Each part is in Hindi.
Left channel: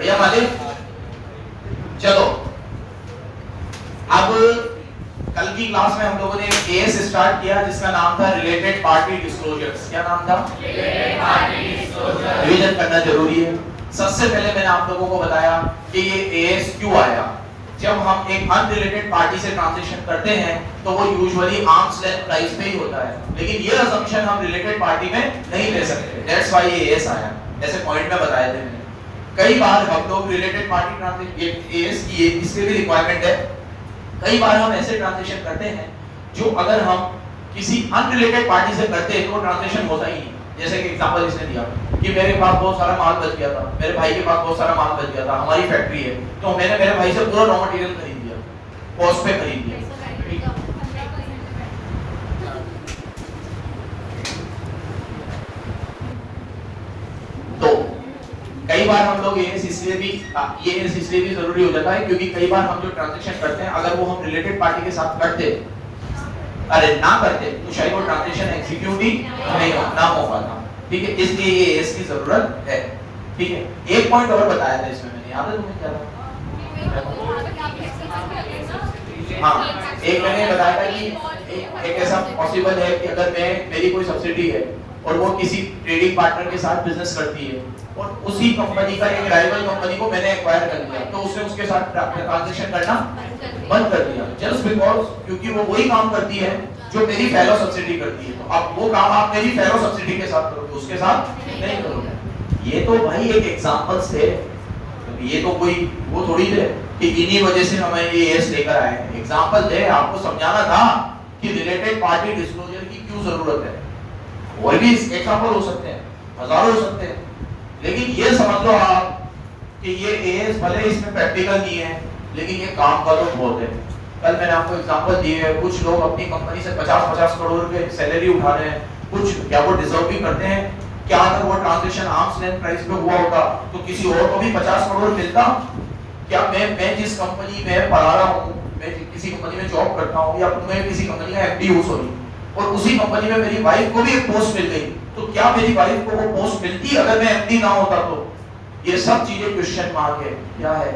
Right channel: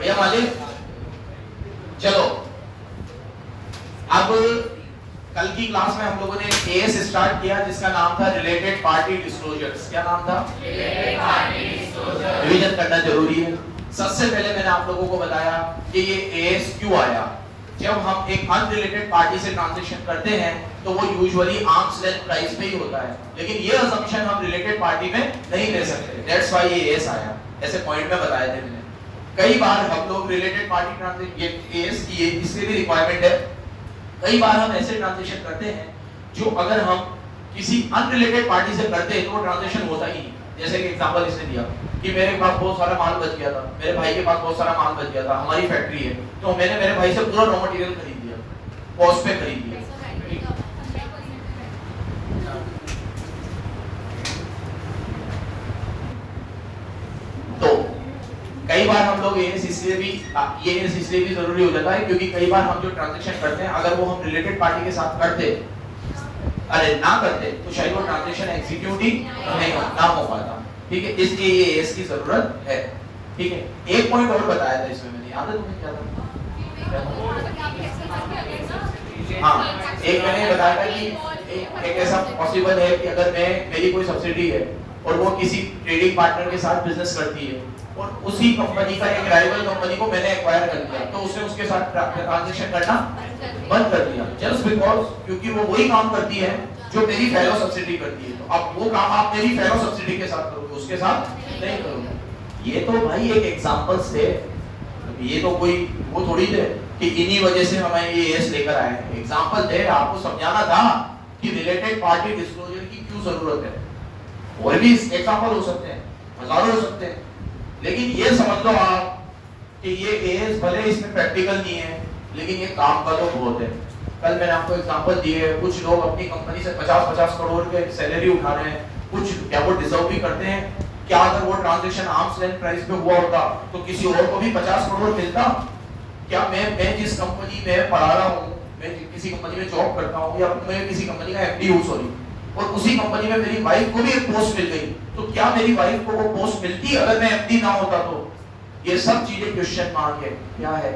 बढ़िया मालिक। चलो अब कल की क्लास में हम लोगों ने एक केस स्टार्ट किया जिसका नाम था रिलेटेड पार्टी डिस्क्लोजर्स। क्या नाम था? Related party disclosure. रिवीजन करना जरूरी है। सबसे पहले मैंने आप लोगों को बताया कि ये एएस क्यों आया। जब हम एक अनरिलेटेड पार्टी से ट्रांजैक्शन करते हैं तो वो यूजुअली आर्म्स लेंथ प्राइस पे ही होता है, लेकिन ये असम्पशन हम रिलेटेड पार्टी में नहीं ले सकते। दैट्स व्हाई ये एएस आया। ऐसे पॉइंट में बताए थे मैंने। कई बार हम लोग रिलेटेड पार्टी ट्रांजैक्शन ये एएस की इसलिए भी रिक्वायरमेंट है। कई बार हम ऐसे ट्रांजैक्शन करते हैं जो अगर हम किसी अनरिलेटेड पार्टी से करते हैं तो ट्रांजैक्शन होता ही नहीं। जैसे कि एग्जांपल इसने दिया कि मेरे पास बहुत सारा माल बच गया था, मेरे भाई के पास बहुत सारा माल बच गया था, हमारी फैक्ट्री है, तो मैंने मेरे भाई से पूरा रॉ मटेरियल खरीद लिया, कॉस्ट पे खरीद लिया। तो कई बार हम लोग ये इसलिए भी जरूरी हो जाता है क्योंकि कई बार हम जो ट्रांजैक्शन करते हैं अगर वो हम रिलेटेड पार्टी के साथ करते ना करते तो शायद वो ट्रांजैक्शन एग्जीक्यूट ही ना हो पाता। ठीक है, इसलिए ये एएस की जरूरत है। ठीक है, एक पॉइंट और बताया था इसमें मैंने, याद है तुम्हें क्या? हाँ, एक मैंने बताया था कि एक ऐसा पॉसिबल है कि अगर मेरी कोई सब्सिडी है और वो किसी ट्रेडिंग पार्टनर के साथ बिजनेस करती है और उसी कंपनी का एक राइवल कंपनी को मैंने एक्वायर कर लिया तो उसने उसके साथ ट्रांजैक्शन करना बंद कर दिया जस्ट बिकॉज क्योंकि वो वही काम करती है जो मेरी फेलो सब्सिडी करती है। तो अब वो काम आप मेरी फेलो सब्सिडी के साथ करोगे, उसके साथ नहीं करोगे। ये तो भाई एक एग्जांपल्स थे, ये तो कोई वो थोड़ी है कि इन्हीं वजह से हमें ये एस लेकर आए हैं। एग्जांपल थे, आपको समझाना था कि रिलेटेड पार्टी डिस्क्लोजर की क्यों जरूरत है। और भी एग्जांपल हो सकते हैं, हजारों हो सकते हैं, लेकिन ये समझ लो आप कि ये एएस भले इसमें प्रैक्टिकल नहीं है लेकिन ये काम का तो बहुत है। कल मैंने आपको एग्जांपल दिए, कुछ लोग अपनी कंपनी से 50-50 करोड़ के सैलरी उठा रहे हैं, कुछ क्या वो डिजर्व भी करते हैं? क्या अगर वो ट्रांजैक्शन आर्म्स लेंथ प्राइस पे हुआ होता तो किसी और को भी 50 करोड़ मिलता? क्या मैं जिस कंपनी में पढ़ा रहा हूँ, मैं किसी कंपनी में जॉब करता हूँ या मैं किसी कंपनी का एमडी हूँ सॉरी, और उसी कंपनी में मेरी वाइफ को भी एक पोस्ट मिल गई, तो क्या मेरी वाइफ को वो पोस्ट मिलती अगर मैं एमडी ना होता? तो ये सब चीजें क्वेश्चन मार्क है। क्या है?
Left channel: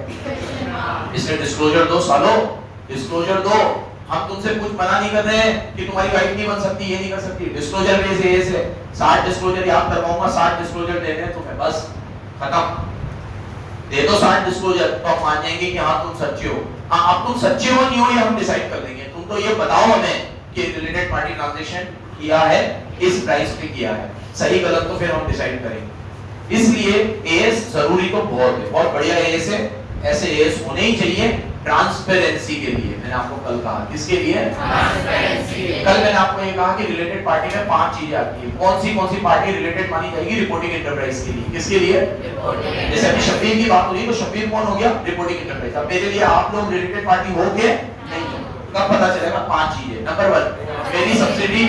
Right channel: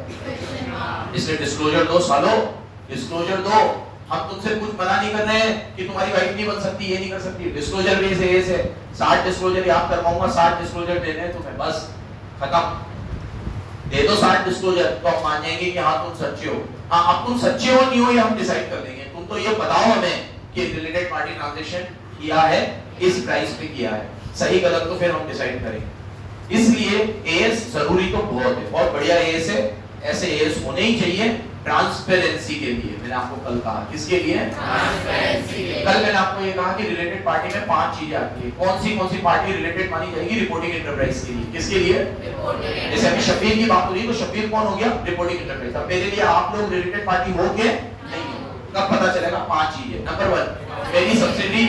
इसलिए डिस्क्लोजर दो सालों, डिस्क्लोजर दो। हम तुमसे कुछ मना नहीं कर रहे हैं कि तुम्हारी वाइफ नहीं बन सकती, ये नहीं कर सकती। डिस्क्लोजर बेस है 60 डिस्क्लोजर याद करवाऊंगा, 60 डिस्क्लोजर देने तुम्हें, बस खत्म। दे दो 60 डिस्क्लोजर तो हम मान जाएंगे कि हाँ तुम सच्चे हो। हाँ, अब तुम सच्चे हो नहीं हो ये हम डिसाइड कर देंगे। तुम तो ये बताओ हमें कि रिलेटेड पार्टी ट्रांजैक्शन किया है, इस प्राइस पे किया है, सही गलत तो फिर हम डिसाइड करेंगे। इसलिए एएस जरूरी तो बहुत है, बहुत बढ़िया एएस है। ऐसे एएस होने ही चाहिए ट्रांसपेरेंसी के लिए। मैंने आपको कल कहा किसके लिए? ट्रांसपेरेंसी। कल मैंने आपको ये कहा कि रिलेटेड पार्टी में 5 चीजें आती है। कौन सी पार्टी रिलेटेड मानी जाएगी? रिपोर्टिंग एंटरप्राइज के लिए। किसके लिए? रिपोर्टिंग। जैसे अभी शब्बीर की बात हो रही है तो शब्बीर कौन हो गया? Reporting enterprise. अब मेरे लिए आप लोग रिलेटेड पार्टी होगे नहीं, कब पता चलेगा? 5 चीजें। नंबर 1, मेरी सब्सिडी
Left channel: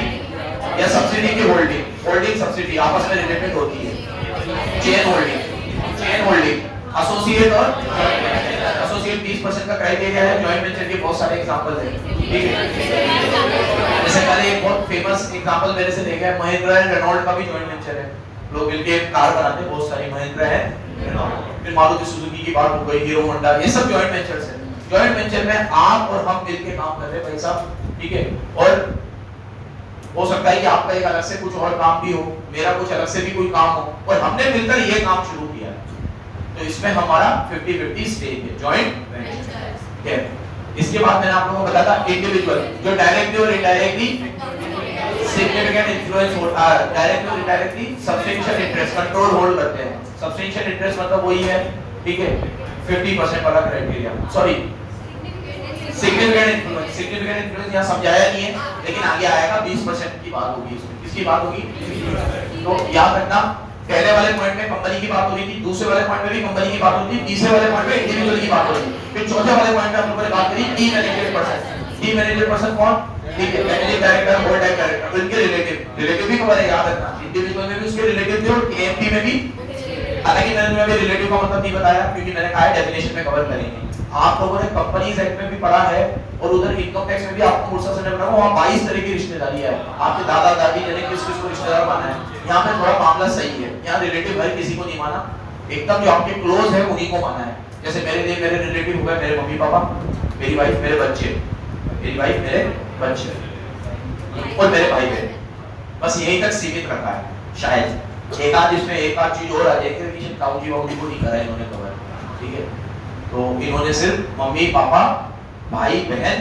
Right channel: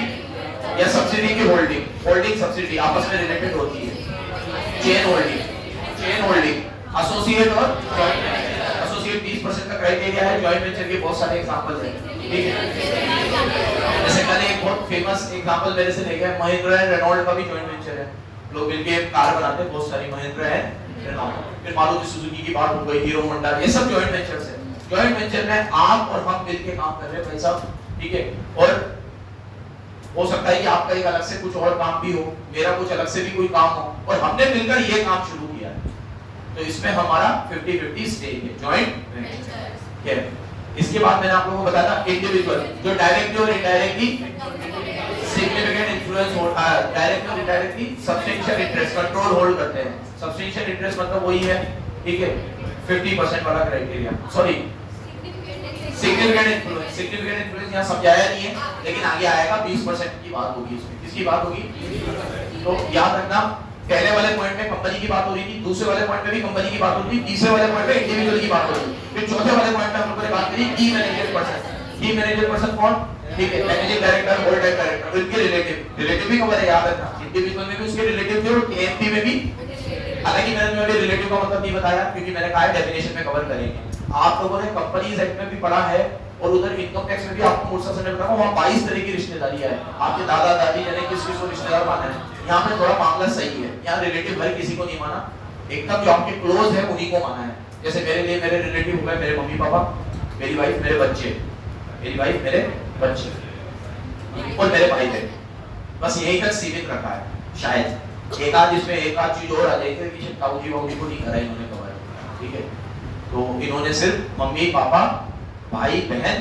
या सब्सिडी की होल्डिंग सब्सिडी आपस में रिलेटेड होती है। चेन होल्डिंग, एसोसिएट और एसोसिएट 20% का क्राइटेरिया है। जॉइंट वेंचर के बहुत सारे एग्जांपल्स हैं, ठीक है। जैसे कल एक बहुत फेमस एग्जांपल मेरे से ले गया, महिंद्रा एंड रेनॉल्ट का भी जॉइंट वेंचर है। लोग मिलके कार बनाते हैं, बहुत सारी महिंद्रा है, फिर मारुति सुजुकी की बात हो गई, हीरो होंडा, ये सब जॉइंट वेंचर्स है। जॉइंट वेंचर में आप और हम मिलके काम कर रहे हैं भाई साहब, ठीक है। और हो सकता है कि आपका एक अलग से कुछ और काम भी हो, मेरा कुछ अलग से भी कोई काम हो, और हमने मिलकर ये काम शुरू किया है। तो इसमें हमारा 50-50 स्टेक है, जॉइंट वेंचर है। इसके बाद मैंने आप लोगों को बताया था इंडिविजुअल, जो डायरेक्टली और इनडायरेक्टली सिग्निफिकेंट इन्फ्लुएंस हो, डायरेक्टली और indirectly substantial interest control hold करते हैं। सब्सटेंशियल इंटरेस्ट मतलब वही है, ठीक है, 50% वाला क्राइटेरिया, सॉरी सिग्निफिकेंट इन्फ्लुएंस यहाँ समझाया नहीं है, लेकिन आगे आएगा। 20% की बात होगी इसमें। किसकी बात होगी? तो याद रखना, पहले वाले पॉइंट में कंपनी की बात हो रही थी, दूसरे वाले पॉइंट में भी कंपनी की बात हो रही थी, तीसरे वाले पॉइंट में इंडिविजुअल की बात हो रही थी, फिर चौथे वाले पॉइंट में हम लोगों ने बात करी टीम मैनेजर पर्सन कौन? ठीक है, मैनेजिंग डायरेक्टर, होल्ड डायरेक्टर, उनके रिलेटिव भी कवर है, याद रखना। इंडिविजुअल में भी उसके रिलेटिव थे और केएमपी में भी, हालांकि मैंने तुम्हें रिलेटिव का मतलब नहीं बताया क्योंकि मैंने कहा है डेफिनेशन में कवर करेंगे। आप लोगों ने कंपनीज एक्ट में भी पढ़ा है और उधर इनकम टैक्स में भी आपको मूर्सा से पढ़ा, वहां 22 तरह की रिश्तेदारी है। आपके दादा दादी यानी किस किस को रिश्तेदार माना है। यहाँ पे थोड़ा मामला सही है, यहाँ रिलेटिव हर किसी को नहीं माना, एकदम जो आपके क्लोज है उन्हीं को माना है। जैसे मेरे लिए मेरे रिलेटिव हो गए मेरे मम्मी पापा, मेरी वाइफ, मेरे बच्चे, मेरी वाइफ, मेरे बच्चे और मेरे भाई बहन, बस यही तक सीमित रखा है। शायद एक आध इसमें एक आध चीज और आ जाएगी कि ताऊ जी बाबू जी को नहीं करा इन्होंने कवर, ठीक है। तो इन्होंने सिर्फ मम्मी पापा, भाई बहन,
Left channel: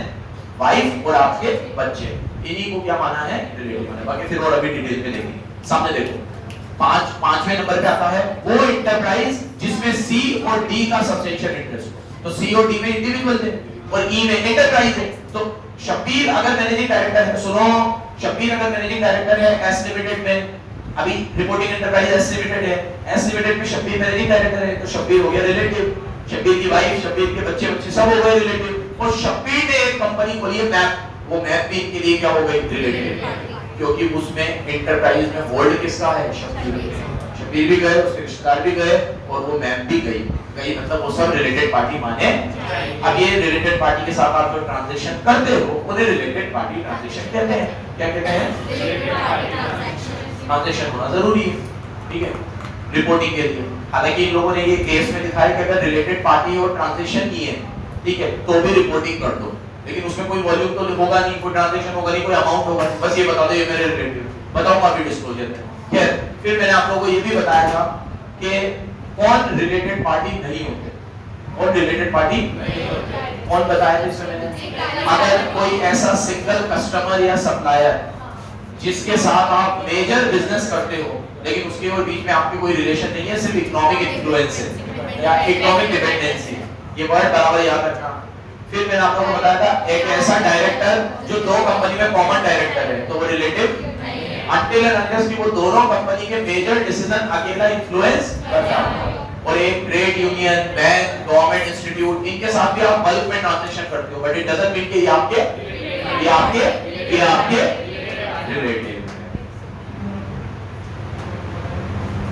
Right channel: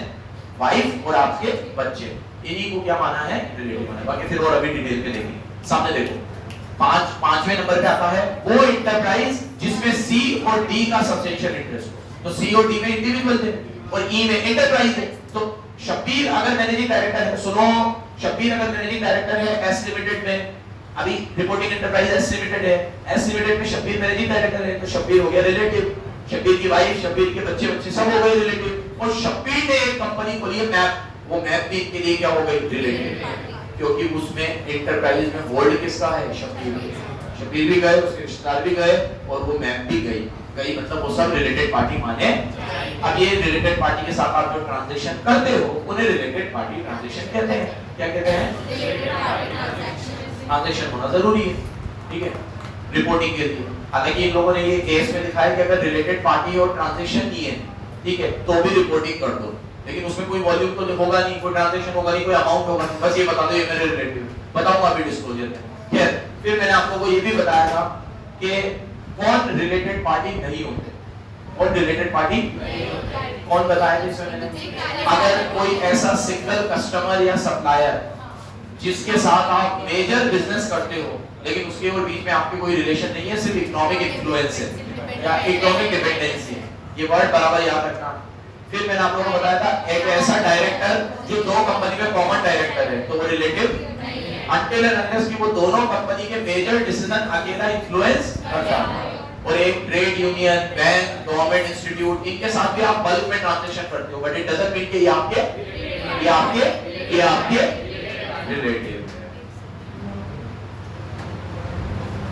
वाइफ और आपके बच्चे, इन्हीं को क्या माना है रिलेटिव माना। बाकी फिर और अभी डिटेल में देखेंगे। सामने देखो पांचवें नंबर पे आता है वो इंटरप्राइज जिसमें सी और डी का सब्सटेंशियल इंटरेस्ट हो। तो सी और डी में इंडिविजुअल है और ई में एंटरप्राइज है। तो शब्बीर अगर मैनेजिंग डायरेक्टर है, सुनो, शब्बीर अगर मैनेजिंग डायरेक्टर है एस लिमिटेड में, अभी रिपोर्टिंग एंटरप्राइज एस लिमिटेड है, एस लिमिटेड में शब्बीर मैनेजिंग डायरेक्टर है, तो शब्बीर हो गया रिलेटिव, शब्बीर की वाइफ, शब्बीर के बच्चे बच्चे सब हो गए रिलेटिव। और शब्बीर ने एक कंपनी खोली है मैप, वो मैप भी इनके लिए क्या हो गई रिलेटिव, क्योंकि उसमें एंटरप्राइज में होल्ड किसका है शब्बीर, शब्बीर भी गए, उसके रिश्तेदार भी गए और वो मैप भी गई, मतलब वो सब रिलेटेड पार्टी माने। अब ये रिलेटेड पार्टी के साथ आप जो ट्रांजैक्शन करते हो उन्हें रिलेटेड पार्टी ट्रांजैक्शन कहते हैं। क्या कहते हैं? ट्रांजैक्शन होना जरूरी है, ठीक है, रिपोर्टिंग के लिए। हालांकि इन लोगों ने ये केस में दिखाया कि अगर रिलेटेड पार्टी और ट्रांजैक्शन नहीं है, ठीक है, तो भी रिपोर्टिंग कर दो, लेकिन उसमें कोई वॉल्यूम तो होगा नहीं, कोई ट्रांजैक्शन होगा नहीं, कोई अमाउंट होगा नहीं, बस ये बता दो ये मेरे रिलेटिव, बताऊंगा अभी डिस्क्लोजर में। खैर, फिर मैंने आप लोगों को ये भी बताया था कि कौन रिलेटेड पार्टी नहीं होते, कौन रिलेटेड पार्टी नहीं होते, कौन बताया जिसमें मैंने, अगर कोई ऐसा सिंगल कस्टमर या सप्लायर जिसके साथ आप मेजर बिजनेस करते हो लेकिन उसके और बीच में आपकी कोई रिलेशन नहीं है, सिर्फ इकोनॉमिक इन्फ्लुएंस है या इकोनॉमिक डिपेंडेंसी, ये वर्ड बराबर याद रखना। फिर मैंने आप लोगों को बताया था एक ऐसा डायरेक्टर जो दो कंपनी में कॉमन डायरेक्टर है, तो वो रिलेटिव until and unless कि वो दोनों कंपनी के मेजर डिसीजन अकेला इन्फ्लुएंस करता है। और एक trade union, bank, government institute, इनके साथ भी आप बल्क में ट्रांजैक्शन करते हो, बट इट डजंट मीन कि ये आपके रिलेटिव।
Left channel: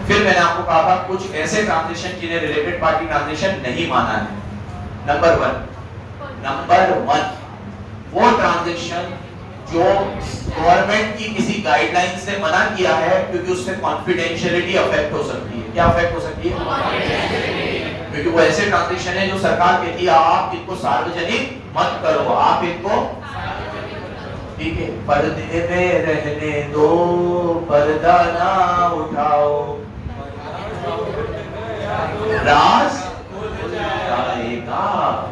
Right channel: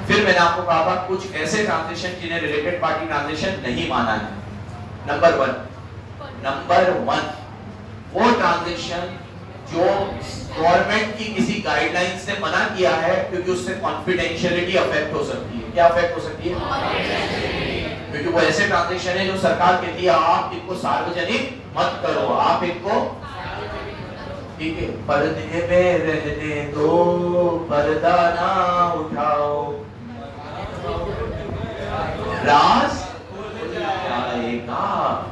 फिर मैंने आपको कहा था कुछ ऐसे ट्रांजैक्शन जिन्हें रिलेटेड पार्टी ट्रांजैक्शन नहीं माना है। नंबर वन वो ट्रांजैक्शन जो गवर्नमेंट की किसी गाइडलाइन से मना किया है क्योंकि उससे कॉन्फिडेंशियलिटी अफेक्ट हो सकती है। क्या अफेक्ट हो सकती है? क्योंकि वो ऐसे ट्रांजैक्शन है जो सरकार कहती है आप इनको सार्वजनिक मत करो, आप इनको, ठीक है, पर्दे में रहने दो, पर्दा ना उठाओ, राज आएगा,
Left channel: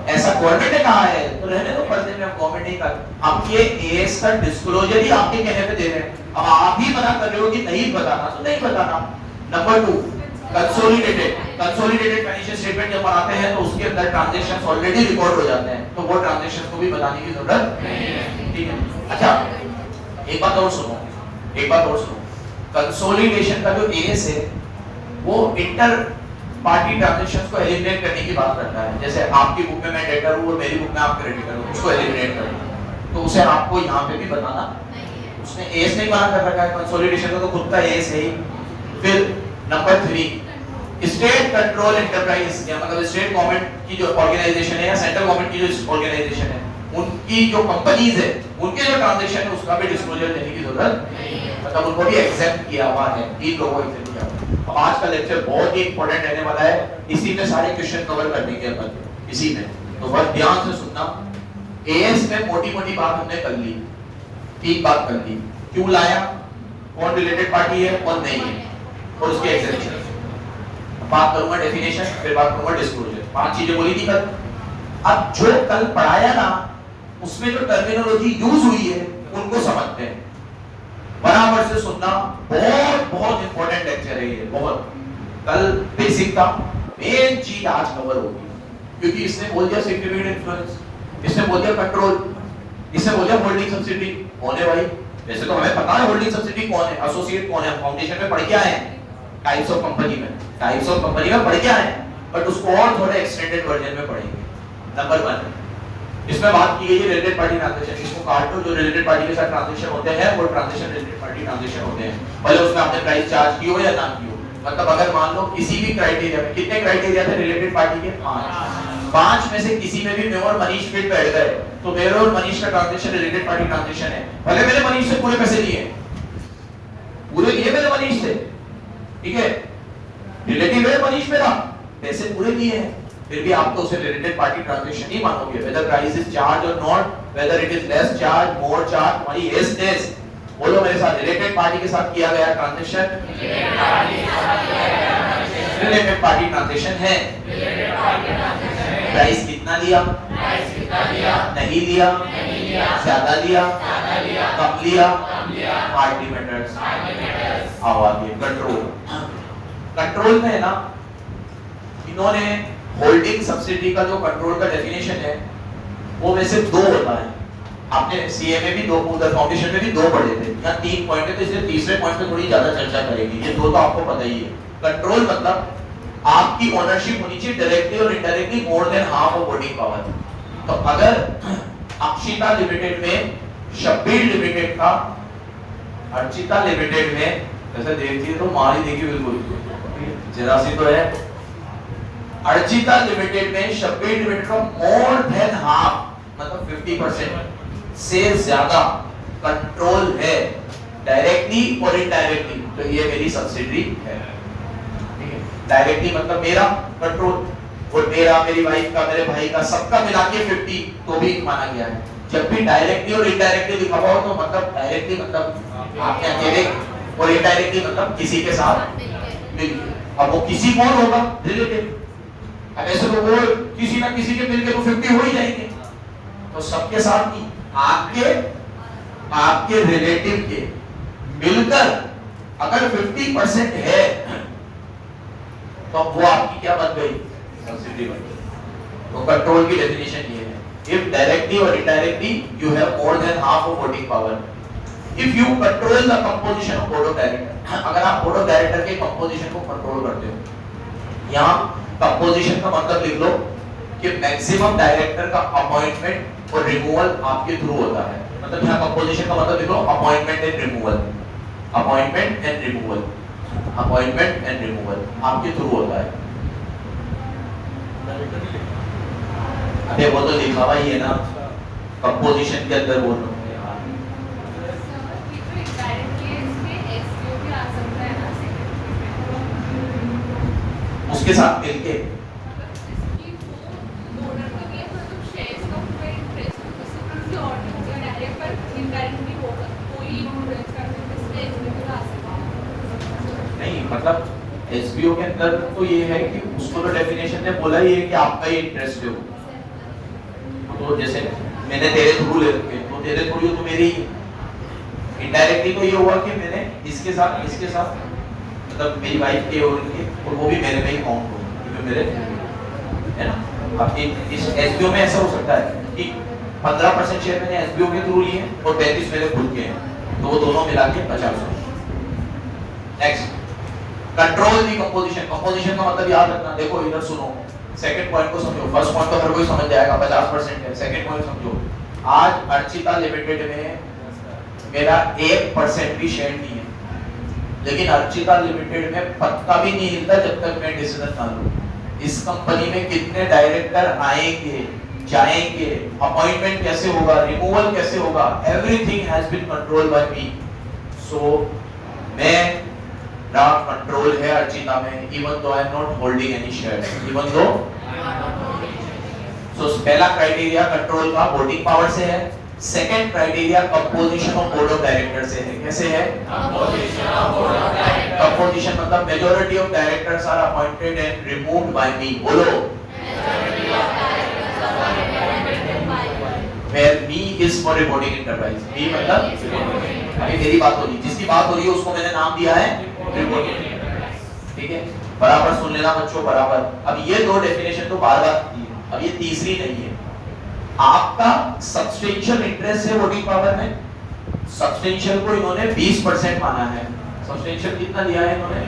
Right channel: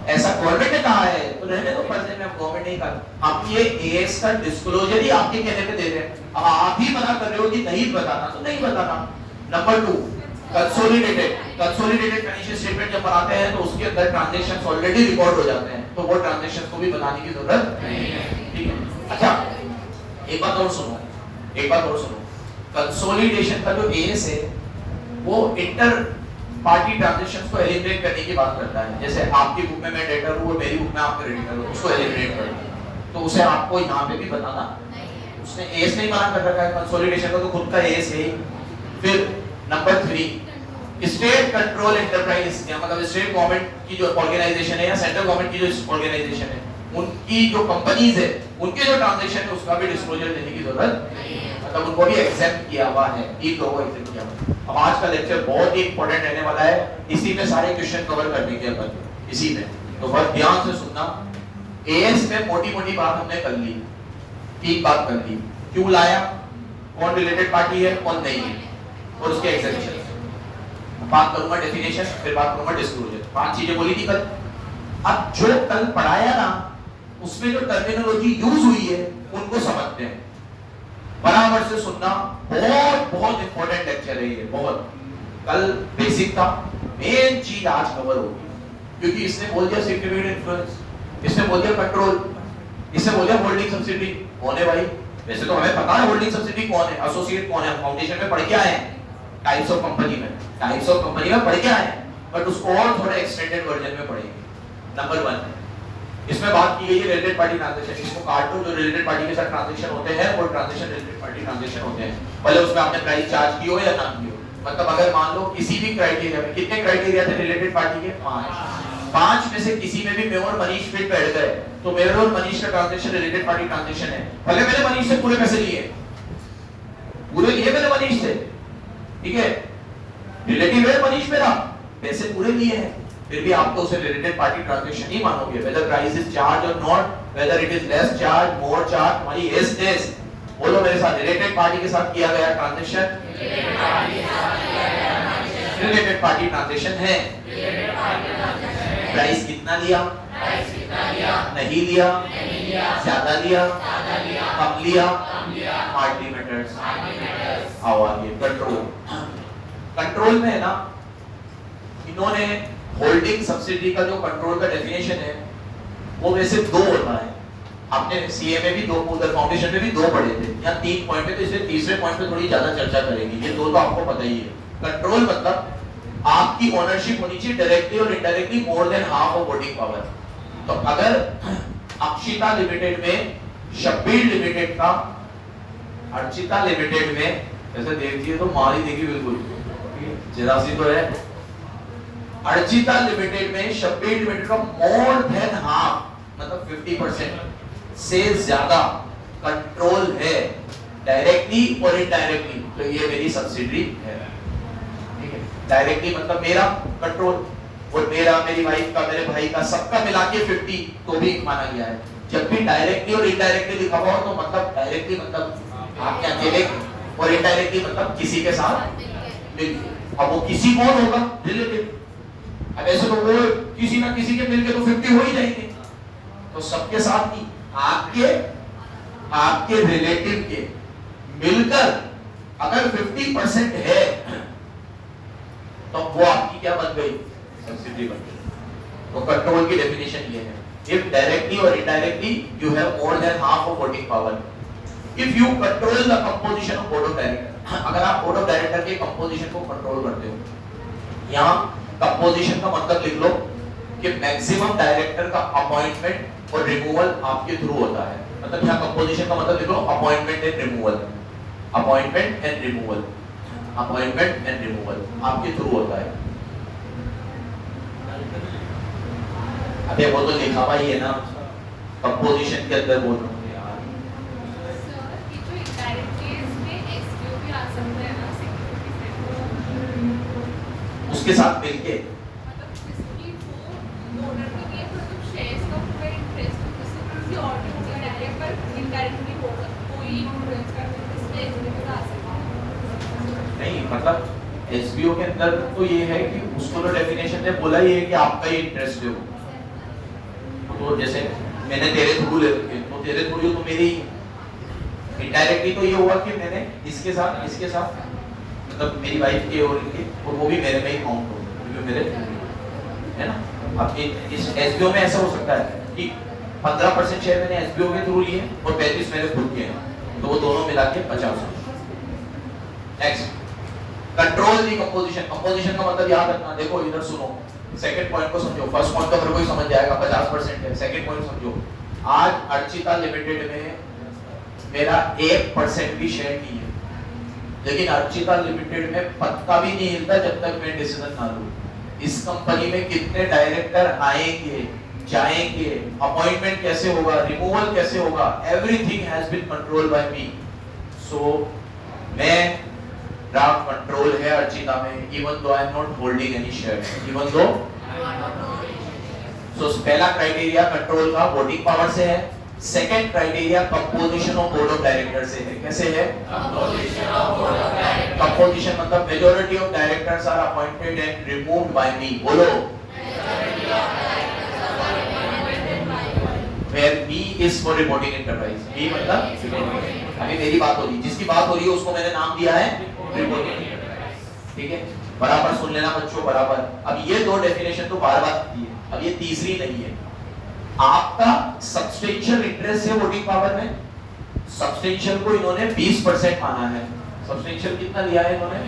ऐसा गवर्नमेंट ने कहा है, तो रहने दो पर्दे में, गवर्नमेंट नहीं कहा। अब ये एएस का डिस्क्लोजर ही आपके कहने पे दे रहे हैं, अब आप ही मना कर रहे हो कि नहीं बताना, तो नहीं बताना। नंबर 2, कंसोलिडेटेड फाइनेंशियल स्टेटमेंट जब बनाते हैं तो उसके अंदर ट्रांजैक्शंस ऑलरेडी रिकॉर्ड हो जाते हैं, तो वो ट्रांजैक्शन को भी बताने की जरूरत नहीं है, ठीक है। अच्छा, एक बात और सुनो, कंसोलिडेशन का जो एएस है वो इंटर पार्टी ट्रांजैक्शंस को एलिमिनेट करने की बात करता है। जैसे आपकी बुक में मैं डेटर हूं और मेरी बुक में आप क्रेडिटर हो, उसको एलिमिनेट करो, तो उसे आपको यहाँ पे भी बताना, उसने एएस नहीं माना कर रखा है, कंसोलिडेशन का तो खुद का एएस है। फिर नंबर 3, स्टेट कंट्रोल एंटरप्राइज, मतलब स्टेट गवर्नमेंट की जो ऑर्गेनाइजेशन है या सेंट्रल गवर्नमेंट की जो ऑर्गेनाइजेशन है, उनकी जो कंपनीज है उनके जो ट्रांजैक्शन है उसका भी डिस्क्लोजर देने की जरूरत नहीं है, मतलब उनको भी एग्जेम्प्ट किया हुआ है, इन लोगों को एग्जेम्प्ट किया हुआ है। आज का लेक्चर बहुत ही इंपॉर्टेंट रहने वाला है, इसी में सारे क्वेश्चन कवर कर देंगे अपन, इसी में, तो बहुत ध्यान से सुनना। एएस में मोटी-मोटी बात हमने कर ली, ठीक बात कर ली, क्यों लाया, कौन रिलेटेड पार्टी है, कौन नहीं है, और उसके एग्जेम्पशन। बात करूंगा डेफिनेशन, फिर बात करूंगा डिस्क्लोजर, 5 चीजें बोली थी कल। अब जो कल पढ़ाया ना उसमें जो टर्मिनोलॉजी यूज हुई है उनको समझते हैं, बराबर से सुनना, बहुत इंपॉर्टेंट लेक्चर है ये, बहुत। कल बेसिक था, मेन चीज आज कवर होगी, क्योंकि इसने बोल दिया सिक्योरिटी इन्फ्लुएंस, इसने बोल दिया कंट्रोल, इसने बोल दिया होल्डिंग सब्सिडी कौन है भाई, वैसे तो हमें पता है होल्डिंग सब्सिडी कौन है, एसोसिएट कौन है, फाउंडेशन में पढ़ के आए हैं, टाइप्स ऑफ कंपनी में पढ़ के आए हैं, बट उसको और थोड़े एक्सटेंडेड वर्जन में पढ़ेंगे। नंबर 1, इसमें बात की गई है रिलेटेड पार्टी ट्रांजैक्शन, इसको काट दो, जो रिलेटेड पार्टी के साथ ट्रांजैक्शन होते हैं वो ट्रांजैक्शन रिलेटेड पार्टी ट्रांजैक्शन होते हैं, भले उसमें आपने प्राइस चार्ज की हो या ना की हो। मतलब अगर मान लो किसी भी क्राइटेरिया में, कितने क्राइटेरिया थे रिलेटेड पार्टी के, 5 में से किसी में भी मैं और मनीष फिट बैठ गए तो मेरे और मनीष का ट्रांजैक्शन रिलेटेड पार्टी ट्रांजैक्शन है, भले मैंने मनीष से पूरे पैसे लिए, पूरे लिए मैंने मनीष से, ठीक है, रिलेटिव है मनीष मेरा, पैसे पूरे दिए हैं, फिर भी आप तो उसे रिलेटेड पार्टी ट्रांजैक्शन नहीं मानोगे, वेदर प्राइस इज चार्ज और not, whether it is less charge more charge, तुम्हारी एस डेस बोलो मेरे साथ, रिलेटेड पार्टी के साथ किया गया ट्रांजैक्शन रिलेटेड पार्टी ट्रांजैक्शन है। प्राइस कितना लिया, नहीं लिया, ज्यादा लिया, कम लिया, पार्टी मेथड्स। आओ आगे, कंट्रोल। कंट्रोल में है ना, इन्होंने होल्डिंग सब्सिडी का जो कंट्रोल का डेफिनेशन है वो वैसे दो होता है, आपने सीए में भी दो, उधर फाउंडेशन में भी दो पढ़े थे, यहाँ 3 पॉइंट है, तो इसलिए तीसरे पॉइंट पे थोड़ी ज्यादा चर्चा करेंगे, ये दो तो आपको पता ही है। कंट्रोल मतलब आपकी ओनरशिप होनी चाहिए डायरेक्टली और indirectly more than half of voting power. तो अगर अक्षिता लिमिटेड में, शब्बीर लिमिटेड का अर्चिता लिमिटेड में, ऐसा देखिए तो मार ही देगी बिल्कुल, जरा सी तो है, अर्चिता लिमिटेड में शब्बीर लिमिटेड का मोर देन हाफ मतलब 50% से ज्यादा कंट्रोल है डायरेक्टली और इनडायरेक्टली, तो ये मेरी सब्सिडी है। डायरेक्टली मतलब मेरा कंट्रोल, और मेरा, मेरी वाइफ का, मेरे भाई का, सबका मिला के 50 तो भी माना गया है। जब भी डायरेक्टली और इनडायरेक्टली लिखा हुआ तो मतलब डायरेक्टली मतलब आपके अकेले, और इनडायरेक्टली मतलब किसी के साथ मिलके। अब वो किसी कौन होगा, रिलेटिव। अब ऐसे तो वो किसी ना किसी के मिलके तो 50 हो ही जाएंगे, तो सबके साथ ही आपके रिलेटिव के मिलकर अगर 50% है तो वो आपकी क्या बन गई, सब्सिडी बन गई। तो कंट्रोल की डेफिनेशन ये है, if directly or indirectly you have more than half of voting power, if you control the composition of board of director, अगर आप बोर्ड ऑफ डायरेक्टर के कंपोजिशन को कंट्रोल करते हो, यहाँ कंपोजिशन का मतलब लिख लो कि मैक्सिमम डायरेक्टर का अपॉइंटमेंट और रिमूवल आपके थ्रू होता है, मतलब यहाँ कंपोजिशन का मतलब लिख लो appointment and removal, appointment and removal, appointment and removal आपके थ्रू होता है। अबे वो तो लिखा हुआ ही है ना कंपोजिशन के अंदर, वो उसके साथ मिलके नहीं, मतलब एसबीओ के अंदर तो ये है कि उसको तो डेफिनेशन में बोला ही है कि आपका ही इंटरेस्ट हो, तो जैसे मैंने तेरे थ्रू ले रखे तो तेरे थ्रू तो मेरी इनडायरेक्टली तो ये हुआ कि मैंने इसके साथ मतलब मेरी वाइफ के और उनके, और वो भी मेरे में ही काउंट होगा क्योंकि मेरे है ना। अब इस एसबीओ में ऐसा हो सकता है कि 15% शेयर मैंने एसबीओ के थ्रू लिए और 35 मेरे खुद के हैं, तो वो दोनों मिला के 50। नेक्स्ट, कंट्रोल दी कंपोजिशन। कंपोजिशन का मतलब याद रखना, देखो इधर सुनो, सेकंड पॉइंट को समझो, फर्स्ट पॉइंट तो हर कोई समझ जाएगा 50% है, सेकंड पॉइंट समझो। आज अर्चिता लिमिटेड में मेरा 1% भी शेयर नहीं है, लेकिन अर्चिता लिमिटेड में पत्ता भी नहीं हिलता जब तक मैं डिसीजन ना लूं। इस कंपनी में कितने डायरेक्टर आएंगे, जाएंगे, अपॉइंटमेंट कैसे होगा, रिमूवल कैसे होगा, everything has been controlled by me. So मैं ड्राफ्ट कंट्रोल है अर्चिता में, even though I am not holding any share, even though. So पहला क्राइटेरिया कंट्रोल का वोटिंग पावर से है, second criteria composition of board of director से है। कैसे है? कंपोजिशन मतलब majority of directors are appointed and removed by me. बोलो, where me is for reporting enterprise। me मतलब अभी मेरी बात हो रही, जिसकी बात हो रही है उसको मैंने नाम दिया है रिपोर्टिंग एंटरप्राइज। ठीक है, बराबर सुन लेना बच्चों, बराबर। अब ये दो डेफिनेशन तो बार-बार आती है, अब ये तीसरी नहीं है। आपका सब्सटेंशियल इंटरेस्ट है वोटिंग पावर में, सब्सटेंशियल को इन्होंने 20% माना है। सब्सटेंशियल कितना दिया है इन्होंने?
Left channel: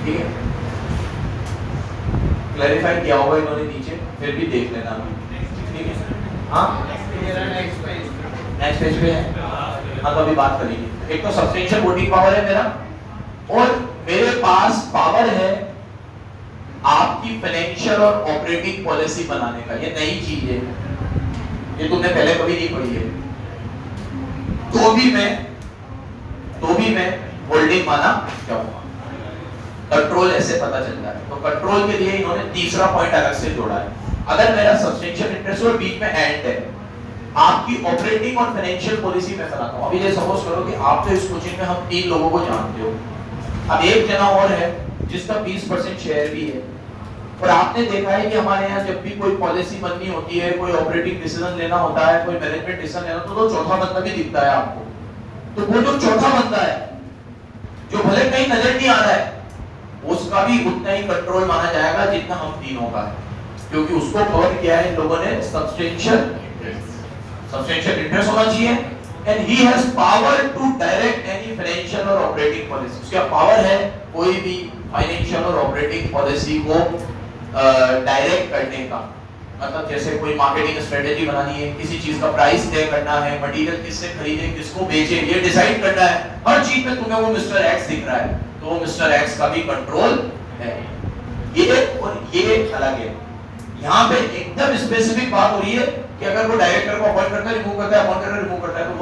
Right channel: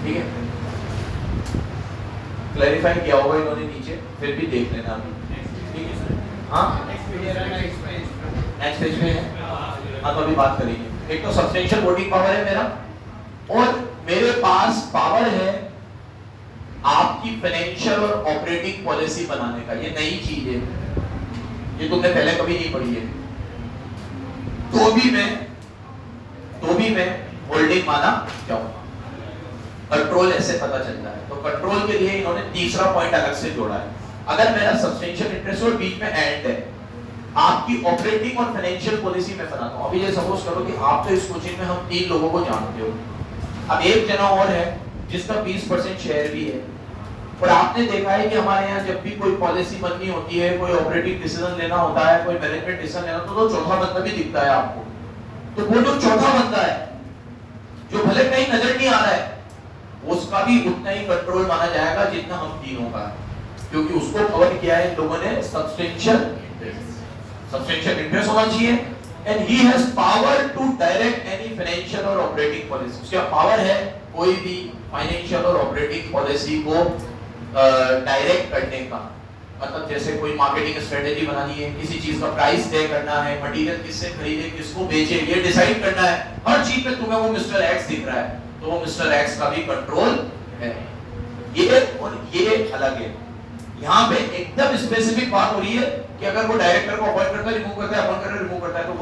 ठीक है, क्लैरिफाई किया होगा इन्होंने नीचे, फिर भी देख लेना अभी। ठीक है, हाँ नेक्स्ट पेज पे है, हाँ तो अभी बात करेंगे। एक तो सब्सटेंशियल वोटिंग पावर है मेरा, और मेरे पास पावर है आपकी फाइनेंशियल और ऑपरेटिंग पॉलिसी बनाने का। ये नई चीज है, ये तुमने पहले कभी नहीं पढ़ी है। तो भी मैं होल्डिंग होल्डिंग माना क्या होगा, कंट्रोल ऐसे पता चलता है। तो कंट्रोल के लिए इन्होंने तीसरा पॉइंट अलग से जोड़ा है। अगर मेरा सब्सटेंशियल इंटरेस्ट और बीच में एंड है, आपकी ऑपरेटिंग और फाइनेंशियल पॉलिसी में बनाता हूं। अभी ये सपोज करो कि आप तो इस कोचिंग में हम 3 लोगों को जानते हो, अब एक जना और है जिसका 20% शेयर भी है, और आपने देखा है कि हमारे यहाँ जब भी कोई पॉलिसी बननी होती है, कोई ऑपरेटिंग डिसीजन लेना होता है, कोई मैनेजमेंट डिसीजन लेना होता है, तो चौथा बंदा भी दिखता है आपको। तो वो जो चौथा बंदा है जो भले कहीं नजर नहीं आ रहा है, उसका भी उतना ही कंट्रोल माना जाएगा जितना हम तीनों का है, क्योंकि उसको कवर किया है इन लोगों ने सब्सटेंशियल इंटरेस्ट होना चाहिए, and he has power to direct any financial और ऑपरेटिंग पॉलिसी। उसका पावर है कोई भी फाइनेंशियल और ऑपरेटिंग पॉलिसी को डायरेक्ट करने का, मतलब जैसे कोई मार्केटिंग स्ट्रेटेजी बनानी है, किसी चीज का प्राइस तय करना है, मटेरियल किससे खरीदे, किसको बेचे, ये डिसाइड करना है, हर चीज में तुम्हें वो मिस्टर एक्स दिख रहा है, तो वो मिस्टर एक्स का भी कंट्रोल है। ये और ये अलग है। यहाँ पे एकदम स्पेसिफिक बात हो रही है कि अगर वो डायरेक्टर को अपॉइंट करता है, रिमूव करता है, अपॉइंट करता है, रिमूव करता है, तो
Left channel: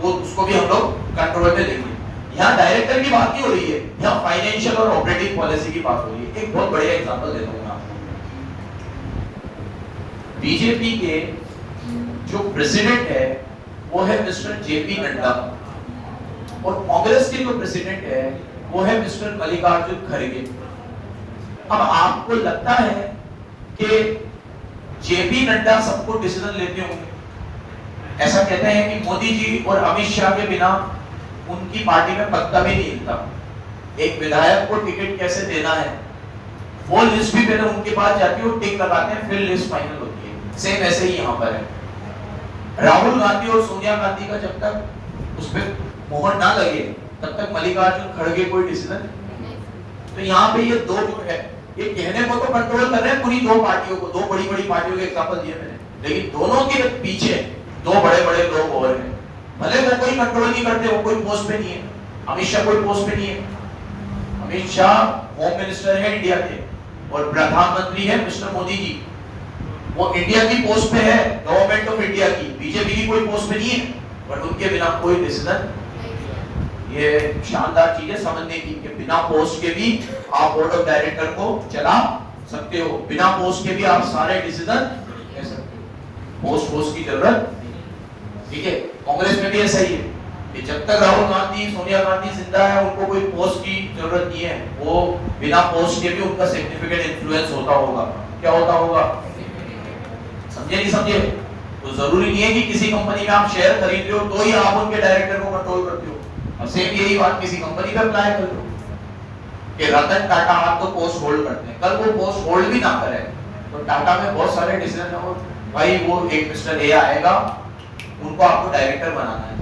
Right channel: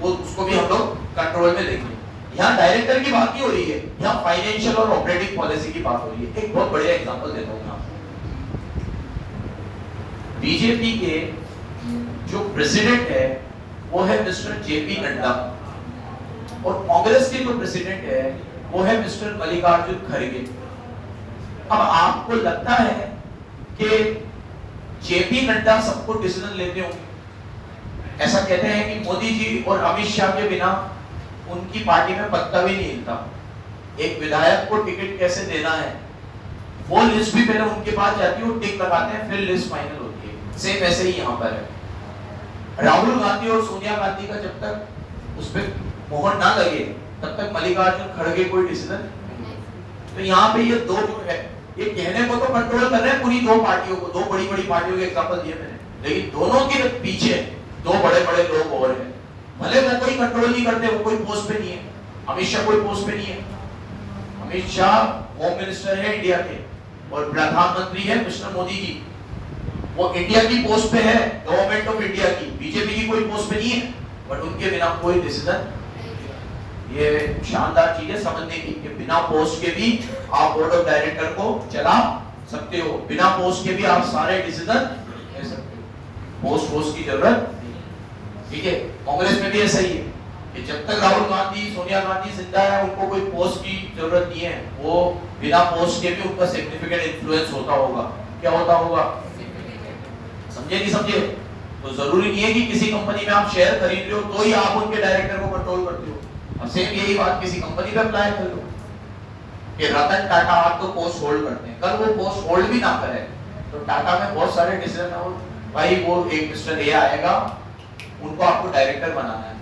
वो उसको भी हम लोग कंट्रोल में लेंगे। यहाँ डायरेक्टर की बात नहीं हो रही है, यहाँ फाइनेंशियल और ऑपरेटिंग पॉलिसी की बात हो रही है। एक बहुत बढ़िया एग्जांपल देता हूँ आपको। बीजेपी के जो प्रेसिडेंट है वो है मिस्टर जेपी नड्डा, और कांग्रेस के जो प्रेसिडेंट है वो है मिस्टर मल्लिकार्जुन खड़गे। अब आपको लगता है कि जेपी नड्डा सबको डिसीजन लेते होंगे? ऐसा कहते हैं कि मोदी जी और अमित शाह के बिना उनकी पार्टी में पत्ता भी नहीं हिलता। एक विधायक को टिकट कैसे देना है वो लिस्ट भी पहले उनके पास जाती है, वो टिक लगाते हैं, फिर लिस्ट फाइनल होती है। सेम ऐसे ही यहाँ पर है। राहुल गांधी और सोनिया गांधी का जब तक उस पर मोहर ना लगे तब तक मल्लिकार्जुन खड़गे कोई डिसीजन। तो यहाँ पे ये दो जो है, ये कहने को तो कंट्रोल कर रहे हैं पूरी दो पार्टियों को, दो बड़ी बड़ी पार्टियों के एग्जांपल दिए मैंने, लेकिन दोनों के पीछे दो बड़े बड़े लोग और हैं। भले वो कोई कंट्रोल नहीं करते, वो कोई पोस्ट पे नहीं है, अमित शाह कोई पोस्ट पे नहीं है। अमित शाह होम मिनिस्टर है इंडिया के, और प्रधानमंत्री है मिस्टर मोदी जी, वो इंडिया की पोस्ट पे है, गवर्नमेंट ऑफ इंडिया की, बीजेपी की कोई पोस्ट पे नहीं है, बट उनके बिना कोई डिसीजन। ये शानदार चीज है समझने की कि बिना पोस्ट के भी आप बोर्ड ऑफ डायरेक्टर को चला सकते हो, बिना पोस्ट के भी आप सारे डिसीजन ले सकते हो, पोस्ट की जरूरत। ठीक है, कांग्रेस में भी ऐसा ही है कि जब तक राहुल गांधी सोनिया गांधी जिंदा है उनको कोई पोस्ट की जरूरत नहीं है, वो बिना पोस्ट के भी उनका सिग्निफिकेंट इन्फ्लुएंस होता होगा। क्या होता होगा? समझे नहीं समझे? तो जरूरी नहीं है कि किसी कंपनी में आप शेयर खरीद रहे हो तो ही आप उनके डायरेक्टर को कंट्रोल करते हो। सेम यही बात किसी कंपनी पे अप्लाई कर लो कि रतन टाटा आप तो पोस्ट होल्ड करते हैं, कल वो पोस्ट होल्ड भी ना करे तो टाटा में बहुत सारे डिसीजन है, वो भाई वो एक मिस्टर ए आएगा, उनको आपको डायरेक्टर बनाना है।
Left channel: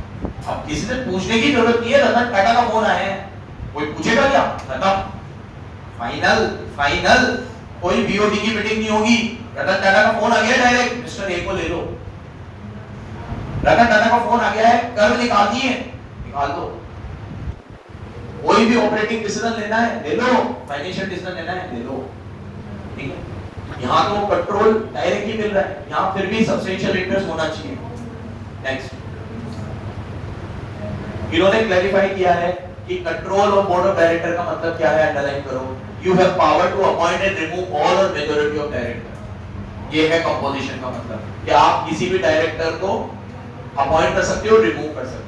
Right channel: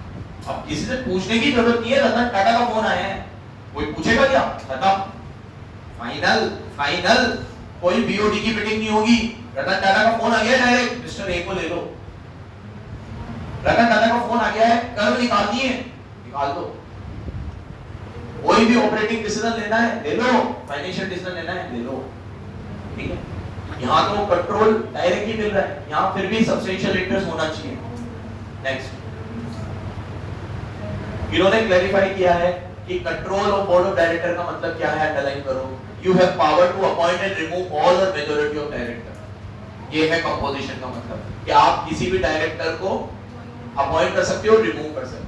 अब किसी से पूछने की जरूरत नहीं है, रतन टाटा का फोन आया है, कोई पूछेगा क्या? खत्म, फाइनल, कोई बीओडी की मीटिंग नहीं होगी, रतन टाटा का फोन आ गया डायरेक्ट, मिस्टर ए को ले लो। रतन टाटा का फोन आ गया है, कर्व निकालनी है, निकाल दो। कोई भी ऑपरेटिंग डिसीजन लेना है ले लो, फाइनेंशियल डिसीजन लेना है ले लो। ठीक है, यहाँ तो वो कंट्रोल डायरेक्टली मिल रहा है, यहाँ फिर भी सब्सटेंशियल इंटरेस्ट होना चाहिए। नेक्स्ट, इन्होंने क्लैरिफाई किया है कि control of board of director का मतलब क्या है, अंडरलाइन करो। You have power to appoint and remove all और मेजॉरिटी ऑफ डायरेक्टर। ये है कंपोजिशन का मतलब कि आप किसी भी डायरेक्टर को अपॉइंट कर सकते हो, रिमूव कर सकते हो,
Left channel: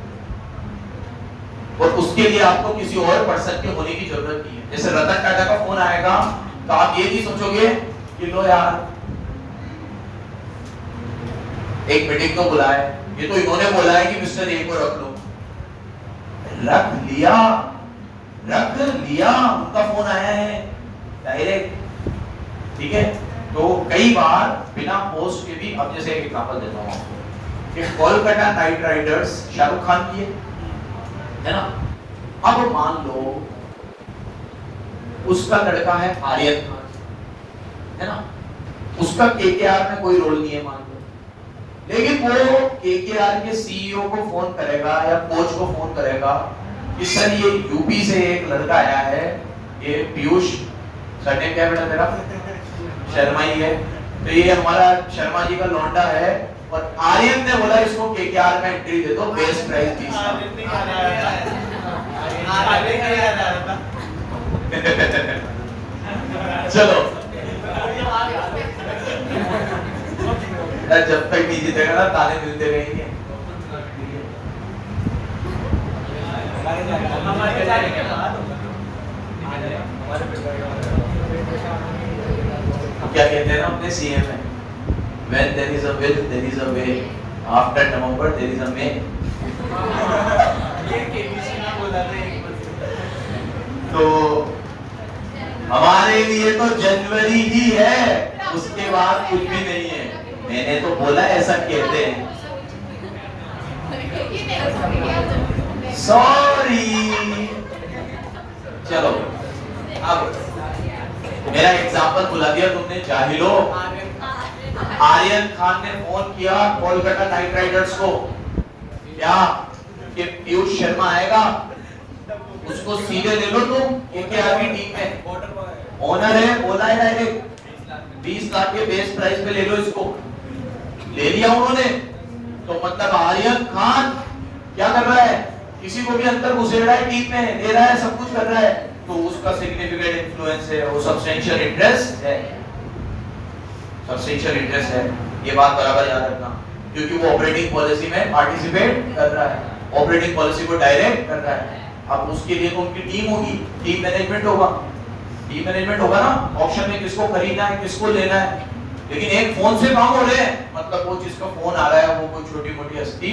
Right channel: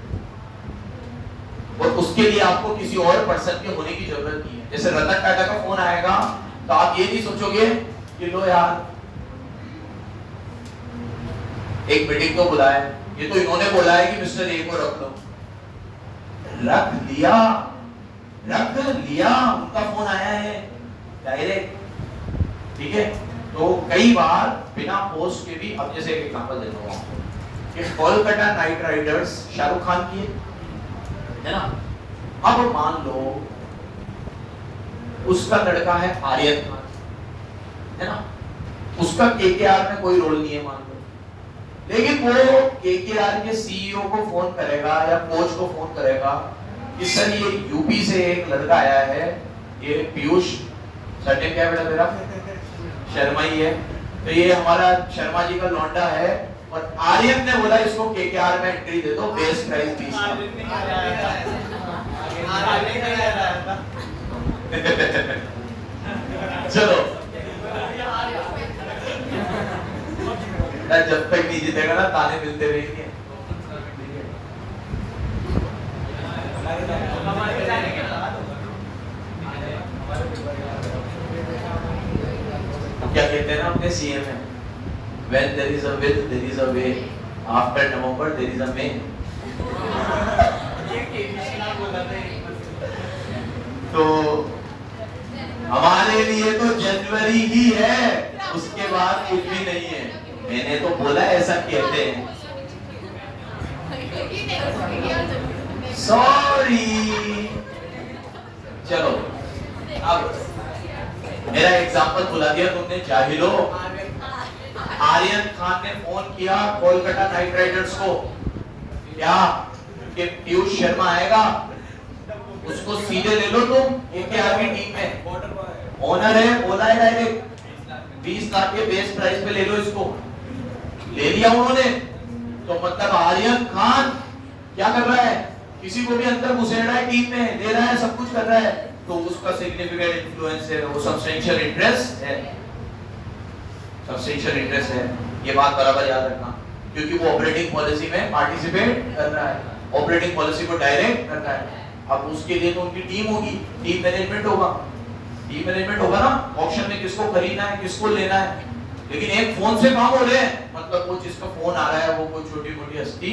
और उसके लिए आपको किसी और पर्सन के होने की जरूरत नहीं है। जैसे रतन टाटा का फोन आएगा तो आप ये नहीं सोचोगे कि लो यार एक मीटिंग को बुलाया है, ये तो इन्होंने बोला है कि मिस्टर ए को रख लो। रख लिया, उनका फोन आया है डायरेक्ट। ठीक है, तो कई बार बिना पोस्ट के भी, अब जैसे एक एग्जांपल देता हूं कि कोलकाता नाइट राइडर्स शाहरुख खान की है ना, अब मान लो उसका लड़का है आर्यन खान, है ना, उसका केकेआर में कोई रोल नहीं है मान लो, लेकिन वो केकेआर के सीईओ को फोन करेगा या कोच को फोन करेगा कि सर ये यूपी से एक लड़का आया है, ये पीयूष, सरनेम क्या है बेटा मेरा? शर्मा ही है, तो ये हमारा शर्मा जी का लौंडा है, और आर्यन ने बोला इसको केकेआर में एंट्री दे दो, बेस्ट प्राइस 20। चलो जब तक नहीं जीतेगा ना ताने मिलते रहेंगे। क्या कहते हैं ना अपने सीएम में, when there is a will there is a way, after November there is a May। तो हमारे लिए तो जनवरी ही है, उसके बाद कुछ भी नहीं है। मैंने तो बोला ऐसा कहते हैं, सॉरी। चलो अब मेरा एग्जांपल बुला दिया तुमने, जाहिलो। आर्यन खान ने फोन किया कोलकाता नाइट राइडर्स को, क्या कि पीयूष शर्मा आएगा, उसको सीधे ले लो तुम केकेआर की टीम में, ओनर है, बोला है डायरेक्ट 20 लाख के बेस प्राइस पे ले लो इसको। ले लिया उन्होंने, तो मतलब आर्यन खान क्या कर रहा है, किसी को भी अंदर घुसेड़ रहा है टीम में, दे रहा है, सब कुछ कर रहा है, तो उसका सिग्निफिकेंट इन्फ्लुएंस है, वो सब्सटेंशियल इंटरेस्ट है, सब्सटेंशियल इंटरेस्ट है। ये बात बराबर याद रखना, क्योंकि वो ऑपरेटिंग पॉलिसी में पार्टिसिपेट कर रहा है, ऑपरेटिंग पॉलिसी को डायरेक्ट कर रहा है। अब उसके लिए तो उनकी टीम होगी, टीम मैनेजमेंट होगा, टीम मैनेजमेंट होगा ना, ऑक्शन में किसको खरीदना है, किसको लेना है। लेकिन एक फोन से काम हो रहे हैं, मतलब वो जिसका फोन आ रहा है वो कोई छोटी मोटी हस्ती,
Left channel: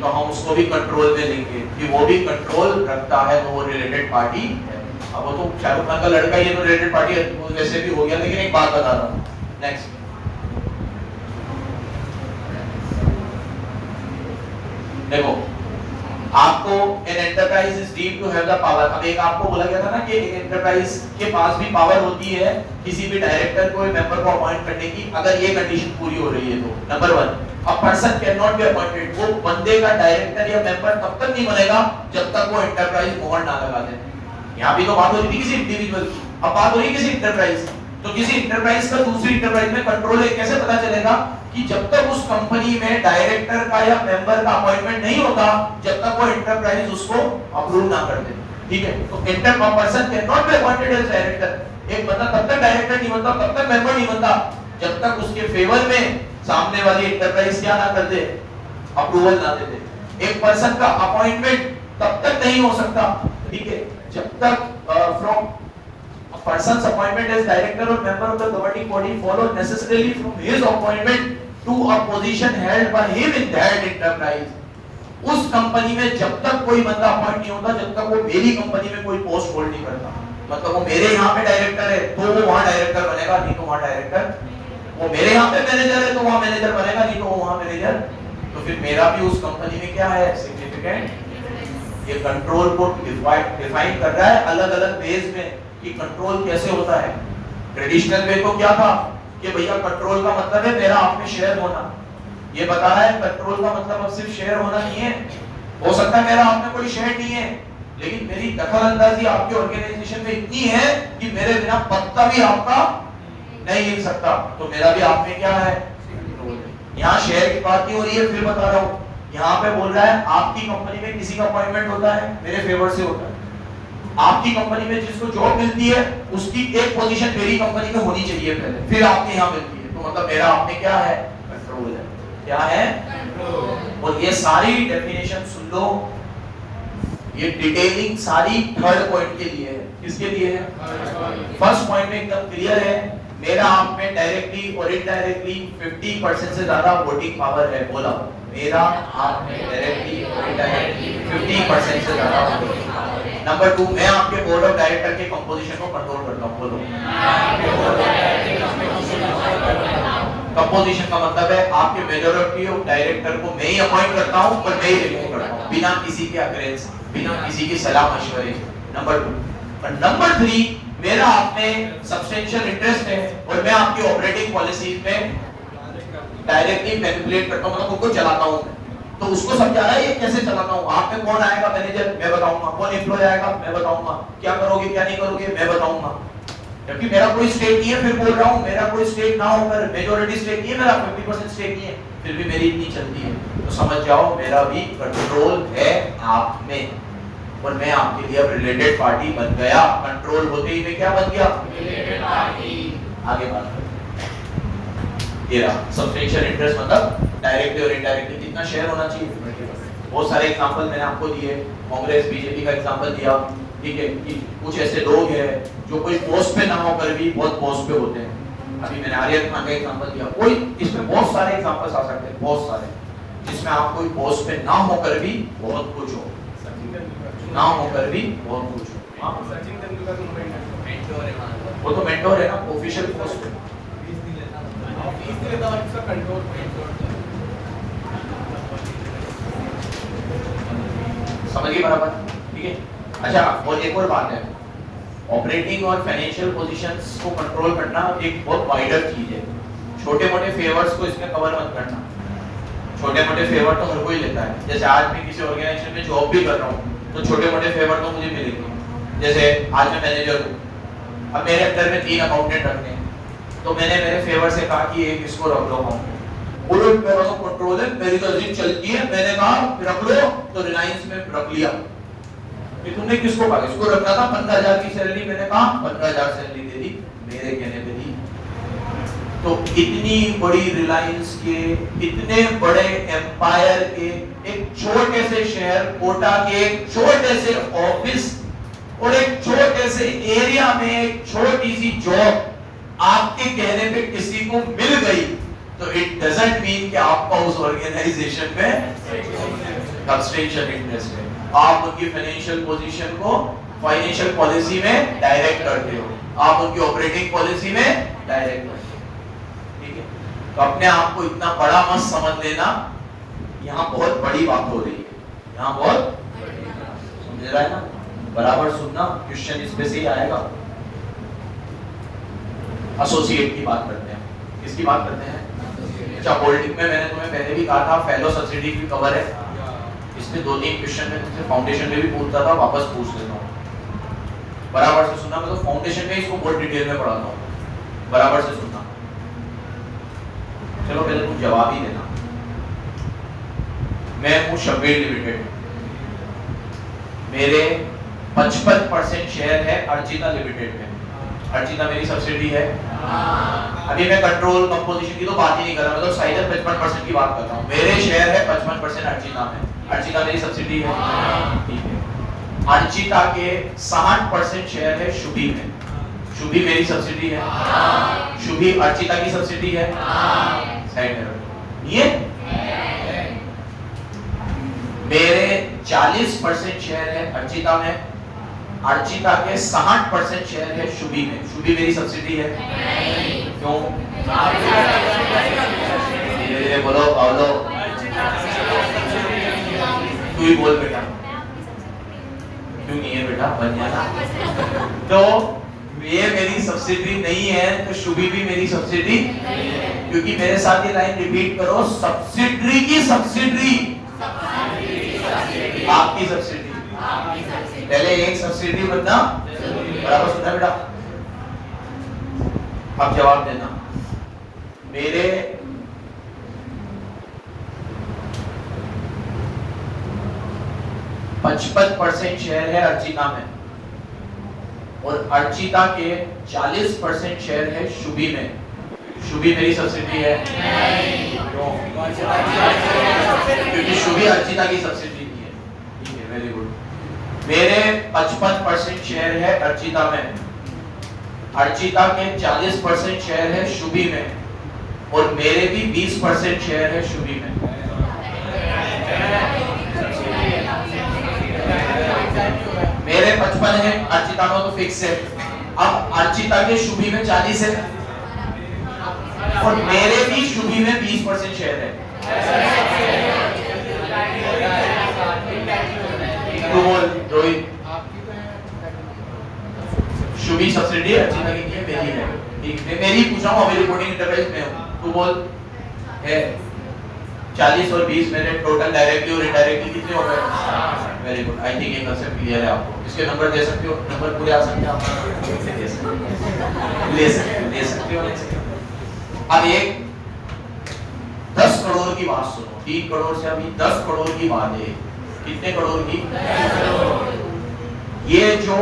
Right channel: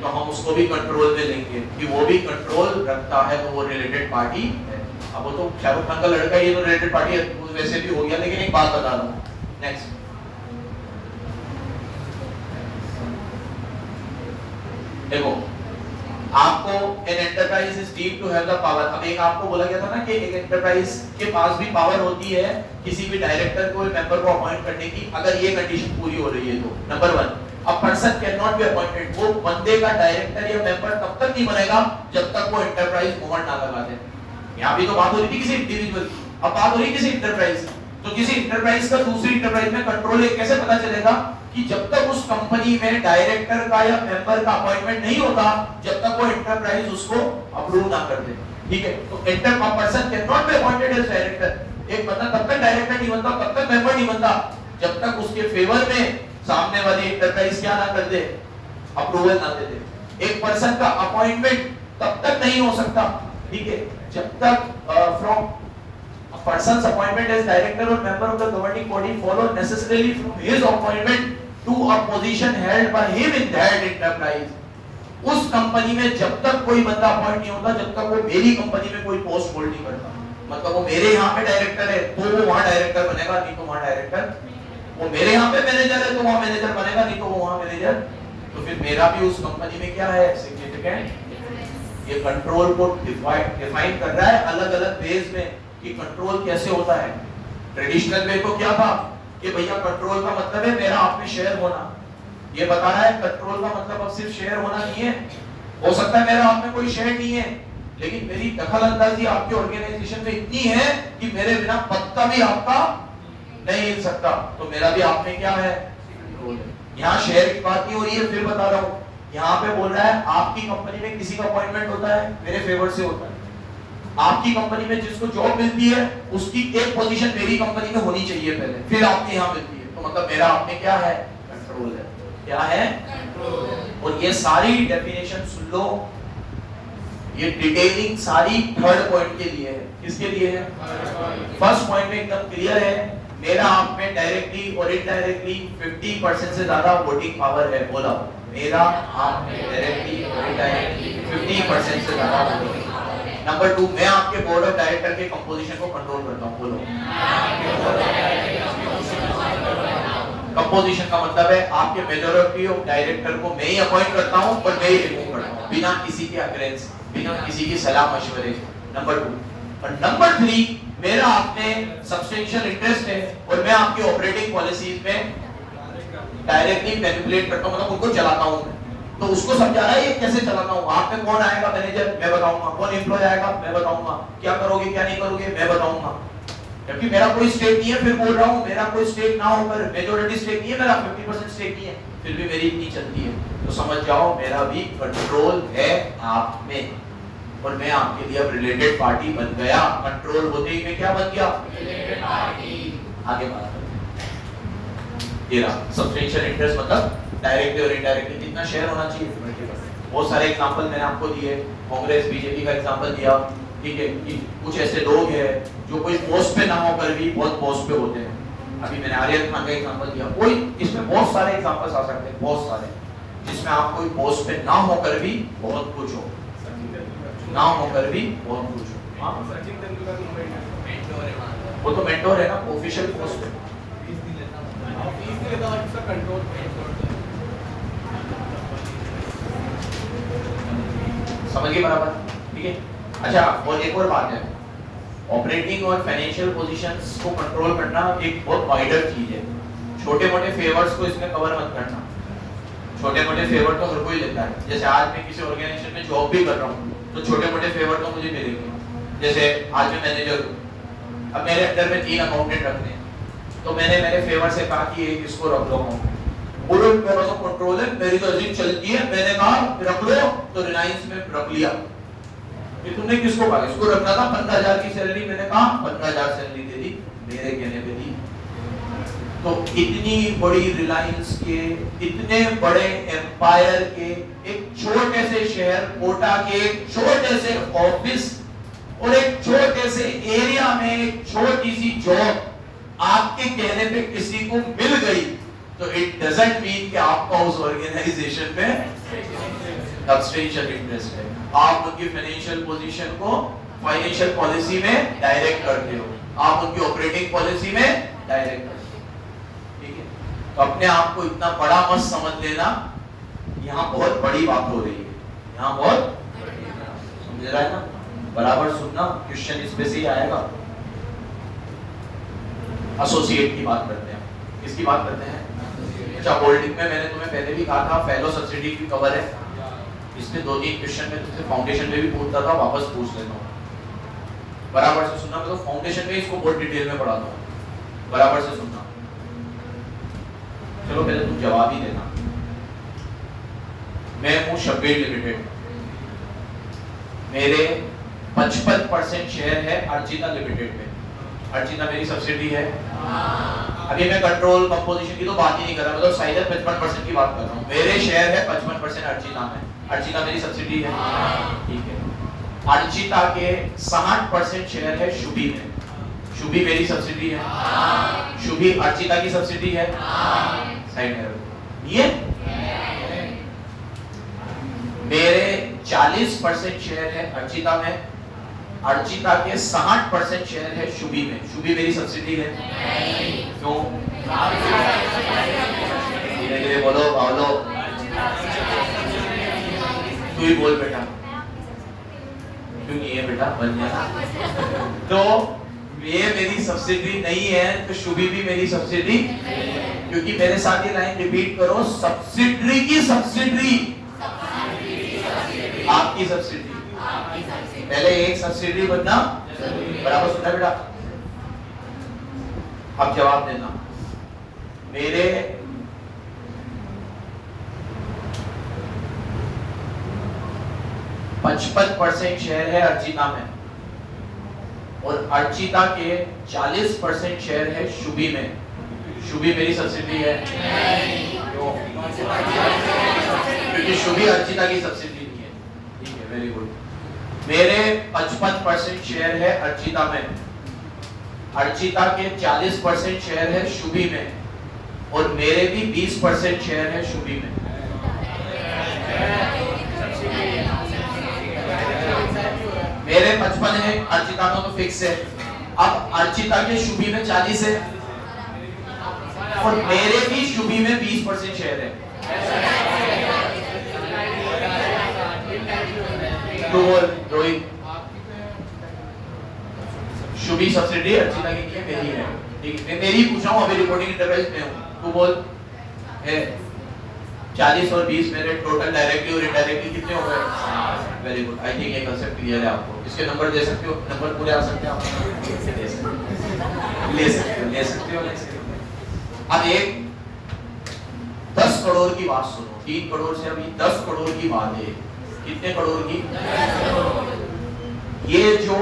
तो हम उसको भी कंट्रोल में लेंगे कि वो भी कंट्रोल रखता है, तो वो रिलेटेड पार्टी है। अब वो तो शाहरुख खान का लड़का, ये तो रिलेटेड पार्टी है, वैसे भी हो गया। लेकिन एक बात बता रहा हूँ, नेक्स्ट देखो, आपको an enterprise is deemed to have the power. अब एक आपको बोला गया था ना कि एक एंटरप्राइज के पास भी पावर होती है किसी भी डायरेक्टर को, मेंबर को अपॉइंट करने की, अगर ये कंडीशन पूरी हो रही है तो। Number 1, a person can not be appointed, वो बंदे का डायरेक्टर या मेंबर तब तक नहीं बनेगा जब तक वो एंटरप्राइज मोहर ना लगा दे। यहाँ भी तो बात हो रही थी किसी इंडिविजुअल की, अब बात हो रही है किसी एंटरप्राइज की। तो किसी एंटरप्राइज का दूसरी एंटरप्राइज में कंट्रोल कैसे पता चलेगा कि जब तक उस कंपनी में डायरेक्टर का या मेंबर का अपॉइंटमेंट नहीं होता, जब तक वो एंटरप्राइज उसको अप्रूव ना कर दे। ठीक है, तो person can not be appointed as director, एक बंदा तब तक डायरेक्टर नहीं बनता, तब तक मेंबर नहीं बनता, जब तक उसके फेवर में सामने वाली एंटरप्राइज क्या ना कर दे, अप्रूवल ना दे दे। एक पर्सन का अपॉइंटमेंट तब तक नहीं हो सकता, ठीक है, जब तक from a person's appointment as director or member of the governing body follow necessarily from his appointment to a position held by him in that enterprise। उस कंपनी में जब तक कोई बंदा अपॉइंट नहीं होता, जब तक वो मेरी कंपनी में कोई पोस्ट होल्ड नहीं करता, मतलब वो मेरे यहाँ पे डायरेक्टर है तो वो वहाँ डायरेक्टर बनेगा, नहीं तो वहाँ डायरेक्टर, वो मेरे यहाँ पे मैनेजर है तो वहाँ मैनेजर बनेगा, नहीं तो वहाँ मैनेजर। तो फिर मेरा भी उस कंपनी में क्या है, सिग्निफिकेंट। ये कंट्रोल को डिफाइन कर रहा है अलग अलग वेज में कि कंट्रोल कैसे होता है। ट्रेडिशनल वे को क्या था कि भैया कंट्रोल का मतलब है मेरा आप में शेयर होना, ये बताया है कंट्रोल का मतलब अब सिर्फ शेयर होना नहीं है, हो सकता है मेरा आप में कोई शेयर नहीं है, लेकिन मेरी दखल अंदाजी आपके ऑर्गेनाइजेशन में इतनी है कि मेरे बिना पत्ता भी आपका नहीं हिल सकता, तो मेरा भी आप में क्या है, कंट्रोल है। यहाँ शेयर की बात नहीं हो रही है, फिर बता रहा हूँ, यहाँ पे बोल रहा है आपकी कंपनी में किसी का अपॉइंटमेंट होता है, मेरे फेवर से होता है, आपकी कंपनी में जिसको जॉब मिलती है उसकी एक पोजीशन मेरी कंपनी में होनी चाहिए पहले, फिर आपके यहाँ मिलती है, तो मतलब मेरा आप में क्या है, कंट्रोल है। क्या है, कंट्रोल। और ये सारी डेफिनेशन सुन लो, ये डिटेलिंग सारी थर्ड पॉइंट के लिए है। किसके लिए है, फर्स्ट पॉइंट में एकदम क्लियर है, मेरा आप में डायरेक्टली और इनडायरेक्टली 50% से ज्यादा वोटिंग पावर है। बोला, मेरा आप में डायरेक्टली और इनडायरेक्टली 50% से ज्यादा वोटिंग पावर। नंबर 2, मैं आपके बोर्ड ऑफ डायरेक्टर के कंपोजिशन को कंट्रोल करता हूं। बोलो, कंपोजिशन का मतलब है आपके मेजॉरिटी ऑफ डायरेक्टर को मैं ही अपॉइंट करता हूं और मैं ही रिमूव करता हूं, बिना किसी के अग्रेंस, बिना किसी की सलाह मशवरे। नंबर 2 और नंबर 3, मेरा आप में सब्सटेंशियल इंटरेस्ट है और मैं आपकी ऑपरेटिंग पॉलिसीज में डायरेक्टली मैनिपुलेट करता हूं, मतलब उनको चलाता हूं। तो उसको समझा रहा है ये कैसे चलाता हूँ, आप में कौन आएगा मैनेजर, मैं बताऊंगा, कौन एम्प्लॉय आएगा, मैं बताऊंगा, क्या करोगे क्या नहीं करोगे, मैं बताऊंगा। क्योंकि मेरा कोई स्टेक नहीं है, फिर बोल रहा हूँ मेरा कोई स्टेक ना होकर, मेजॉरिटी स्टेक नहीं है, मेरा 50% स्टेक नहीं है, फिर भी मेरी इतनी चलती है, तो समझ जाओ मेरा भी कंट्रोल है आप में। और मैं आपके लिए अब रिलेटेड पार्टी बन गया। कंट्रोल होते ही मैं क्या बन गया? Related party. आगे बात करें। ये रहा सब्सटेंशियल इंटरेस्ट, मतलब डायरेक्टली और इनडायरेक्टली कितना शेयर होना चाहिए। बहुत सारे एग्जांपल मैंने आपको दिए, कांग्रेस बीजेपी का एग्जांपल दिया, ठीक है, कि कुछ ऐसे लोग हैं जो कोई पोस्ट पे ना होकर भी बहुत पोस्ट पे होते हैं। अभी मैंने आर्यन खान का एग्जांपल दिया, कोई इसमें बहुत सारे एग्जांपल्स आ सकते हैं, बहुत सारे, जिसमें आप कोई पोस्ट पे ना होकर भी बहुत कुछ हो, ना होकर भी बहुत कुछ हो। वो तो मेंटोर है ना, ऑफिशियल पोस्ट है। समझिए बराबर, ठीक है। अच्छा, और एक और बात है, ऑपरेटिंग और फाइनेंशियल पोजीशंस को कंट्रोल करना एक बहुत वाइडर चीज है। छोटे मोटे फेवर्स को इसमें कवर मत करना। छोटे मोटे फेवर तो हर कोई लेता है। जैसे आज मैं किसी ऑर्गेनाइजेशन में जॉब भी कर रहा हूँ तो छोटे मोटे फेवर तो मुझे मिलेंगे। जैसे आज मैं मैनेजर हूँ, अब मेरे अंडर में 3 अकाउंटेंट रखते हैं, तो मैंने मेरे फेवर से कहा कि एक इसको रख लो, बोलो मेरा तो कंट्रोल है, मेरी तो अर्जिंग चलती है, मैंने कहा रख लो, तो रिलायंस में रख लिया। तुमने किसको कहा? इसको रखना था, 15,000 की सैलरी, मैंने कहा 15,000 सैलरी दे दी, मेरे कहने पे दी। तो इतनी बड़ी रिलायंस के, इतने बड़े एम्पायर के एक छोटे से शहर कोटा के एक छोटे से ऑफिस और एक छोटे से एरिया में एक छोटी सी जॉब आपके कहने पे किसी को मिल गई, तो इट डजंट मीन कि आपका उस ऑर्गेनाइजेशन में सब्सटेंशियल इंटरेस्ट है। आप उनकी फाइनेंशियल पोजीशन को फाइनेंशियल पॉलिसी में डायरेक्ट करते हो, आप उनकी ऑपरेटिंग पॉलिसी में डायरेक्ट करते हो, ठीक है। तो अपने आप को इतना बड़ा मत समझ लेना, यहाँ बहुत बड़ी बात हो रही है, यहाँ बहुत समझ रहा है ना, बराबर सुनना, क्वेश्चन इसमें से ही आएगा। एसोसिएट की बात करते हैं, किसकी बात करते हैं? अच्छा, होल्डिंग में मैंने तुम्हें पहले भी कहा था फेलो सब्सिडी की कवर है, इसमें 2-3 क्वेश्चन में तुमसे फाउंडेशन में भी पूछता था, वापस पूछ लेता हूँ, बराबर से सुनना। मैं तो फाउंडेशन में इसको बहुत डिटेल में पढ़ाता हूँ, बराबर से सुनना। चलो पहले तुम जवाब ही देना। मैं हूँ शब्बीर लिमिटेड, मेरे 55% शेयर है अर्जिता लिमिटेड में। अर्जिता मेरी सब्सिडी है। अभी मैं कंट्रोल कंपोजिशन की तो बात ही नहीं कर रहा, मतलब साइज 55% की बात कर रहा हूँ। मेरे शेयर है 55% अर्जिता में, अर्जिता मेरी सब्सिडी है, ठीक है। अर्जिता के 60% शेयर है शुभी में, शुभी मेरी सब्सिडी है, शुभी अर्जिता की सब्सिडी है, साइड में ये। मेरे 40% शेयर है अर्जिता में, अर्जिता के 60% शेयर है शुभी में, शुभी मेरी सब्सिडी है। क्यों? धीरे धीरे बोलो, बोलो, तू ही बोल बेटा, क्यों नहीं है बेटा, बन गया। तो ये मेरी सब्सिडी नहीं है, तो शुभी भी मेरी सब्सिडी, क्योंकि मेरे साथ ये लाइन रिपीट करो, सब्सिडी की सब्सिडी आपकी सब्सिडी, पहले एक सब्सिडी बनना, बराबर सुना बेटा। अब जवाब देना। मेरे 55% शेयर है अर्जिता में और अर्जिता के 40% शेयर है शुभी में, शुभी मेरी सब्सिडी है। क्यों? क्योंकि शुभी अर्जिता की सब्सिडी नहीं है, ठीक है, वेरी गुड। मेरे 55% शेयर है अर्जिता में, अर्जिता के 40% शेयर है शुभी में और मेरे भी 20% शेयर है शुभी में। मेरे 55 है, अर्जिता में तो फिक्स है। अब अर्जिता के शुभी में 40 है और मेरे भी शुभी में 20% शेयर है। रोहित, शुभी सब्सिडी अर्जिता की नहीं है, मेरी है, ठीक है, मेरी पूछ रहा हूँ, अभी रिपोर्टिंग इंटरफेस में हूँ, तू बोल है। 40 और 20 मेरे टोटल डायरेक्टली और इनडायरेक्टली कितने हो गए? वेरी गुड, आई थिंक ये कांसेप्ट क्लियर है आपको। इसके नंबर दे सकते हो, नंबर पूरे आ सकते हो, ले सकते हो। अब एक 10 करोड़ की बात सुनो, 3 करोड़ से अभी 10 करोड़ की बात है। कितने करोड़ की? 10 करोड़। ये जो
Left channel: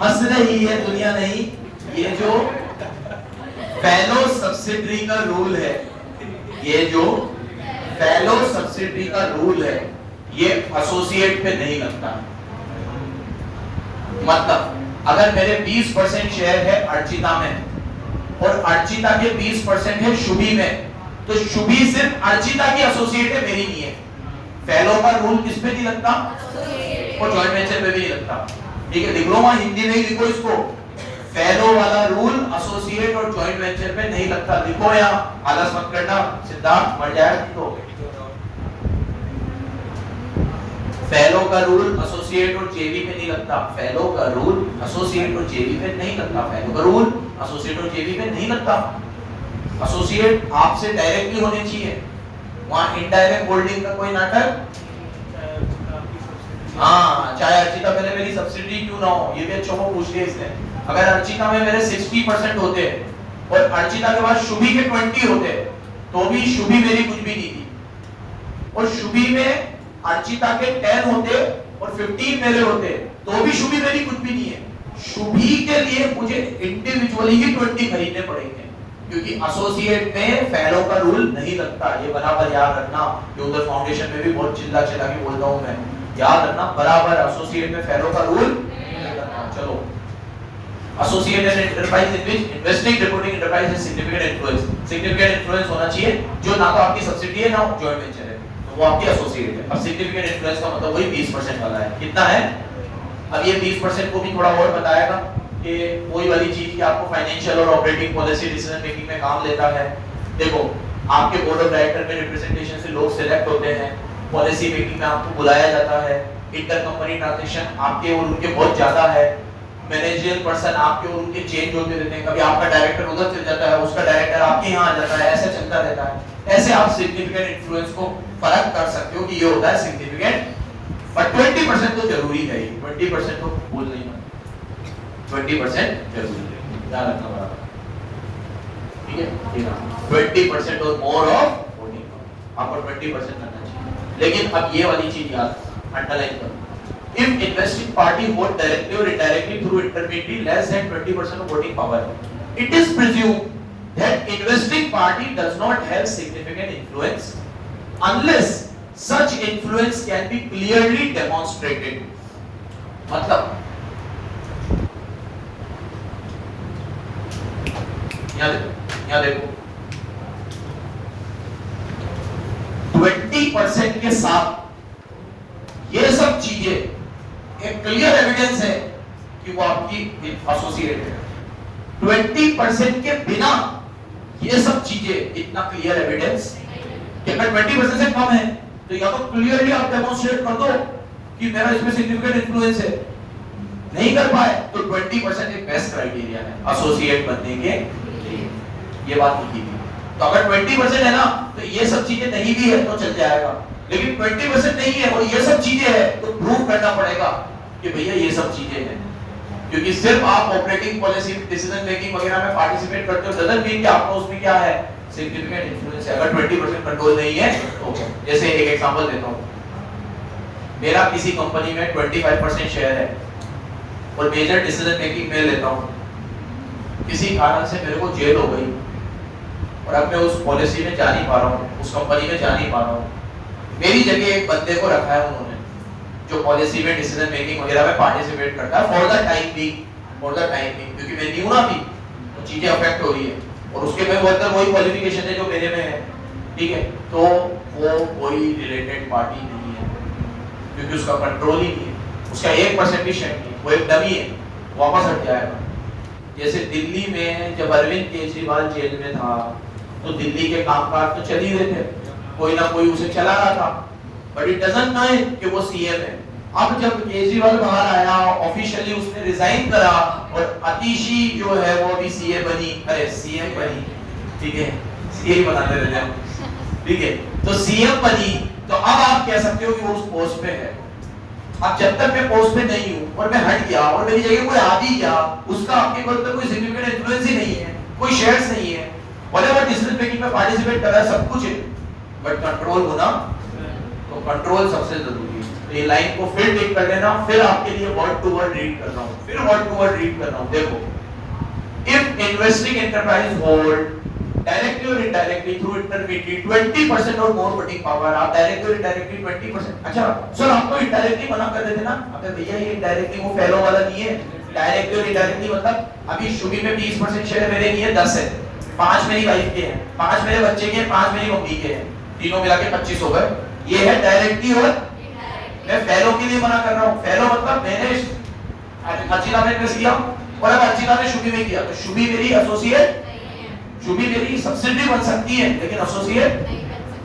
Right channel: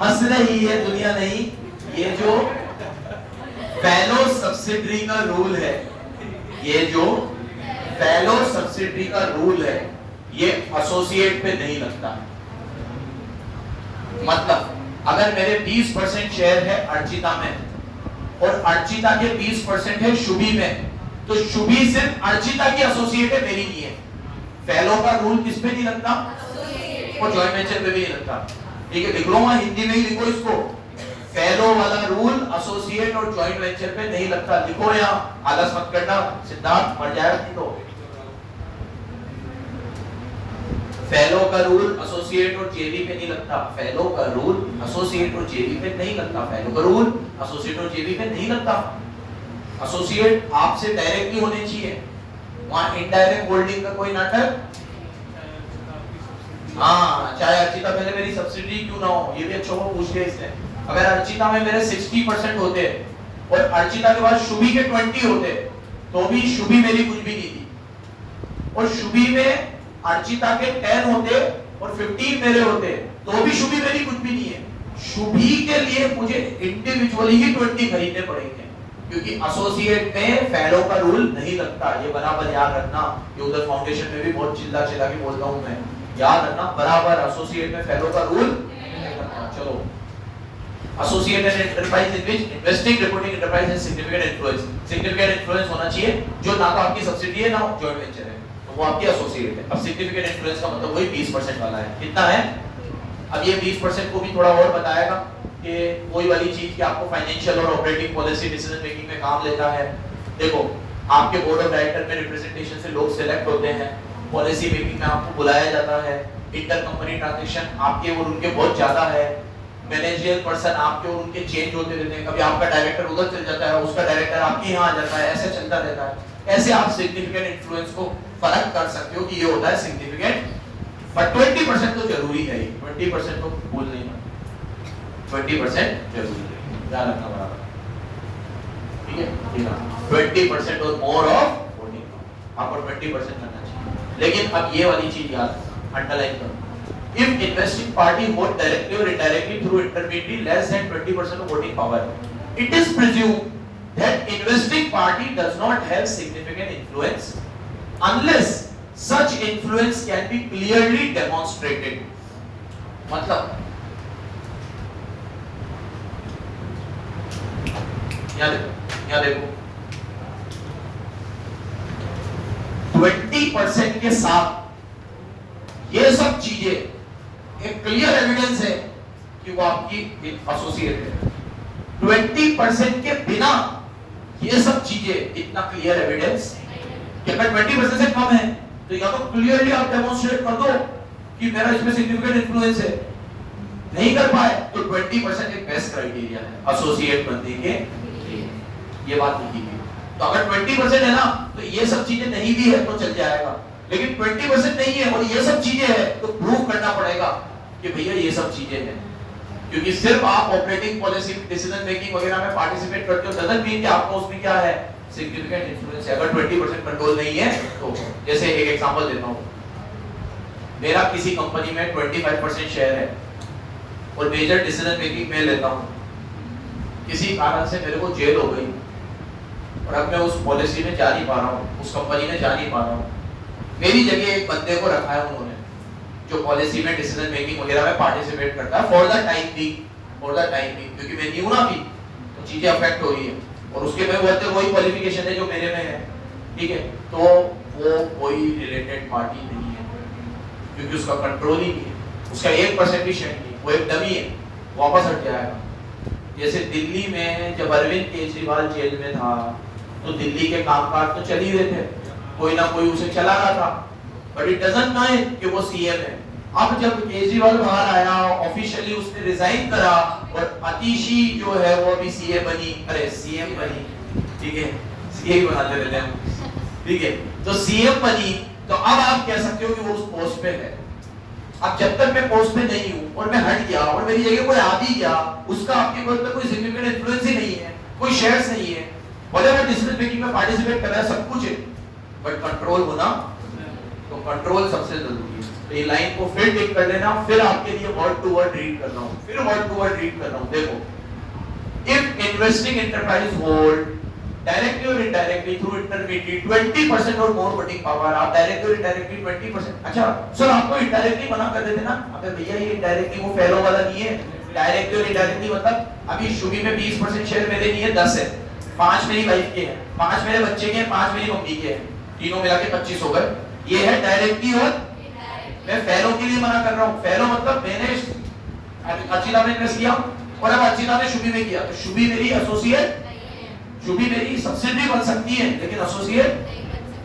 हंस रही है दुनिया नहीं, ये जो फेलो सब्सिडरी का रूल है, ये जो फेलो सब्सिडरी का रूल है, ये एसोसिएट पे नहीं लगता। मतलब अगर मेरे 20% शेयर है अर्चिता में और अर्चिता के 20% है शुभी में, तो शुभी सिर्फ अर्चिता की एसोसिएट है, मेरी नहीं है। फेलो का रूल किस पे नहीं लगता? और जॉइंट वेंचर पे भी नहीं लगता। ठीक है, लिख लो वहां, हिंदी में ही लिखो इसको, फेलो वाला रूल एसोसिएट और जॉइंट वेंचर पे नहीं लगता। लिखो यहाँ, आलस मत करना, सिद्धार्थ मर जाएगा। तो फेलो का रूल एसोसिएट और जेवी पे नहीं लगता। फेलो का रूल एसोसिएट और जेवी पे नहीं लगता। फेलो का रूल एसोसिएट और जेवी पे नहीं लगता। एसोसिएट आपसे डायरेक्टली होने चाहिए, वहां इनडायरेक्ट होल्डिंग का कोई नाटक। हाँ, चाहे अर्चिता पहले मेरी सब्सिडी क्यों ना हो, ये भी अच्छा वो पूछ लिया इसने। अगर अर्चिता में मेरे 60% होते और अर्चिता के बाद शुभी के 20 होते, तो भी शुभी मेरी कुछ भी नहीं थी। और शुभी में अर्चिता के 10 होते और 15 मेरे होते, तो भी शुभी मेरी कुछ भी नहीं है। शुभी के लिए मुझे इंडिविजुअली ही 20 खरीदने पड़ेंगे, क्योंकि एसोसिएट में फेलो का रूल नहीं लगता। ये बराबर याद रखना, ये उधर फाउंडेशन में भी बहुत चिल्ला चिल्ला के बोलता हूं मैं, याद रखना बराबर, एसोसिएट में फेलो का रूल नहीं लगता। चलो, associate and enterprise in which investing reporting enterprise has significant influence. Significant influence होना चाहिए जो ना तो आपकी सब्सिडी है ना जॉइंट वेंचर है, वो आपकी एसोसिएट है। अब सिग्निफिकेंट इन्फ्लुएंस का मतलब वही 20% वाला है। कितना है? अब ये 20% को भी थोड़ा और बताएगा कि कोई वाली चीज कि आपको फाइनेंशियल और ऑपरेटिंग पॉलिसी डिसीजन मेकिंग में काम लेता है। देखो, आपके बोर्ड ऑफ डायरेक्टर में रिप्रेजेंटेशन से लोग सिलेक्ट होते हैं, पॉलिसी मेकिंग में आपको बुलाया जाता है, इंटर कंपनी ट्रांजैक्शन आपके और उनके बहुत ज्यादा है, मैनेजरियल पर्सन आपके और उनके चेंज होते रहते हैं, कभी आपका डायरेक्टर उधर चल जाता है, उसका डायरेक्टर आपके यहाँ आ जाता है, ऐसे चलता रहता है। ऐसे आप सिग्निफिकेंट इन्फ्लुएंस को फर्क कर सकते हो कि ये होता है सिग्निफिकेंट। पर 20% तो जरूरी है, 20% तो भूल नहीं, 20% जरूरी है, ध्यान रखना बराबर। ठीक है, 20% और मोर ऑफ आपको 20% करना चाहिए। लेकिन अब ये वाली चीज याद अंडरलाइन करो, if investing party vote directly or indirectly through intermediary less than 20% of voting power, it is presumed that investing party does not have significant influence unless such influence can be clearly demonstrated. मतलब यहाँ देखो 20% के साथ ये सब चीजें एक क्लियर एविडेंस है कि वो आपकी एसोसिएट है। 20% के बिना ये सब चीजें इतना क्लियर एविडेंस, अगर 20% से कम है तो या तो क्लियरली आप डेमोंस्ट्रेट कर दो कि मेरा इसमें सिग्निफिकेंट इन्फ्लुएंस है, नहीं कर पाए तो 20% एक बेस्ट क्राइटेरिया है एसोसिएट बनने के लिए, ये बात लिखी गई। तो अगर 20% है ना तो ये सब चीजें नहीं भी है तो चल जाएगा, लेकिन 20% नहीं है और ये सब चीजें है तो प्रूव करना पड़ेगा कि भैया ये सब चीजें हैं। क्योंकि सिर्फ आप ऑपरेटिंग पॉलिसी डिसीजन मेकिंग वगैरह में पार्टिसिपेट करते हो डजंट मीन कि आपको उसमें क्या है सिग्निफिकेंट इन्फ्लुएंस है। अगर 20% कंट्रोल नहीं है तो जैसे एक एग्जांपल देता हूं, मेरा किसी कंपनी में 25% शेयर है और मेजर डिसीजन मेकिंग में लेता हूं, किसी कारण से मेरे को जेल हो गई और अब मैं उस पॉलिसी में जा नहीं पा रहा हूं, उस कंपनी में जा नहीं पा रहा हूं, मेरी जगह एक बंदे को रखा है उन्होंने जो पॉलिसी में डिसीजन मेकिंग वगैरह में पार्टिसिपेट करता है फॉर द टाइम बीइंग, क्योंकि मैं न्यू ना भी तो चीजें अफेक्ट हो रही है और उसके में वही क्वालिफिकेशन है जो मेरे में है, ठीक है, तो वो कोई रिलेटेड पार्टी नहीं है क्योंकि उसका कंट्रोल ही नहीं है, उसका 1% भी शेयर नहीं, वो एक डमी है, वापस हट जाएगा। जैसे दिल्ली में जब अरविंद केजरीवाल जेल में था तो दिल्ली के कामकाज तो चल ही रहे थे, कोई ना कोई उसे चला रहा था, बट इट डजंट मीन कि वो सीएम है। अब जब केजरीवाल बाहर आया ऑफिशियली उसने रिजाइन करा और अतिशी जो है वो भी सीएम बनी, अरे सीएम बनी, ठीक है, सीएम बनाते रहते हैं, ठीक है, तो सीएम बनी तो अब आप कह सकते हो कि वो उस पोस्ट पे है। अब जब तक मैं पोस्ट पे नहीं हूं और मैं हट गया और मेरी जगह कोई आ भी गया, उसका आपके ऊपर कोई सिग्निफिकेंट इन्फ्लुएंस ही नहीं है, कोई शेयर्स नहीं है, व्हाटएवर डिसीजन मेकिंग में पार्टिसिपेट कर रहा है, सब कुछ है, बट कंट्रोल होना तो कंट्रोल सबसे जरूरी है। तो ये लाइन को फिर टिक कर लेना, फिर आपके लिए वर्ड टू वर्ड रीड कर रहा हूँ, फिर वर्ड टू वर्ड रीड कर रहा हूँ। देखो, if investing enterprise hold directly or indirectly through intermediary 20% or more voting power, आप directly or indirectly 20%, अच्छा सर आपको indirectly मना कर देते ना, अगर भैया ये indirectly वो पहलो वाला नहीं है, directly और indirectly मतलब अभी शुभी में 20% शेयर मेरे नहीं है, 10 है, 5 मेरी वाइफ के हैं, 5 मेरे बच्चे के हैं, 5 मेरी मम्मी के हैं, तीनों मिला के 25 हो गए। ये है डायरेक्टली और मैं फेलो के लिए मना कर रहा हूँ। फेलो मतलब मैंने अर्चिता में इन्वेस्ट किया और अब अर्चिता ने शुभी में किया, तो शुभी मेरी एसोसिएट, शुभी मेरी सब्सिडी बन सकती है लेकिन एसोसिएट।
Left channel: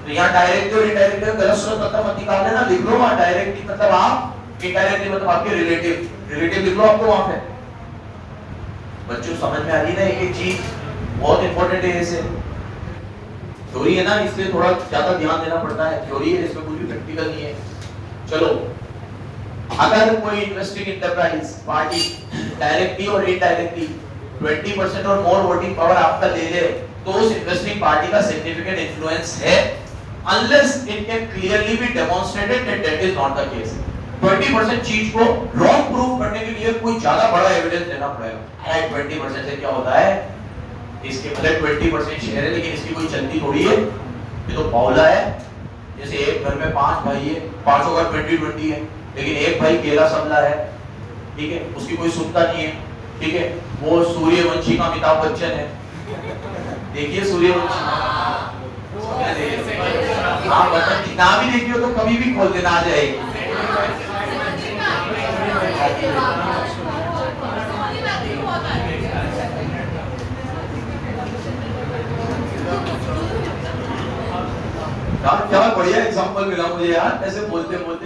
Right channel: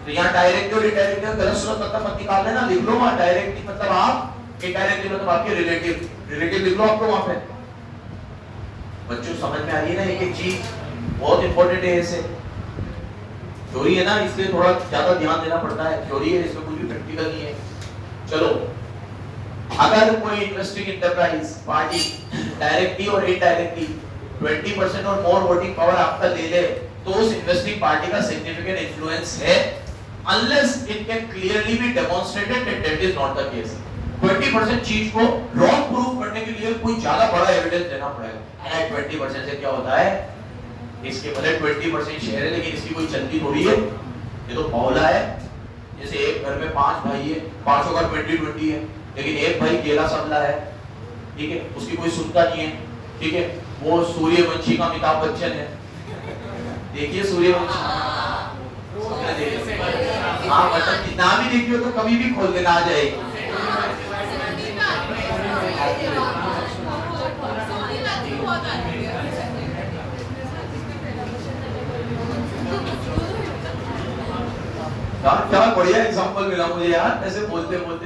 तो यहाँ डायरेक्टली और इनडायरेक्टली गलत स्रोत मतलब मत निकाल लेना, लिख लो वहाँ डायरेक्टली मतलब आप, इनडायरेक्टली मतलब आपके रिलेटिव, रिलेटिव लिख लो आपको वहाँ पे। बच्चों समझ में आ रही है ना, एक चीज बहुत इंपॉर्टेंट है। इसे थ्योरी है ना, इसलिए थोड़ा ज्यादा ध्यान देना पड़ता है। थ्योरी है, इसमें पूरी प्रैक्टिकल नहीं है। चलो, अगर कोई इन्वेस्टिंग एंटरप्राइज पार्टी डायरेक्टली और इनडायरेक्टली 20% और मोर वोटिंग पावर आपका ले ले, तो उस इन्वेस्टिंग पार्टी का सिग्निफिकेंट इन्फ्लुएंस है, unless it can clearly be demonstrated that that is not the case। 20% चीज को रॉन्ग प्रूव करने के लिए कोई ज्यादा बड़ा एविडेंस देना पड़ेगा। 20% से क्या होता है, इसके भले 20% शेयर है लेकिन इसकी कोई चलती थोड़ी है, ये तो बावला है। जैसे एक घर में 5 भाई है, पांचों का 20-20 है, लेकिन एक भाई केला समझा है, ठीक है, उसकी कोई सुनता नहीं है, ठीक है, वो सूर्यवंशी का अमिताभ बच्चन है। देखिए सूर्यवंशी, हाँ बटन ना भी देखिए तो कभी भी खोल देना, आ जाएगी। क्या बढ़िया एग्जांपल मिला मुझे यार, ऐसे बोलते बोलते।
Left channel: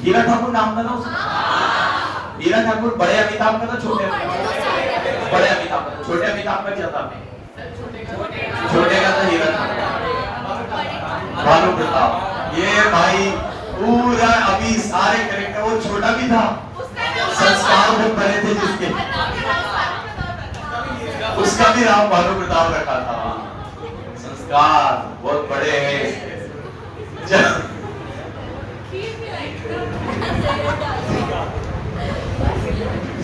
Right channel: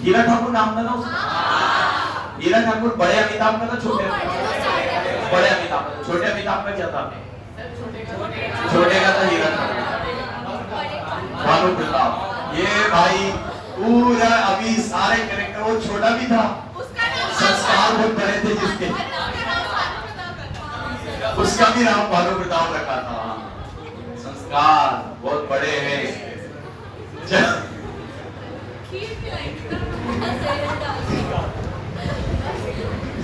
हीरा ठाकुर नाम था ना उसका, हीरा ठाकुर बड़े अमिताभ का था छोटे, बड़े अमिताभ का, छोटे अमिताभ का क्या था, छोटे का था हीरा भानु प्रताप। ये भाई पूरा अभी सारे कैरेक्टर, वो छोटा भी था, संस्कार बहुत बड़े थे जिसके, उसका भी नाम भानु प्रताप रखा था। संस्कार बहुत बड़े हैं।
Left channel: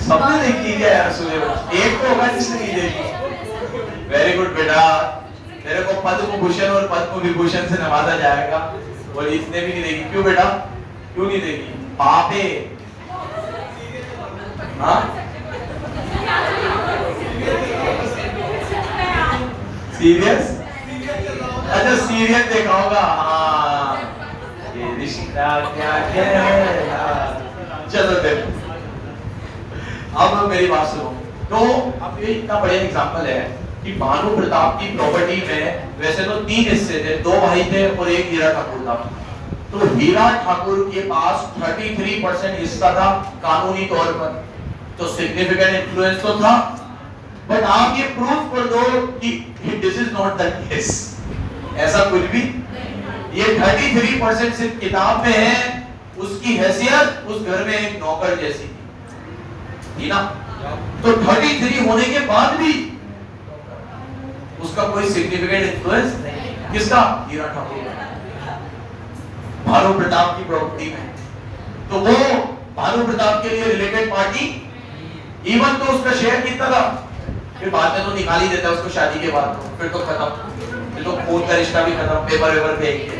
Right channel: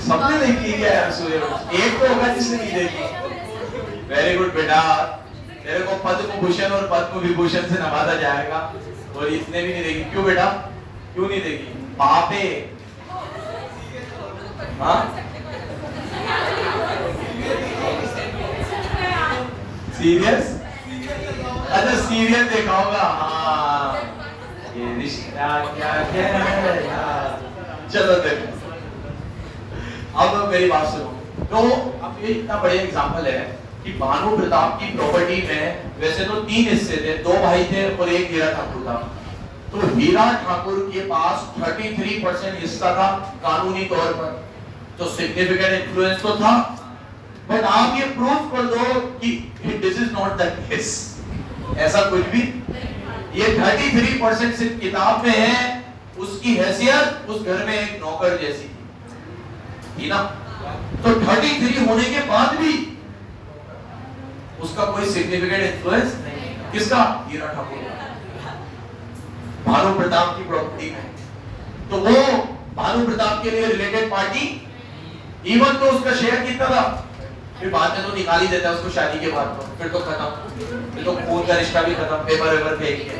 सबने देखी क्या यार सूर्यवंशी, एक तो होगा जिसने नहीं देखी। वेरी गुड बेटा, तेरे को पद्म भूषण और पद्म विभूषण से नवाजा जाएगा, और इसने भी नहीं देखी। क्यों बेटा, क्यों नहीं देखी? पाप है। हाँ सीरियस, अच्छा सीरियल देखा होगा। हाँ, ये रिश्ता क्या कहलाता। चलो देखो, अब मेरी बात सुनो। तो अब ये इतना बड़ा एग्जांपल है कि भानु प्रताप की प्रॉपर्टी में वैसे तो 3 हिस्से थे, 2 भाई थे और एक हीरा ठाकुर था। तो हीरा ठाकुर के पास 33% हिस्सा था कानूनी तौर पर, तो सिग्निफिकेंट इन्फ्लुएंस तो था। बट आप ये प्रूफ कर दो कि this is not the case, ऐसा कुछ भी। ये 33% सिर्फ किताब में है, उसकी हैसियत उस घर में एक नौकर जैसी थी ना। तो 33 होने के बाद भी उसका कोई सिग्निफिकेंट इन्फ्लुएंस नहीं। किसका? हीरा ठाकुर, भानु प्रताप की प्रॉपर्टी में। तो वो भानु प्रताप के लिए रिलेटेड पार्टी, इवन तो उसका शेयर कितना था, फिर बाद में तो निकाल ही देता उसको शादी के बाद, तो फिर तो खत्म, फिर तो खून का रिश्ता भी खत्म, पेपर वेपर फेंक के।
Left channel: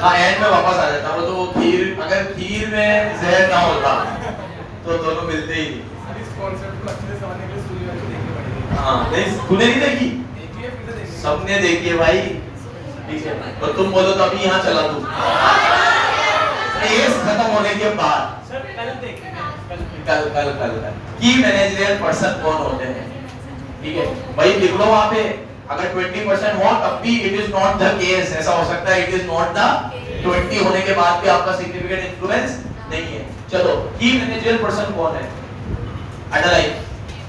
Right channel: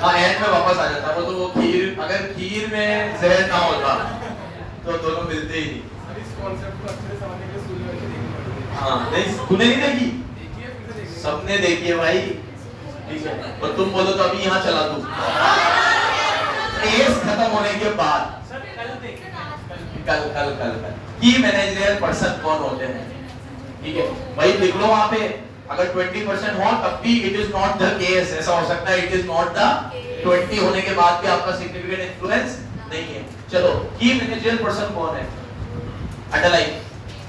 हाँ एंड में वापस आ जाता वो। तो खीर, अगर खीर में जहर ना होता तो दोनों मिलते ही नहीं। हाँ नहीं, तूने नहीं देखी? सबने देखी है भाई, ठीक है। तो तुम बोलो तो अभी यहाँ चला दूं, केस खत्म होने के बाद। कल की मैनेजरियल पर्सन कौन होते हैं, ठीक है भाई, लिख लो वहां पे। अगर 20% हो तब भी it is not the case, ऐसा हो सकता है इट इज नॉट द 20 होने के बाद भी आपका सिग्निफिकेंट इन्फ्लुएंस नहीं है। चलो, की मैनेजरियल पर्सन कौन है? अंडरलाइन,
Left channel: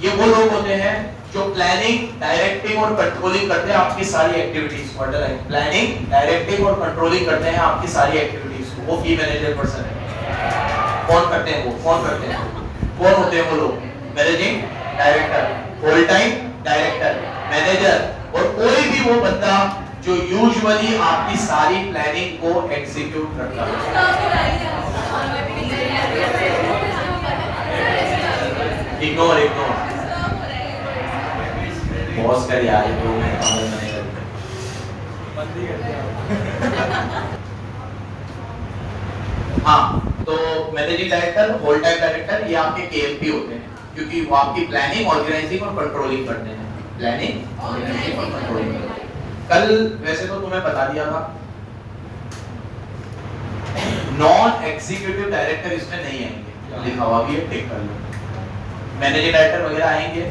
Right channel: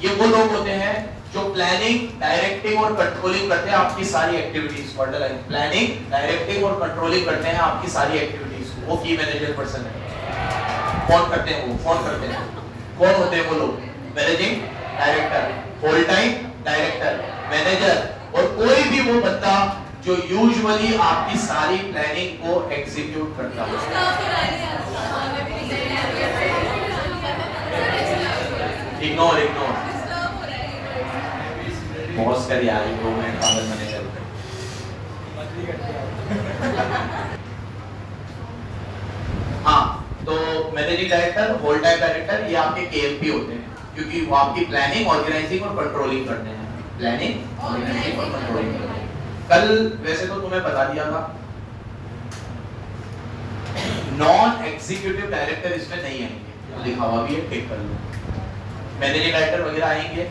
ये वो लोग होते हैं जो प्लानिंग, डायरेक्टिंग और कंट्रोलिंग करते हैं आपकी सारी एक्टिविटीज। अंडरलाइन, प्लानिंग, डायरेक्टिंग और कंट्रोलिंग करते हैं आपकी सारी एक्टिविटीज को, वो की मैनेजरियल पर्सन है। कौन करते हैं वो? कौन करते हैं? कौन होते हैं वो लोग? Managing director, whole time director, manager, और कोई भी वो बंदा जो यूजुअली आपकी सारी प्लानिंग को एग्जीक्यूट करता है। इग्नोर पॉज कर यार, हाँ, तो managing director, whole time director, ये आपके केएमपी होते हैं, क्योंकि वो आपकी प्लानिंग, ऑर्गेनाइजिंग और कंट्रोलिंग करते हैं। प्लानिंग, ऑर्गेनाइजिंग और कंट्रोलिंग करते हैं। कल वैसे तो तुम्हें बता दिया था, नॉन एग्जीक्यूटिव डायरेक्टर इसमें नहीं आएंगे, लिखा हुआ भी है, टिक कर लो। मैनेजिंग डायरेक्टर वगैरह आएंगे,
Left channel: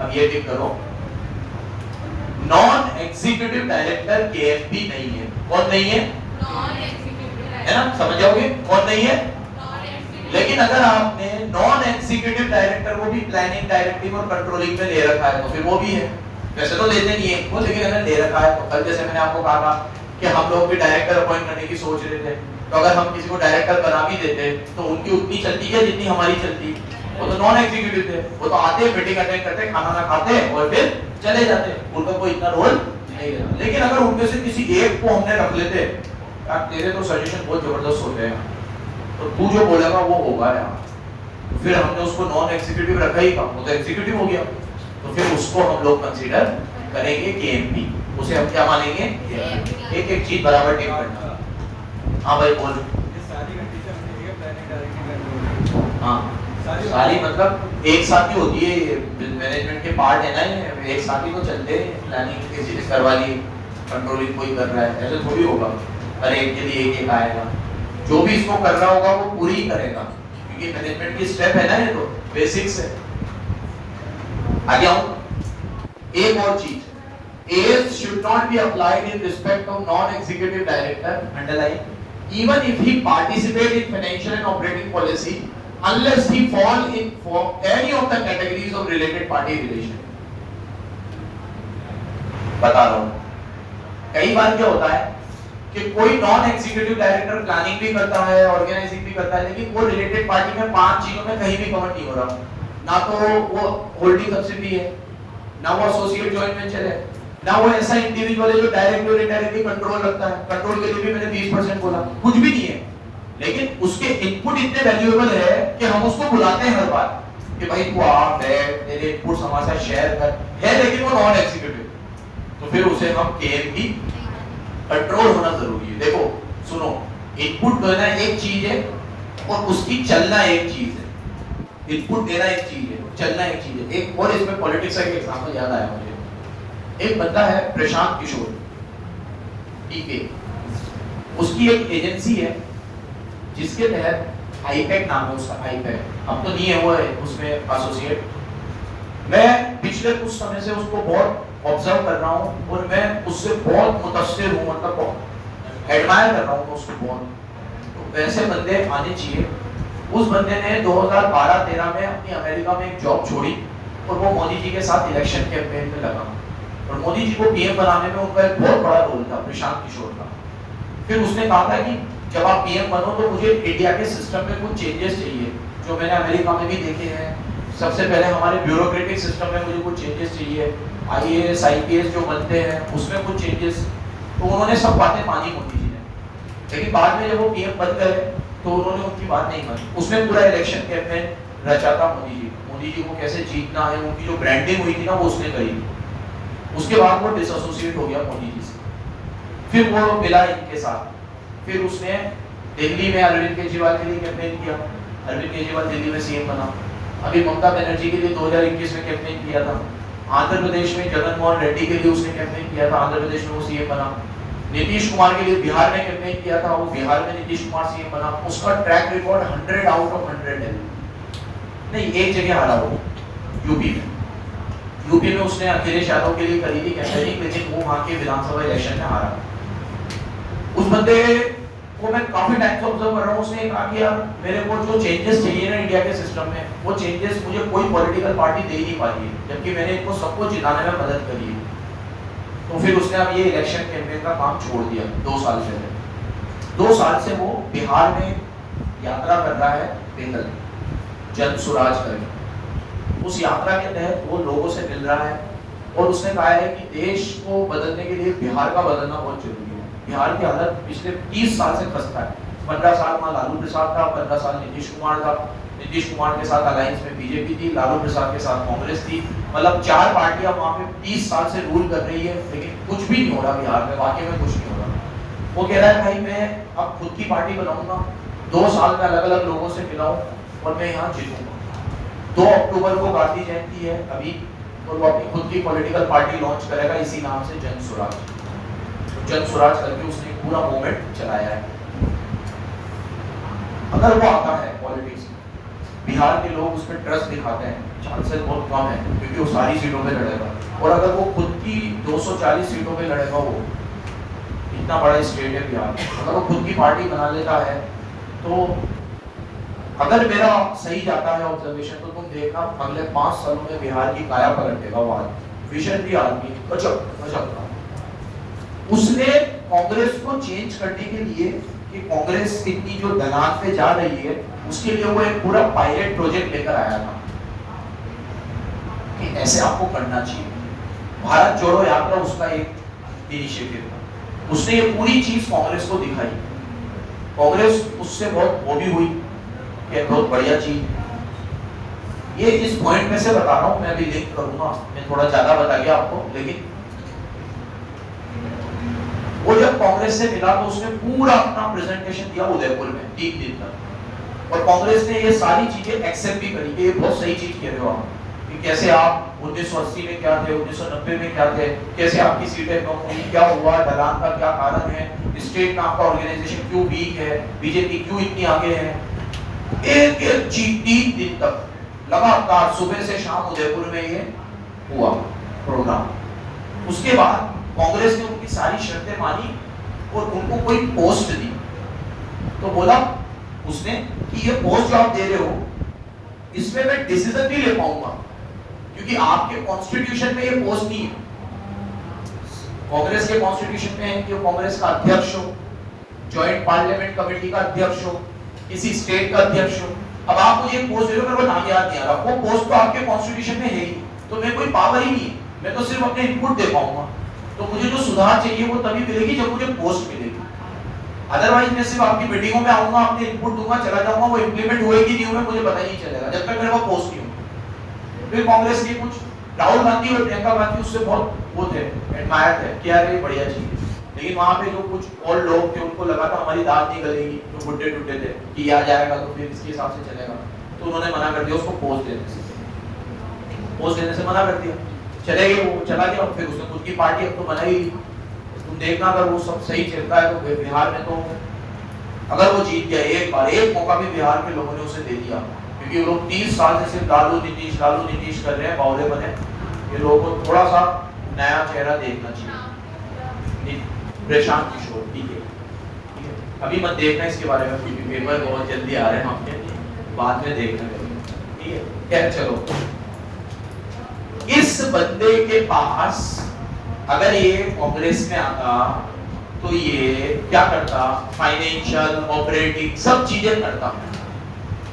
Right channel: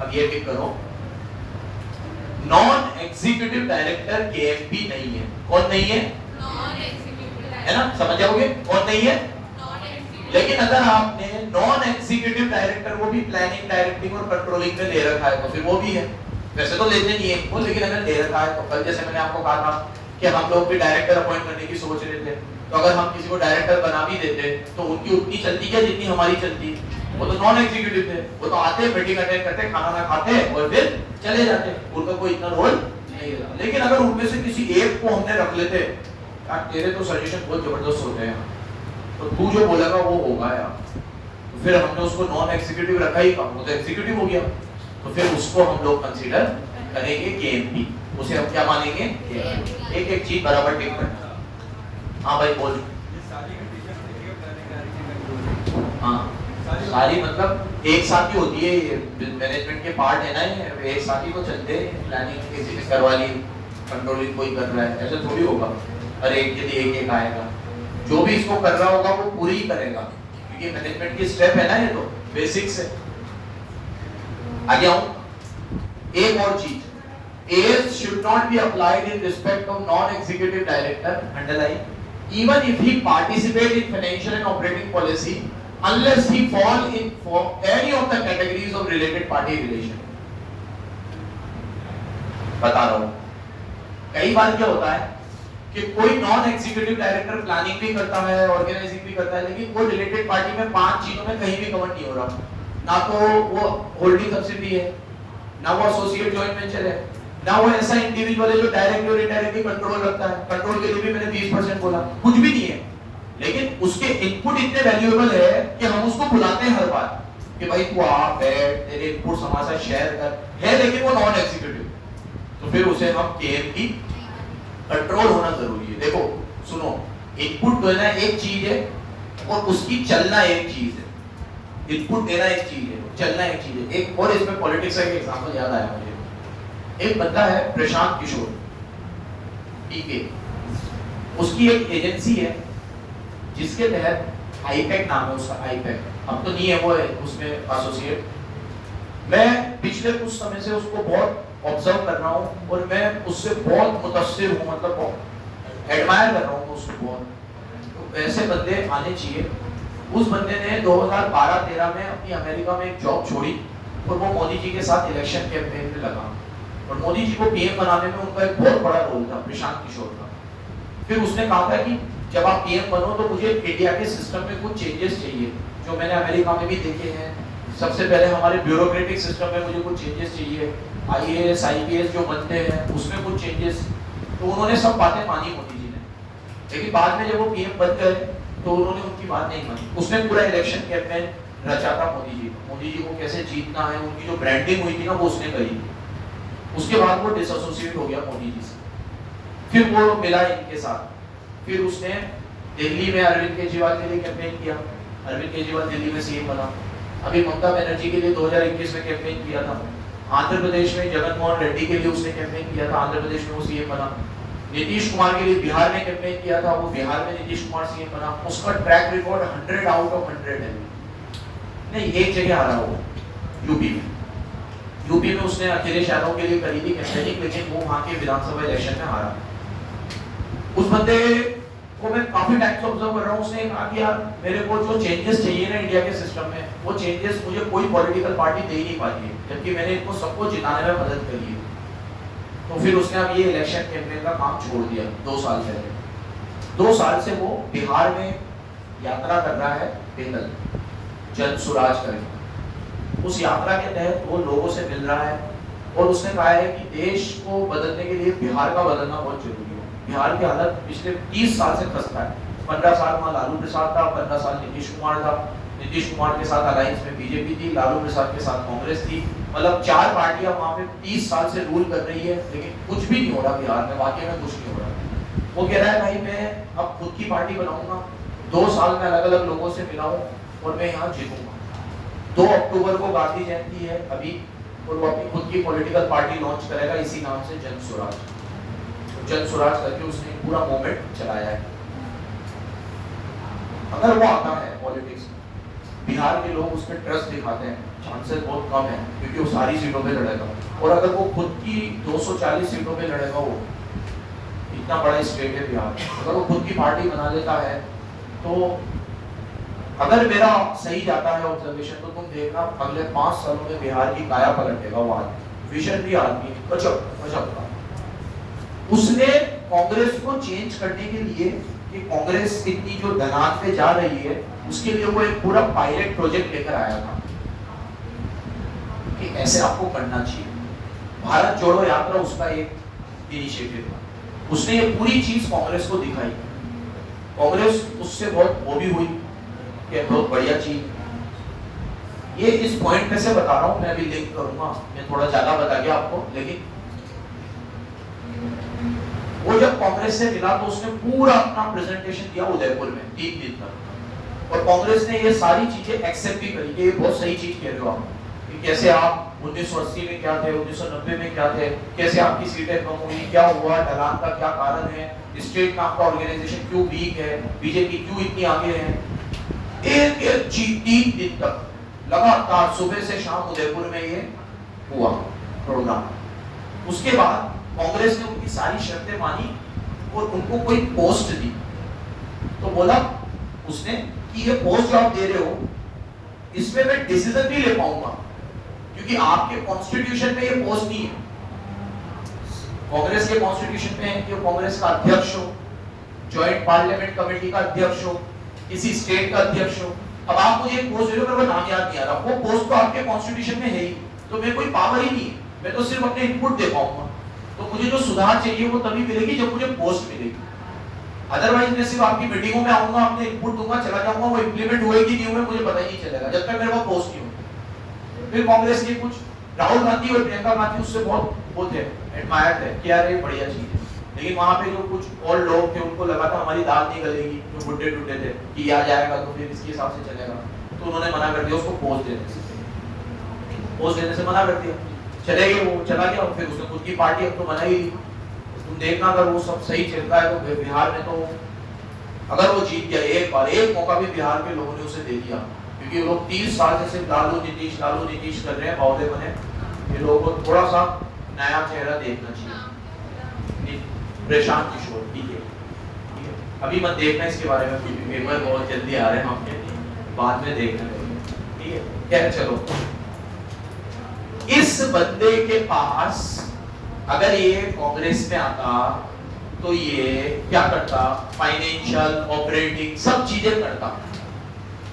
अब ये टिक करो। नॉन एग्जीक्यूटिव डायरेक्टर केएमपी नहीं है। कौन नहीं है? है ना, समझ जाओगे कौन नहीं है। लेकिन अगर आपने नॉन एग्जीक्यूटिव डायरेक्टर को भी प्लानिंग, डायरेक्टिंग और कंट्रोलिंग में ले रखा है तो फिर वो भी है। वैसे तो लेते नहीं है वो, लेकिन अगर ले रखा है तो कल जैसे मैंने आपको कहा था कि हम लोग भी डायरेक्टर अपॉइंट करने की सोच रहे थे, तो अगर हम किसी को डायरेक्टर बना भी देते तो उनकी उतनी चलती क्या जितनी हमारी चलती। वो तो नॉन एग्जीक्यूटिव थे, वो तो आते मीटिंग अटेंड करते, खाना ना खाते और फिर चले जाते, उनका कोई इतना रोल नहीं रहता। लेकिन अगर उनमें से किसी एक को हमने रख लेते, यार तेरे तो सजेशन बहुत जबरदस्त होते हैं, तो तू जो बोलेगा वो होगा यार, तो फिर हमने उसको नॉन एग्जीक्यूटिव रखा ही, वो तो एग्जीक्यूटिव हो गया, तो फिर उसको हम लोग कंसीडर करेंगे केएमपी। उसे हम क्या मानेंगे? एक एक चीज बराबर टिक करना। हाँ भाई बोल। हाँ सारी मतलब एक साथ ही होती है, मैनेजमेंट के पार्ट है ना, एक साथ ही तो चलते हैं। प्लानिंग किसी ने करवा ली, कंट्रोलिंग कोई कर रहा है, ऐसे थोड़ी होगा अरे एक के लिए एक आएगा। जो भी इसको कर रहा होगा वो पूरी ही करेगा, क्योंकि मैनेजमेंट की स्टेप है ना, ये तो बेसिक्स है। आगे आऊं, एक और चीज, age should not be applied in respect of non executive director, underline, even if he participate in financial and operating policy unless he fall in for any of the categories of related party relation। बता रहा हूं, कई बार क्या होता है कि कोई नॉन एग्जीक्यूटिव डायरेक्टर प्लानिंग भी करता है, ऑर्गेनाइजिंग भी करता है, लेकिन वो रिलेटेड पार्टी में 5 चीजों में कहीं भी कवर नहीं हो रहा। ना तो वो होल्डिंग सब्सिडी है, ना वो एसोसिएट जॉइंट वेंचर है, ना वो ऐसा इंडिविजुअल है जो डायरेक्टली और इनडायरेक्टली कंट्रोल रखता है। कंट्रोल के लिए भी मैंने 20% बोला, कुछ भी नहीं है, लेकिन उसके इनपुट इतने वैल्यूएबल है कि हम उसको बुलाते हैं हर बार कि भाई तू आ बैठ, तेरे इनपुट्स हमारे साथ शेयर कर, है लेकिन वो नॉन एग्जीक्यूटिव, तो फिर उसे हम केएमपी कंट्रोल होना जरूरी है। देखो सुनो, इनपुट देना एक चीज है और उसकी चलना एक चीज है। इनपुट देना एक चीज है, चलना एक चीज है। एक और इसमें पॉलिटिक्स का एक एग्जांपल याद आया मुझे। एक बंदा है प्रशांत किशोर, टीके, उसकी एक एजेंसी है जिसके तहत हाईपेक नाम है उसका, हाईपेक, अब तो नहीं है वो है उसमें एसोसिएट। मैं पिछले कुछ समय से उसको बहुत ऑब्जर्व कर रहा हूँ और मैं उससे बहुत मुतस्सिर हूँ, मतलब बहुत एडमायर कर रहा हूँ उसको बहुत। तो वैसे बंदे आने चाहिए। उस बंदे ने 2012-13 में अपनी अमेरिका में एक जॉब छोड़ी और वो मोदी जी के साथ इलेक्शन कैंपेन में लगा, और मोदी जी को पीएम बनाने में उनका एक बहुत बड़ा रोल था, प्रशांत किशोर का। फिर उसने कहा था कि जब आप पीएम बनो तो मुझे इंडिया के सिस्टम में कुछ चेंजेस चाहिए, जो मैंने अमेरिका में भी देखे हैं। सबसे पहले हमारे ब्यूरोक्रेटिक सिस्टम में मुझे कुछ चेंजेस चाहिए, आईएएस आईपीएस जो बनते हैं उसमें कुछ चेंजेस। तो उन्होंने सब बातें मानी मोदी जी ने, लेकिन बाद में जब वो पीएम बन गए तो उन्होंने उनकी बात नहीं मानी। उसने पूरा इलेक्शन कैंपेन रचा था मोदी जी को कैसे जीतना है, उनकी जो ब्रांडिंग हुई थी ना वो उसने करी। उसके बाद वो डिसोसिएट हो गया मोदी जी से, फिर वो मिला इनके साथ। फिर उसने दिल्ली में अरविंद केजरीवाल के लिए कैंपेन किया, अरविंद केजरीवाल दिल्ली में सीएम बना। अभी ममता बनर्जी के लिए 2021 में कैंपेन किया था। आंध्र प्रदेश में जगन मोहन रेड्डी के लिए उसने कैंपेन किया था, आंध्र प्रदेश में वो सीएम बना। नीतीश कुमार के लिए बिहार में कैंपेन किया था, वो बिहार में नीतीश कुमार सीएम बना। उसका ट्रैक रिकॉर्ड 100 आउट ऑफ 100 है। नहीं, एक जगह हारा वो, यूपी में उसने अखिलेश यादव के लिए करी थी कैंपेनिंग, लेकिन वो वहां के विधानसभा इलेक्शन में हारा। उस बंदे को मैं काफी टाइम से ऑब्जर्व कर रहा हूँ। उसने कहा कि यार मेरे को जो चेंजेस चाहिए ना इंडिया के सिस्टम में, वो चेंजेस मुझे कोई पॉलिटिकल पार्टी दे नहीं पाती है, जबकि मैंने इनको सबको जिताने में मदद करी है। तो फिर उसने अब ये इलेक्शन कैंपेन का काम छोड़ दिया 2 साल पहले। 2 साल से वो बिहार में यात्रा कर रहा है पैदल, जन सुराज करके। उस यात्रा के तहत वो लोगों से मिल रहा है, और उसने कहा है कि देश को बदलने के लिए बिहार का बदलना बहुत जरूरी है। बिहार की हालत पिछले 30 साल से खस्ता है। 15 साल में लालू प्रसाद था, 15 साल नीतीश कुमार था, नीतीश कुमार के साथ अलायंस में बीजेपी थी, लालू प्रसाद के साथ कांग्रेस थी, मतलब 4 पार्टियां वहां पे 30 साल से रूल कर रही है, लेकिन कुछ भी नहीं हो रहा बिहार में, वाकई में कुछ नहीं हो रहा। वो कह रहा है भाई मैं अब खुद की पार्टी बनाऊंगा, 2 साल में अलग अलग लोगों से मिलाऊं और मैं यहाँ जीतूंगा। 2 अक्टूबर को गांधी जयंती है अभी, और वो अपनी खुद की पॉलिटिकल पार्टी लॉन्च करेगा इसी नाम से, जन स्वराज। जन स्वराज करके उसने पूरा मूवमेंट चलाया है। अगर वो आता है पॉलिटिक्स में, बिहार के लोग उसमें ट्रस्ट दिखाते हैं, चांसेस बहुत कम है क्योंकि वो सारी सीटों पे लड़ेगा। और अगर वो खुद की 240 सीटों पे लड़ेगा, वो इतना बड़ा स्टेट है बिहार, अगर वो खुद की पार्टी बना लेता है तो अगर मेरा सही जाता है ऑब्जर्वेशन, तो तुम देखना अगले 5 साल में बिहार की काया पलट देगा वो आदमी। विजन भी आदमी गजब। उसने कांग्रेस को चेंज करने के लिए कि कांग्रेस इतनी जो ढलान पे जा रही है, उसके लिए वो एक पूरा पायलट प्रोजेक्ट लेकर आया था कि ऐसे आपको करना चाहिए। भारत जोड़ो यात्रा उसका एक इनिशिएटिव था। उसने ये पूरी चीज कांग्रेस को दिखाई। कांग्रेस उससे बहुत वो भी हुई कि बहुत बढ़िया चीज। ये इस पॉइंट में से बता रहा हूं, मैं अभी लिंक करूंगा, मैं थोड़ा ज्यादा बता गया आपको, लेकिन वो जब कांग्रेस से मिला तो उसने पूरा अपना प्रेजेंटेशन दिया उदयपुर में 3 दिन तक, और कांग्रेस ने ये सारी चीजें एक्सेप्ट भी करी कि ये बहुत सही चीज कह रहे हो आप, कि कैसे आप 1980 में क्या थे, 1990 में क्या थे, कैसे आपकी सीटें कम हुई, क्या हुआ, ढलान का क्या कारण है, स्टेट में आपका ऑर्गेनाइजेशन क्यों वीक है, बीजेपी क्यों इतनी आगे है। एक एक चीज 3 दिन तक लगातार सुबह से शाम उदयपुर में ये हुआ प्रोग्राम। उसके बाद कांग्रेस ने उनकी सारी शर्तें मानी और उनको कोई पोस्ट दी। तो बोला उसने कि ये पोस्ट जो आप दे रहे हो, इसमें मैं डिसीजन नहीं ले पाऊंगा क्योंकि आपके कॉन्स्टिट्यूशन में ये पोस्ट नहीं है। कांग्रेस के कॉन्स्टिट्यूशन में है कि कांग्रेस का अध्यक्ष हो, जॉइंट पार्लियामेंट कमेटी का अध्यक्ष हो, किसी स्टेट का अध्यक्ष हो। अब आप मुझे पोस्ट दे रहे हो, मेरे को नाम याद नहीं आ रहा, वो पोस्ट तो आपके कॉन्स्टिट्यूशन में है ही, तो मेरे कोई पावर ही नहीं है, मैं तो सिर्फ अपने इनपुट दे पाऊंगा। तो मुझे जो सुधार चाहिए वो तभी मिलेगी जब मुझे पोस्ट मिलेगी। अदरवाइज मैं सिर्फ आपकी मीटिंगों में आऊंगा, अपने इनपुट दूंगा, चला जाऊंगा, वो इंप्लीमेंट होएगी नहीं हुए मुझे पता ही नहीं चलेगा जब तक मेरे पास पोस्ट नहीं होगी। फिर कांग्रेस ने कुछ, राहुल गांधी और प्रियंका गांधी उससे बहुत वो थे, एडमायर थे कि यार ये बढ़िया चीज है, लेकिन वहां पे जो कुछ और लोग थे उनको लगा था हमारी दाल नहीं गलेगी, जो बुड्ढे टूटे थे कि आ जाएगा तो फिर किसके हिसाब से चलेगा, तो उन्होंने मना कर दिया उसको पोस्ट देने से, पोस्ट देने से मना कर दिया, चले गए, वो चला गया। और फिर उसने खुद की पार्टी अब तो बनाई ली। तुम देखना अगर वो सब सही चलता है तो बिहार में तो अगर वो जीत गया एक मौका भी बिहार के लोगों ने उसे दे दिया, क्योंकि वो लोग 30 साल से सिर्फ लालू नीतीश कर रहे हैं, बावले बने। ये लोगों को थोड़ा सा नया चेहरा देखना चाहिए। प्रशांत किशोर, ठीक है, अभी मत देखना इसके बारे में क्योंकि पेपर बहुत जल्दी आ रहे हैं आपके, बाद में देखना, ठीक है। खैर चलो, इस बंदे के पास अगर ये कांग्रेस में आता तो ये क्या करता, फाइनेंशियल, ऑपरेटिंग सब चीजें करता,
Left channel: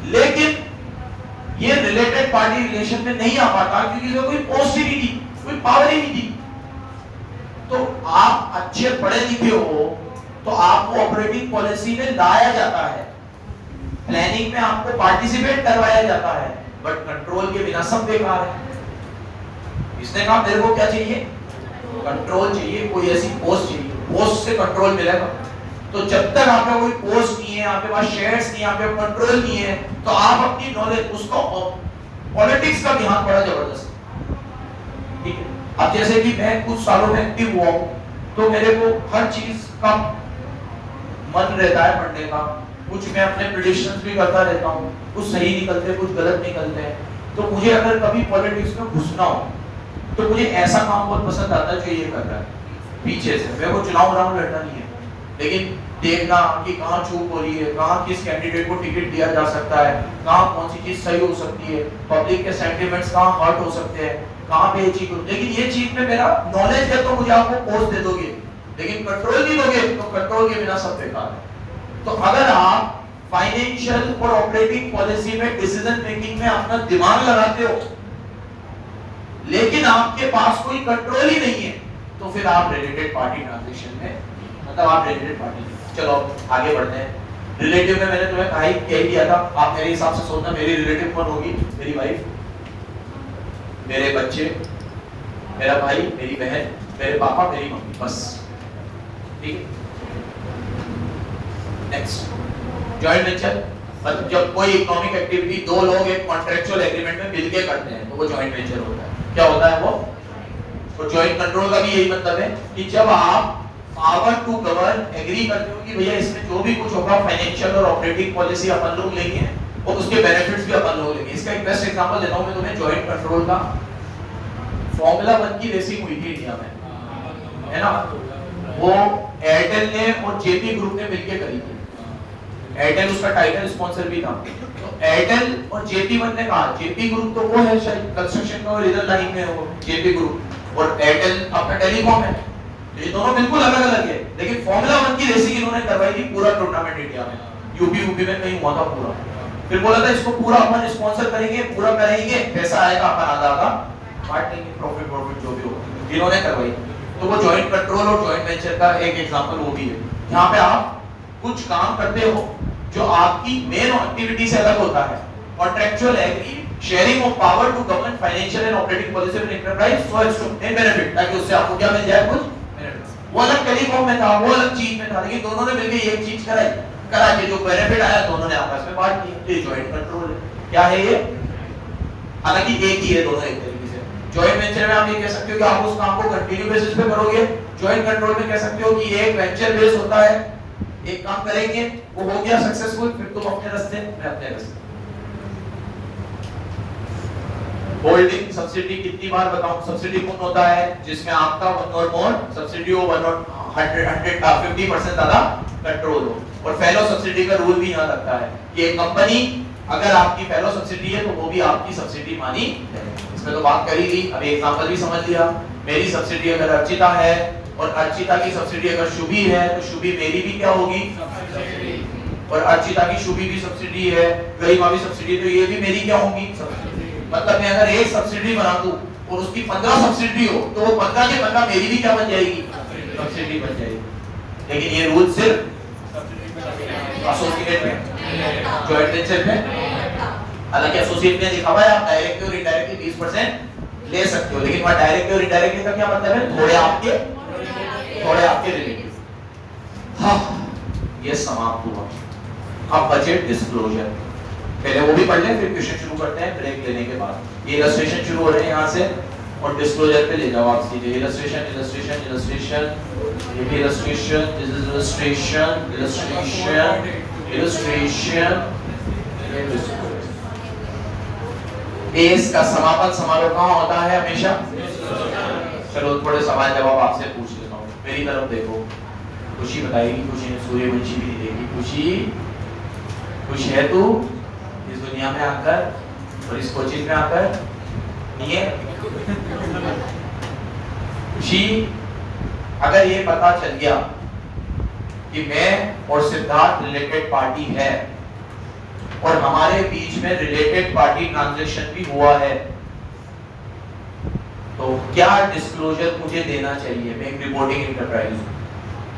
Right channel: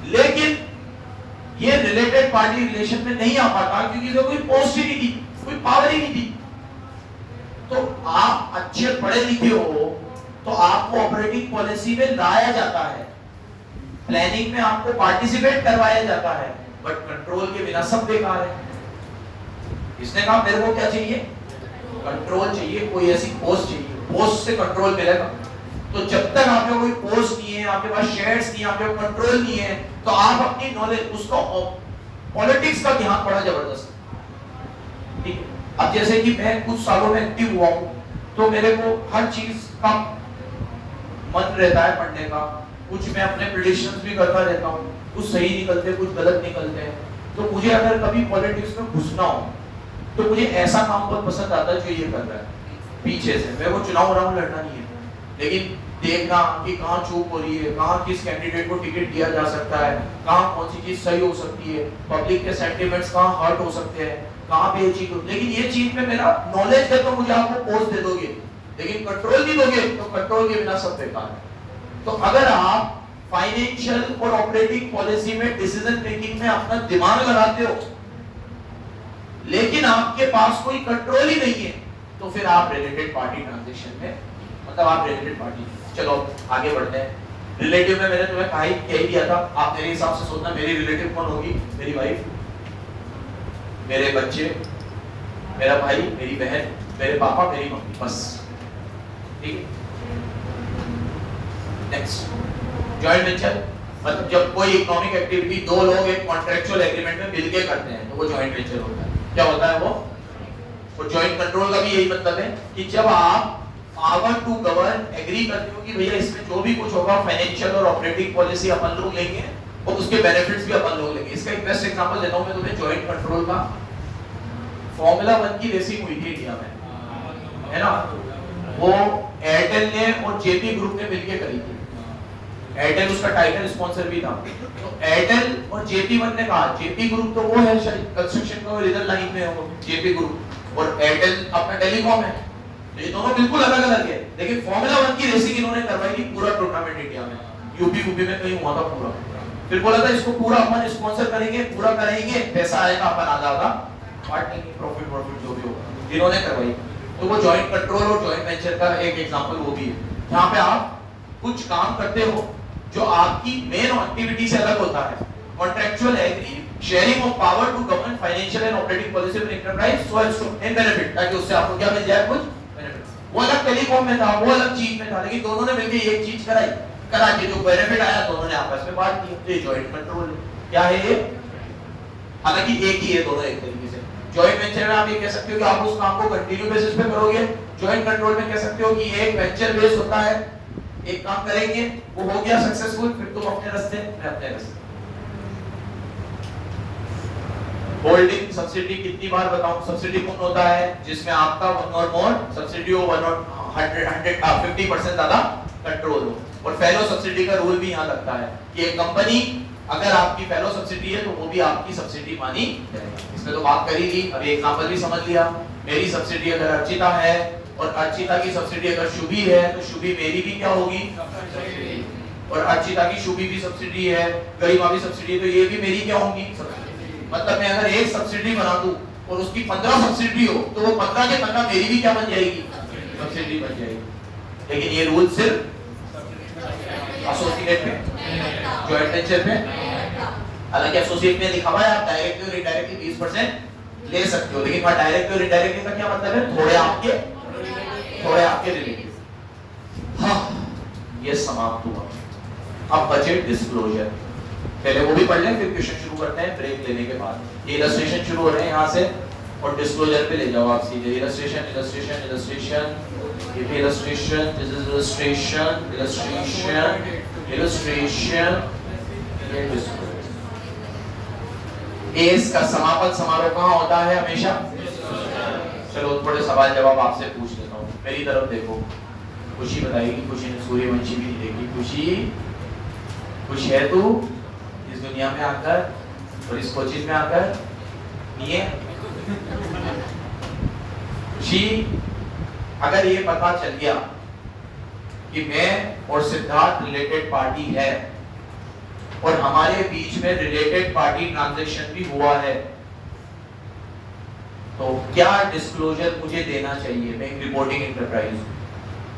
लेकिन ये रिलेटेड पार्टी रिलेशन में नहीं आ पाता क्योंकि कोई पोस्ट ही नहीं थी, कोई पावर ही नहीं थी। तो आप अच्छे पढ़े लिखे हो तो आपको ऑपरेटिंग पॉलिसी में लाया जाता है, प्लानिंग में आपको पार्टिसिपेट करवाया जाता है, बट कंट्रोल के बिना सब बेकार है। इसने कहा मेरे को क्या चाहिए, कंट्रोल चाहिए, कोई ऐसी पोस्ट चाहिए, पोस्ट से कंट्रोल मिलेगा। तो जब तक आपके कोई पोस्ट नहीं है, आपके पास शेयर्स नहीं है, आपके पास कंट्रोल नहीं है, तो आप अपनी नॉलेज, उसको पॉलिटिक्स का ध्यान बड़ा जबरदस्त, ठीक है। अब जैसे कि मैं कुछ सालों में एक्टिव हुआ हूं, तो मेरे को हर चीज का मन रहता है पढ़ने का, कुछ मैं अपने प्रेडिक्शंस भी करता रहता हूँ, कुछ सही निकलते कुछ गलत निकलते हैं। तो मुझे अगर कभी पॉलिटिक्स में घुसना हो तो मुझे ऐसा काम बहुत पसंद आता है जो ये कर रहा है पीछे से। मेरे को चुनाव लड़ना नहीं है, लेकिन देखना कि कहाँ चूक हो रही है, कहाँ किस कैंडिडेट को टिकट दिया जा सकता है, कहाँ कौन सी चीज सही हो सकती है, पब्लिक के सेंटिमेंट्स कहाँ हर्ट हो सकते हैं, कहाँ पे ये चीज हो। लेकिन ये चीज में मेरा नॉलेज है तो मुझे आपको पोस्ट दे दोगे, लेकिन कंट्रोल नहीं दोगे तो कंट्रोल के बिना सब बेकार है। तो अगर आप फाइनेंशियल और ऑपरेटिंग पॉलिसी में डिसीजन मेकिंग में अपना दिमाग लगाते हो लेकिन आपके पास कोई कंट्रोल ही नहीं है, तो फिर आप रिलेटेड पार्टी ट्रांजैक्शन में, मतलब आप रिलेटेड पार्टी। चलो आगे बढ़ते हैं। रिलेटिव में मैंने तुम्हें कह दिया था, आप मेरे हिसाब से सोचना मेरी रिलेटिव कौन होगी, मेरी वाइफ, मेरे बच्चे, मेरा भाई, मेरी बहन, मेरे पापा, मेरी मम्मी, बस। ठीक है। नेक्स्ट, जॉइंट वेंचर, मतलब जब कोई इकोनॉमिक एक्टिविटी दो लोग एक कॉन्ट्रैक्चुअल एग्रीमेंट में मिलकर करते हैं तो वो जॉइंट वेंचर होता है। क्या होता है वो? तो जॉइंट कंट्रोल का भी यही मतलब है कि जब आप पावर टू गवर्न एग्री करते हो कि भैया इसमें जो भी कुछ होगा फाइनेंशियल और ऑपरेटिंग पॉलिसी अपन लोग लेंगे और उसके बेनिफिट्स भी अपन लोग लेंगे। इसका एक बेस्ट एग्जांपल देता हूं मैं तुम्हें जॉइंट कंट्रोल का। फॉर्मूला 1 की रेसिंग हुई थी इंडिया में, है ना? वो एयरटेल ने और जेपी ग्रुप ने मिलकर करी थी। एयरटेल उसका टाइटल स्पॉन्सर भी था। तो एयरटेल और जेपी ने कहा, जेपी ग्रुप तो वो है कंस्ट्रक्शन का रीजन लाइन में हो, जेपी ग्रुप, और एयरटेल आपका टेलीकॉम है, ये दोनों बिल्कुल अलग अलग है। लेकिन फॉर्मूला 1 की रेसिंग इन्होंने करवाई थी पूरा टूर्नामेंट इंडिया में, यूपी में कहीं हुआ था पूरा। फिर बोला था इसको पूरा अपन स्पॉन्सर करेंगे, पूरा करेंगे, पैसा आएगा अपन आधा आधा बांट लेंगे, प्रॉफिट जो भी हो, इन्होंने करवाई। तो वो जॉइंट कंट्रोल और जॉइंट वेंचर का एक एग्जांपल वो भी है, जहां पे आप कुछ काम करते हो जो आपकी मेन एक्टिविटी से अलग होता है। Contractual agree sharing of power to govern financial and operating policy of enterprise so as to obtain benefit, ताकि उससे आपको क्या मिल जाए, कुछ बेनिफिट। वो अलग टेलीकॉम में था, वो अलग चीज में था, लेकिन दोनों ने मिलकर एक चीज करा के जो बेनिफिट आया दोनों ने आपस में बांट लिया। तो ये जॉइंट कंट्रोल है। क्या है ये? हालांकि एक ही है दोनों एक तरीके से। जॉइंट वेंचर में आप ये कह सकते हो कि आप उस काम को कंटिन्यू बेसिस पे करोगे, जॉइंट कंट्रोल में कह सकते हो कि ये एक वेंचर बेस होता है, एक काम करेंगे, वो हो गया सक्सेसफुल, फिर तुम अपने रास्ते रहते हैं। होल्डिंग सब्सिडी कितनी बार बताऊं? सब्सिडी कौन होता है? जिसमें आपका वन और मोर सब्सिडी हो, 50% ज्यादा कंट्रोल हो। और फेलो सब्सिडी का रूल भी यहाँ लगता है कि एक कंपनी अगर आपकी फेलो सब्सिडी है तो वो भी आपकी सब्सिडी मानी जाएगी। इसमें तो बात करी थी, अभी एग्जांपल भी समझ लिया। मेरी सब्सिडी अगर अर्चिता है और अर्चिता की सब्सिडी अगर शुभी है तो शुभी मेरी भी क्या होगी, और अर्चिता की शुभी भी सब्सिडी है, गरिमा भी सब्सिडी है, तो ये भी मेरी क्या होगी, मतलब मैं अगर एक सब्सिडी बना दूं और उसकी 15 सब्सिडी हो तो वो 15 के 15 मेरी भी क्या बन जाएगी, सब्सिडी बन जाएगी। लेकिन ये रूल सिर्फ एसोसिएट में, जॉइंट वेंचर में, हालांकि एसोसिएट में लिखा हुआ है आप डायरेक्टली और इनडायरेक्टली 20% ले सकते हो, लेकिन वहां डायरेक्टली और इनडायरेक्टली का क्या मतलब है, थोड़े आपके रिलेटिव। हाँ, ये समाप्त हुआ। अब बजट डिस्क्लोजर, पहले वो भी पढ़ लें फिर क्वेश्चन शुरू करते हैं ब्रेक लेने के बाद। ये इलस्ट्रेशन शुरू हो रहे हैं यहाँ से और डिस्क्लोजर पे ले जाओ आप सीधे। इलस्ट्रेशन इलस्ट्रेशन इलस्ट्रेशन, ये illustration, this is illustration illustration illustration, इस का समापन समारोह कहाँ होता है हमेशा? चलो थोड़े सवाल जवाब आपसे पूछ लेता हूँ, मेरी तरफ देखो। खुशी बताएगी, खुशी ने सूर्यवंशी भी देगी। खुशी, खुश है तू इस दुनिया में आकर और इस कोचिंग में आकर? नहीं है? खुशी, अगर ये पता चल गया कि मैं और सिद्धार्थ रिलेटेड पार्टी है और हमारे बीच में रिलेटेड पार्टी ट्रांजैक्शन भी हुआ है, तो क्या डिस्क्लोजर मुझे देना चाहिए? मैं रिपोर्टिंग एंटरप्राइज,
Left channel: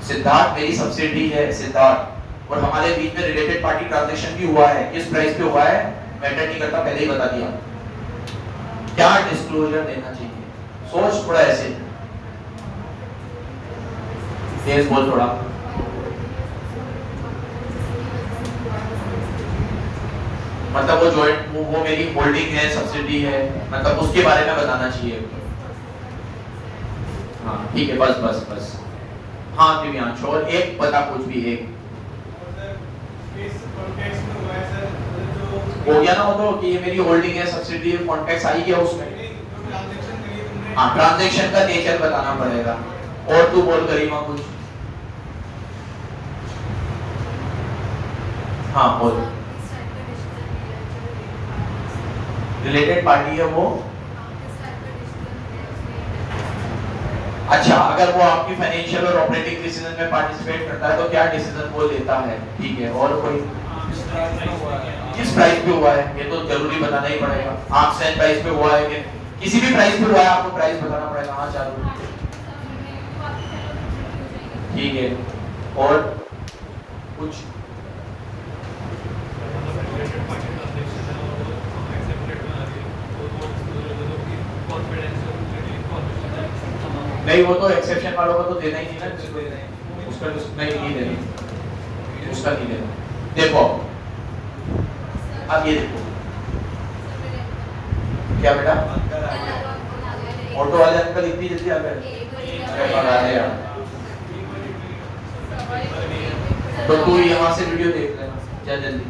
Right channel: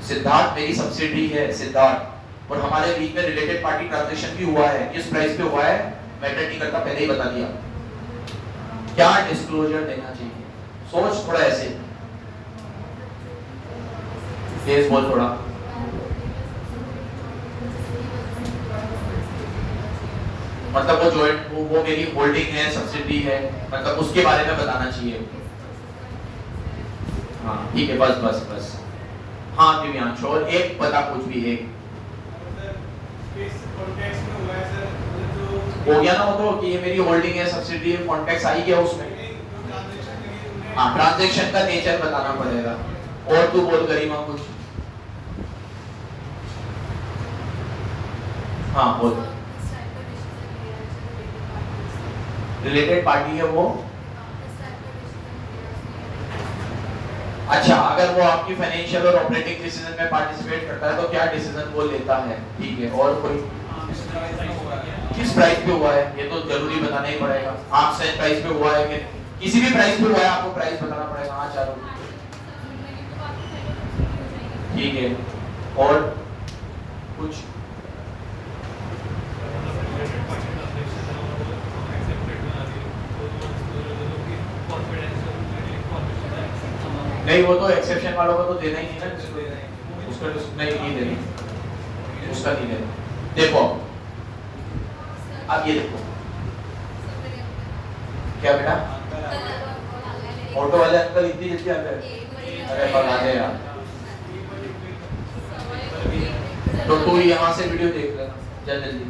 सिद्धार्थ मेरी सब्सिडी है सिद्धार्थ, और हमारे बीच में रिलेटेड पार्टी ट्रांजैक्शन भी हुआ है, किस प्राइस पे हुआ है मैटर नहीं करता, पहले ही बता दिया। क्या डिस्क्लोजर देना चाहिए? सोच थोड़ा ऐसे, तेज बोल थोड़ा। मतलब वो जॉइंट, वो मेरी होल्डिंग है, सब्सिडी है, मतलब उसके बारे में बताना चाहिए। हाँ ठीक है, बस बस बस। हाँ दिव्यांश, और एक बता कुछ भी एक हो गया ना, वो कि ये मेरी होल्डिंग है, सब्सिडी है, कॉन्टेक्स्ट आई गया उसमें। हाँ, ट्रांजैक्शन का नेचर बताना पड़ेगा। और तू बोल गरिमा कुछ। हाँ बोल। रिलेटेड पार्टी है वो, अच्छा अगर वो आपकी फाइनेंशियल और ऑपरेटिंग डिसीजन में पार्टिसिपेट करता है तो क्या डिसीजन वो लेता है, ठीक है। और कोई किस प्राइस पे हुआ है, ये तो जरूरी बताना ही पड़ेगा। आप सेल प्राइस पे हुआ है कि किसी भी प्राइस पे हुआ है आपको प्राइस बताना पड़ेगा। हाँ चालू, ठीक है। और कुछ नहीं, वो तो एक्सेप्शन वालों को तो देना ही नहीं ना, किसी को देना है उसका, नहीं देना उसका नहीं देना। देखो अब ये देखो क्या बेटा, ऑटो वाले अंकल इतनी जल्दी आ गए, अरे बड़ा है यार। तो तू यहाँ से वीडियो देख ले जा जल्दी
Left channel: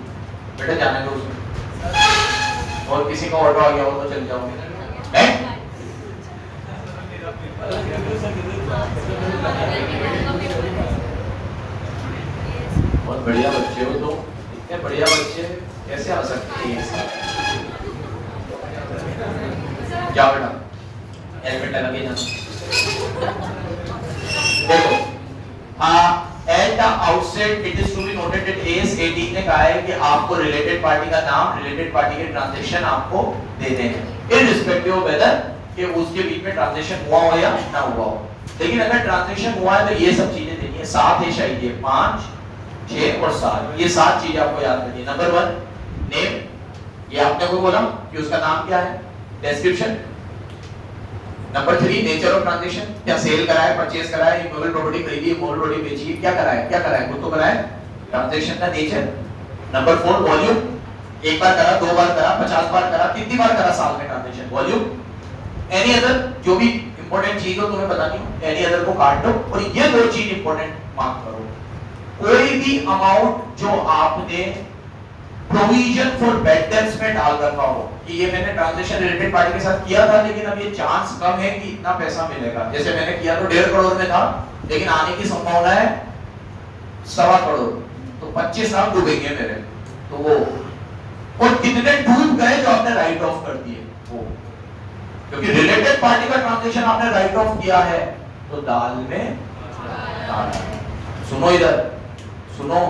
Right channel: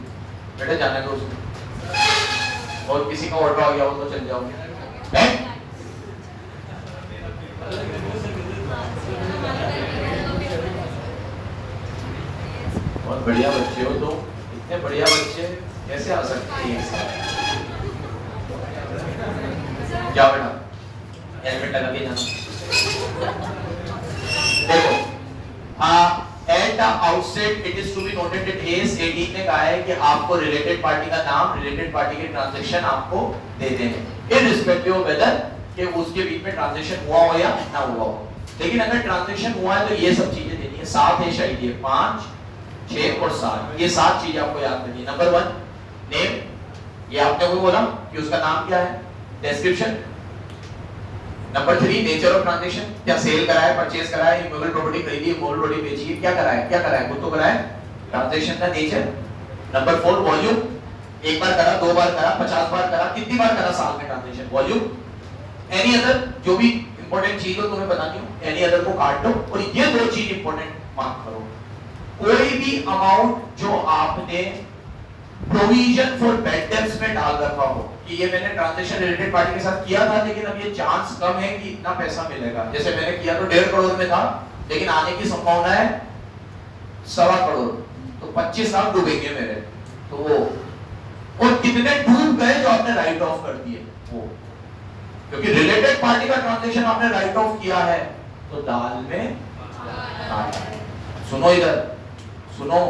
बेटा, जाने दो उसको, और किसी का ऑर्डर आ गया हो तो चल जाओ। नहीं और बढ़िया बच्चे हो तो, इतने बढ़िया बच्चे कैसे आ सकते हैं? क्या बेटा हेलमेट लगा के जाना। देखो at the outset it is to be noted that AS 18 ने कहा है कि आपको रिलेटेड पार्टी का नाम, रिलेटेड पार्टी के ट्रांजैक्शन आपको दे देंगे इररिस्पेक्टिव ऑफ वेदर कि उसके बीच में ट्रांजैक्शन हुआ हो या ना हुआ हो। लेकिन अगर ट्रांजैक्शन हुआ है तो ये सब चीजें देनी है, 7 है शायद, 5 6 और 7, ये 7 चीजें आपको याद करनी है। नंबर 1 नेम, ये आपने को बोला कि उसका नाम क्या है, description. Number 3 nature of transaction, क्या सेल करा है, परचेज करा है, इमोबल प्रॉपर्टी खरीदी है, मोबाइल प्रॉपर्टी बेची है, क्या करा है, क्या करा है, वो तो करा है, ट्रांजैक्शन का नेचर। नंबर 4 वॉल्यूम, एक बार करा, 2 बार करा, 50 बार करा, कितनी बार करा साल में ट्रांजैक्शन, वॉल्यूम। एनी अदर, जो भी इंपॉर्टेंट चीज हो तुम्हें बतानी हो, एनी अदर को काट दो और ये 2 चीज इंपॉर्टेंट मार्क करो। कोई भी अमाउंट जो आपने प्रोविजन फॉर बैड डेब्ट्स में डाल रखा हो कि ये मैंने ट्रांजैक्शन रिलेटेड पार्टी के साथ किया था, लेकिन अब ये चांस कम है कि इतना पैसा मिलेगा। जैसे मैंने किया तो 1.5 करोड़ में था, लेकिन आने की संभावना है 1.25 करोड़, तो 25 लाख डूबेंगे मेरे, तो वो, और कितने डूब गए जो आपने राइट ऑफ कर दिए वो, क्योंकि रिलेटेड पार्टी का ट्रांजैक्शन आपने राइट ऑफ किया है तो दाल में काटा। सुनो इधर, सुनो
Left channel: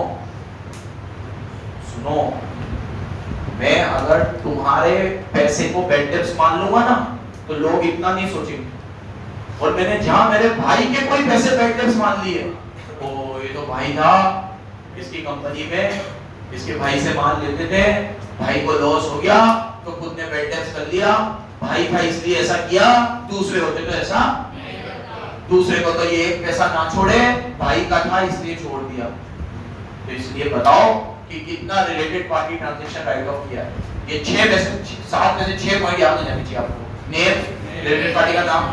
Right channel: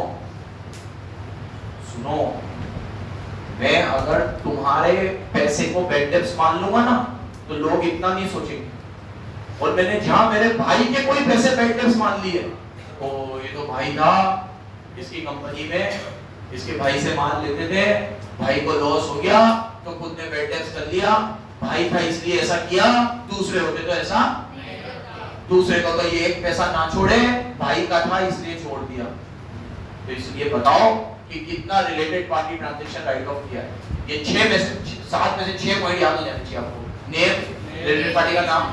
सुनो, मैं अगर तुम्हारे पैसे को बैड डेब्ट्स मान लूंगा ना तो लोग इतना नहीं सोचेंगे, और मैंने जहां मेरे भाई के कोई पैसे बैड डेब्ट्स मान लिए, ओ ये तो भाई था इसकी कंपनी में, इसके भाई से माल लेते थे, भाई को लॉस हो गया तो खुद ने बैड डेब्ट्स कर लिया, भाई था इसलिए ऐसा किया, दूसरे होते तो ऐसा, दूसरे को तो ये एक पैसा ना छोड़े, भाई का था इसलिए छोड़ दिया। तो इसलिए बताओ कि कितना related party transaction right of किया है। ये 7 में से 6 पॉइंट याद हो जाने चाहिए आपको। नेम, रिलेटेड पार्टी का नाम,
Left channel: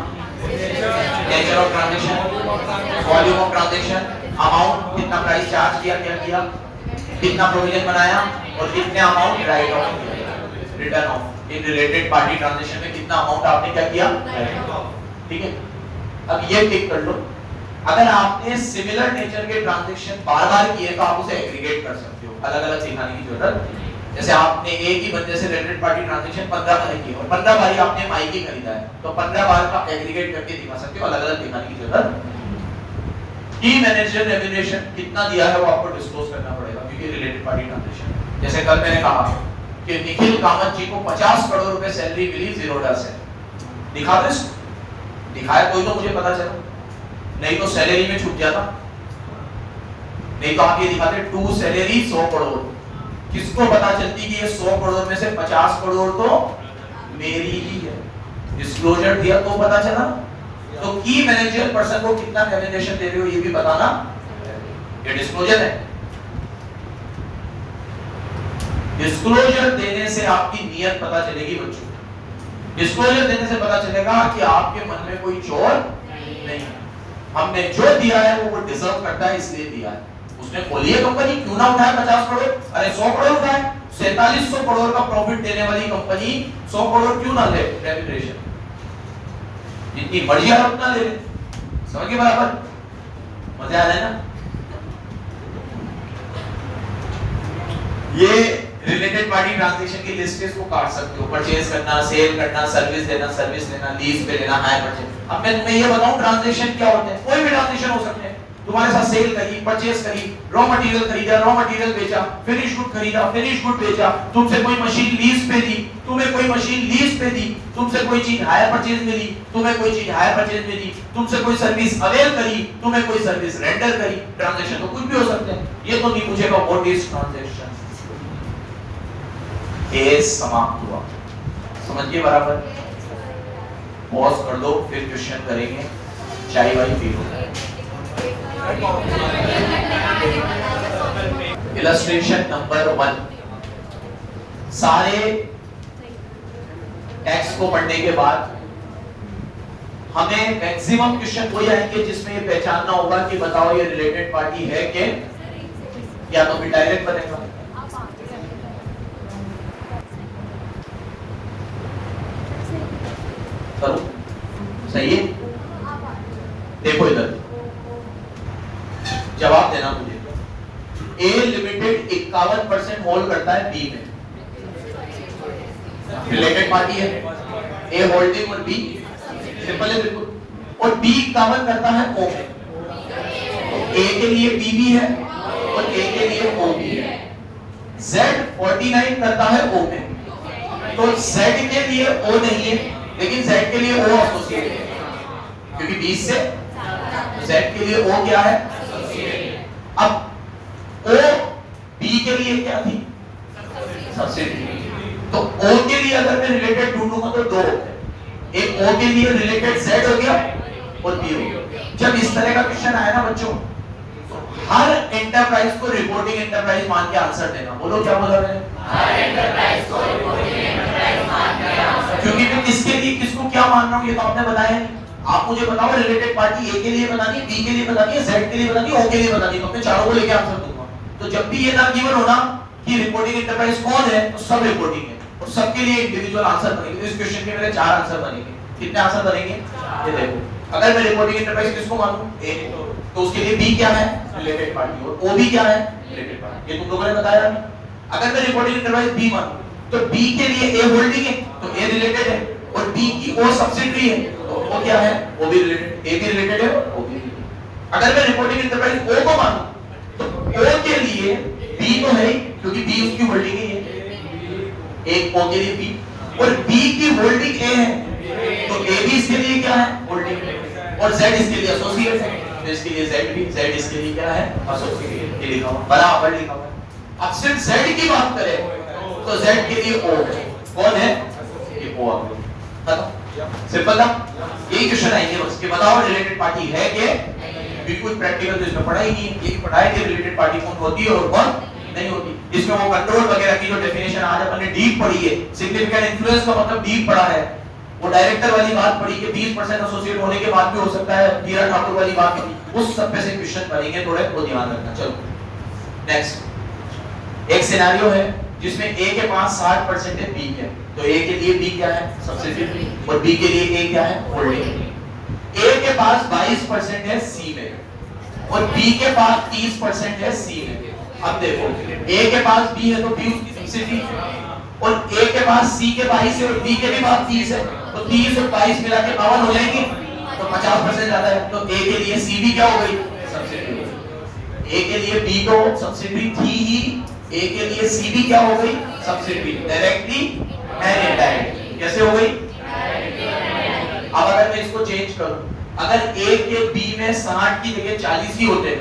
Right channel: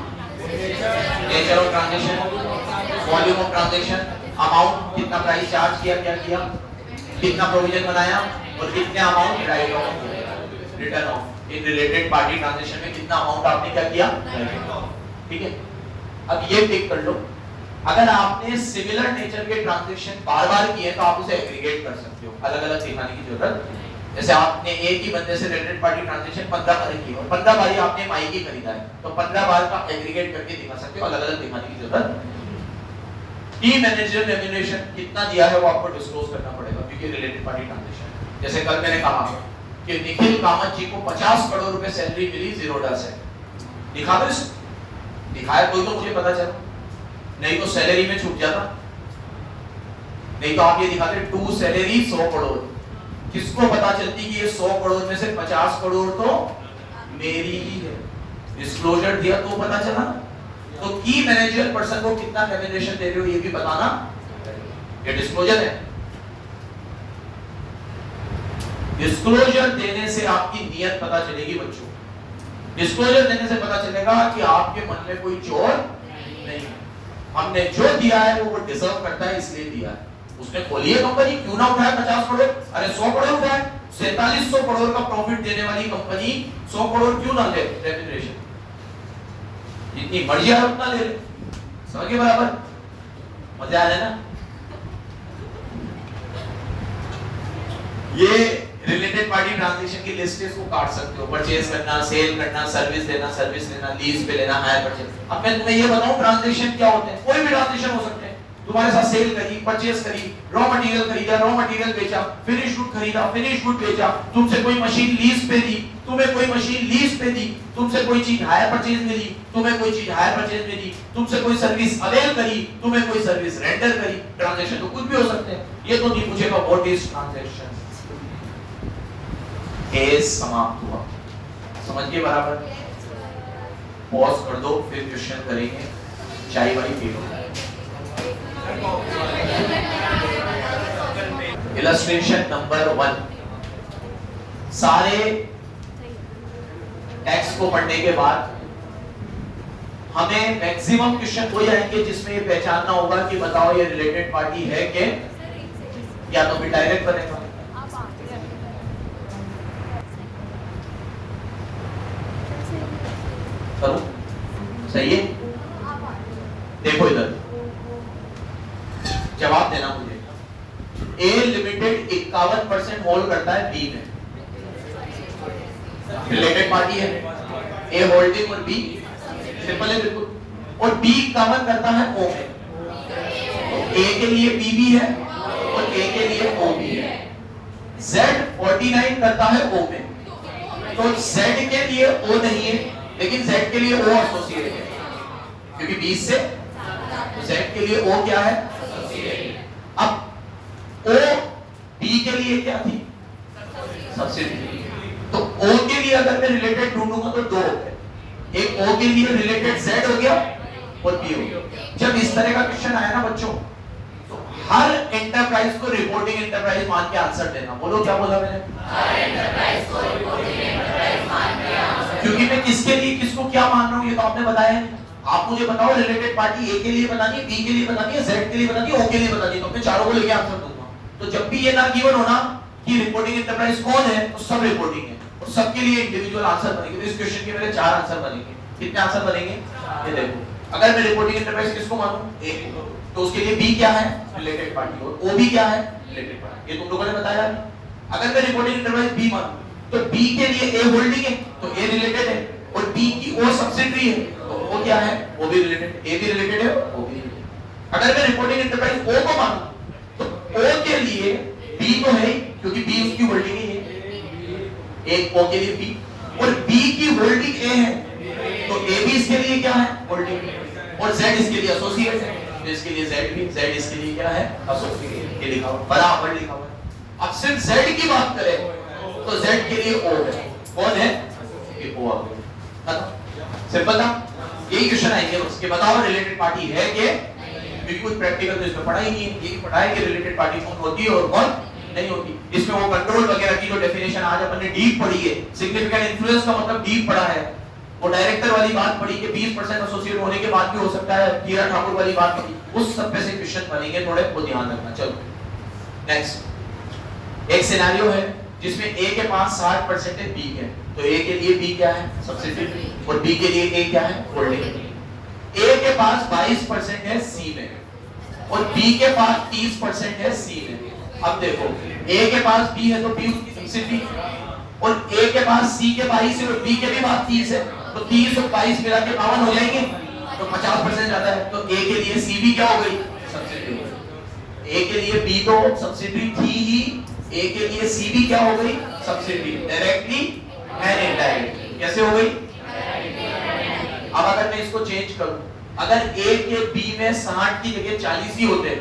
nature of transaction, volume of transaction, amount, कितना प्राइस चार्ज किया, क्या किया, कितना प्रोविजन बनाया, और कितने अमाउंट राइट ऑफ किया, return of. In related party transaction में कितना अमाउंट आपने क्या किया, ठीक है। अब ये टिक कर लो। अगर आपने सिमिलर नेचर के ट्रांजैक्शन बार-बार किए तो आप उसे एग्रीगेट कर सकते हो, अलग-अलग दिखाने की जरूरत नहीं। जैसे आपने एक ही बंदे से रिलेटेड पार्टी ट्रांजैक्शन 15 बार की हो, 15 बार आपने माइक ही खरीदा है, तो 15 बार का एग्रीगेट करके दिखा सकते हो, अलग-अलग दिखाने की जरूरत। की मैनेजर रेम्यूनरेशन कितना दिया है वो आपको डिस्क्लोज करना पड़ेगा, क्योंकि रिलेटेड पार्टी ट्रांजैक्शन। जैसे कल मैंने कहा कि निखिल कामत जी को 50 करोड़ रुपए सैलरी मिली ज़ीरोडा से, दिखा दो, दिखाया कोई तो मुझे पता चला, नहीं तो सैलरी में छूट जाता, नहीं तो आप ये दिखाते टू सैलरी 100 करोड़, किसको पता चलती कि ये 100 करोड़ में से 50 करोड़ तो मेरी ही है, डिस्क्लोजर दिया तो पता चला। तो की मैनेजर पर्सन को कितना रेम्यूनरेशन दे रहे हो ये भी बताना, ये डिस्क्लोजर है। डिस्क्लोजर देने से आपकी नियत पता चलेगी बच्चों, डिस्क्लोजर देने से पता चलेगा कि आपके मन में कोई चोर नहीं, हमने जो दिया है वो डिजर्व करता है इसलिए दिया है। उसने खोली है कंपनी, क्यों ना उठाए 50 करोड़, अरे 100 करोड़ उठाए, 4700 करोड़ का प्रॉफिट देने वाली कंपनी 100 करोड़ क्यों ना ले, रेम्यूनरेशन जितनी मर्जी है उतना ले, समझिए बराबर, मजे आ रहे ना। ये रिलेटेड पार्टी ट्रांजैक्शन की लिस्ट इसको काट सकते हो, परचेज करना, सेल करना, सर्विस देना, सर्विस लेना, लीज पे लेना, हायर परचेज। अब मैं तुम्हें ये बताऊं ट्रांजैक्शन क्या होते हैं, कोई भी ट्रांजैक्शन हो सकते हैं, तुम्हारे साथ सेल करी, परचेस करी, रॉ मटेरियल खरीदा, रॉ मटेरियल बेचा, फिनिश गुड खरीदा, फिनिश गुड बेचा, तुमसे कोई मशीन लीज पे दी, तुम्हें कोई मशीन लीज पे दी, तुमसे कोई चीज हायर परचेज मिली, तुम्हें कोई चीज हायर परचेज मिली, तुमसे कोई सर्विस अवेल करी, तुम्हें कोई सर्विस रेंडर करी। ट्रांजैक्शन तो कुछ भी हो सकते हैं, ये तो नहीं पूछेगा व्हाट इज ट्रांजैक्शन। केस समाप्त हुआ, समझ गए बराबर? पॉज कर दो, फिर क्वेश्चन करेंगे। चाय वाली पी लो। इलस्ट्रेशन नंबर 1, सारे टेक्स्ट को पढ़ने के बाद हमें मैक्सिमम क्वेश्चन हो जाएंगे जिसमें ये पहचानना होगा कि बताओ ये रिलेटेड पार्टी है कि या तो फिर डायरेक्ट बनेगा। करो सही है? देखो इधर जवाब देना मुझे। ए लिमिटेड 51% होल्ड करता है बी में, रिलेटेड पार्टी है। ए होल्डिंग और बी सिंपल है बिल्कुल, और बी 51 करता है ओ में। ए के लिए बी भी है और ए के लिए ओ भी है। Z 49 करता है ओ में, तो Z के लिए ओ नहीं है, लेकिन Z के लिए O एसोसिएट है, क्योंकि 20 से Z के लिए O क्या है? अब O B के लिए क्या थी? सब्सिडी। तो O के लिए अगर मैं रिलेटेड ढूंढूंगा तो दो, एक O के लिए रिलेटेड Z हो गया और B हो गया। जब इस तरह का क्वेश्चन आया ना बच्चों, तो हर एंटरप्राइज को रिपोर्टिंग एंटरप्राइज मान के आंसर देना। बोलो क्या बोला मैंने? हर एंटरप्राइज को रिपोर्टिंग एंटरप्राइज मान के आंसर। क्योंकि मैं किसके लिए किसको क्या मान रहा हूं ये तो आपने बताया नहीं। आप मुझे बताओ रिलेटेड पार्टी ए के लिए बतानी है, बी के लिए बतानी है, Z के लिए बतानी है, O के लिए बतानी है, तो मैं चारों को लेके आंसर दूंगा। तो जब भी ये ना गिवन होना कि रिपोर्टिंग एंटरप्राइज कौन है, तो सब रिपोर्टिंग है और सबके लिए इंडिविजुअल आंसर बनेंगे। इस क्वेश्चन के मेरे 4 आंसर बनेंगे। कितने आंसर बनेंगे? ये देखो, अगर मैं रिपोर्टिंग एंटरप्राइज किसको मानूं? ए, तो उसके लिए बी क्या है? रिलेटेड पार्टी, और ओ भी क्या है? Related party. ये तुम लोगों ने बताया। अगर मैं रिपोर्टिंग एंटरप्राइज बी मानूं, तो बी के लिए ए होल्डिंग है तो ए रिलेटेड है, और बी की ओ सब्सिडियरी है तो ओ क्या है? ओ भी रिलेटेड। ए भी रिलेटेड है, ओ भी रिलेटेड। अगर मैं रिपोर्टिंग एंटरप्राइज ओ को मानूं, तो ओ के लिए बी तो है क्योंकि बी उसकी होल्डिंग ही है, एक ओ के लिए बी, और बी की होल्डिंग ए है तो ए भी इसके लिए क्या है? होल्डिंग, और Z इसके लिए एसोसिएट है तो इसके लिए Z भी, Z इसके लिए क्या है? एसोसिएट। ये लिखा हुआ बराबर लिखा हुआ। अब सिर्फ Z की बात करें तो Z के लिए O है। कौन है? ये O आ गया। सिंपल था। यही क्वेश्चन आएंगे बस कि बताओ रिलेटेड पार्टी है कि बिल्कुल प्रैक्टिकल तो इसमें पढ़ा ही नहीं है। ये पढ़ाया कि रिलेटेड पार्टी कौन होती है और कौन नहीं होती। इसमें वो कंट्रोल वगैरह की जो डेफिनेशन आज अपन ने डीप पढ़ी है, सिग्निफिकेंट इन्फ्लुएंस का मतलब डीप पढ़ा है। वो डायरेक्टर वाली बात पढ़ी कि 20% एसोसिएट होने के बाद भी हो सकता है, हीरा ठाकुर वाली बात पढ़ी, उस सब पे से क्वेश्चन पढ़ेंगे थोड़े, वो ध्यान रखना। चलो नेक्स्ट एक सिनेरियो है जिसमें A के पास 60% है B है, तो A के लिए B क्या है? सब्सिडी, और B के लिए A क्या है? होल्डिंग। A के पास 22% है C में, और B के पास 30% है C में। अब देखो A के पास B है तो B उसकी सब्सिडी, और A के पास C के 22 है और B के भी पास 30 है, तो 30 और 22 मिला के 52 हो जाएंगे, तो 50% आता है। तो A के लिए C भी क्या हो गई? सब्सिडी। A के लिए B तो सब्सिडी थी ही, A के लिए C भी क्या हो गई? Subsidy, directly and indirectly. कैसे हो गई? अब अगर मैं इसको चेंज करूं, अगर A के B में 60 की जगह 40 ही होते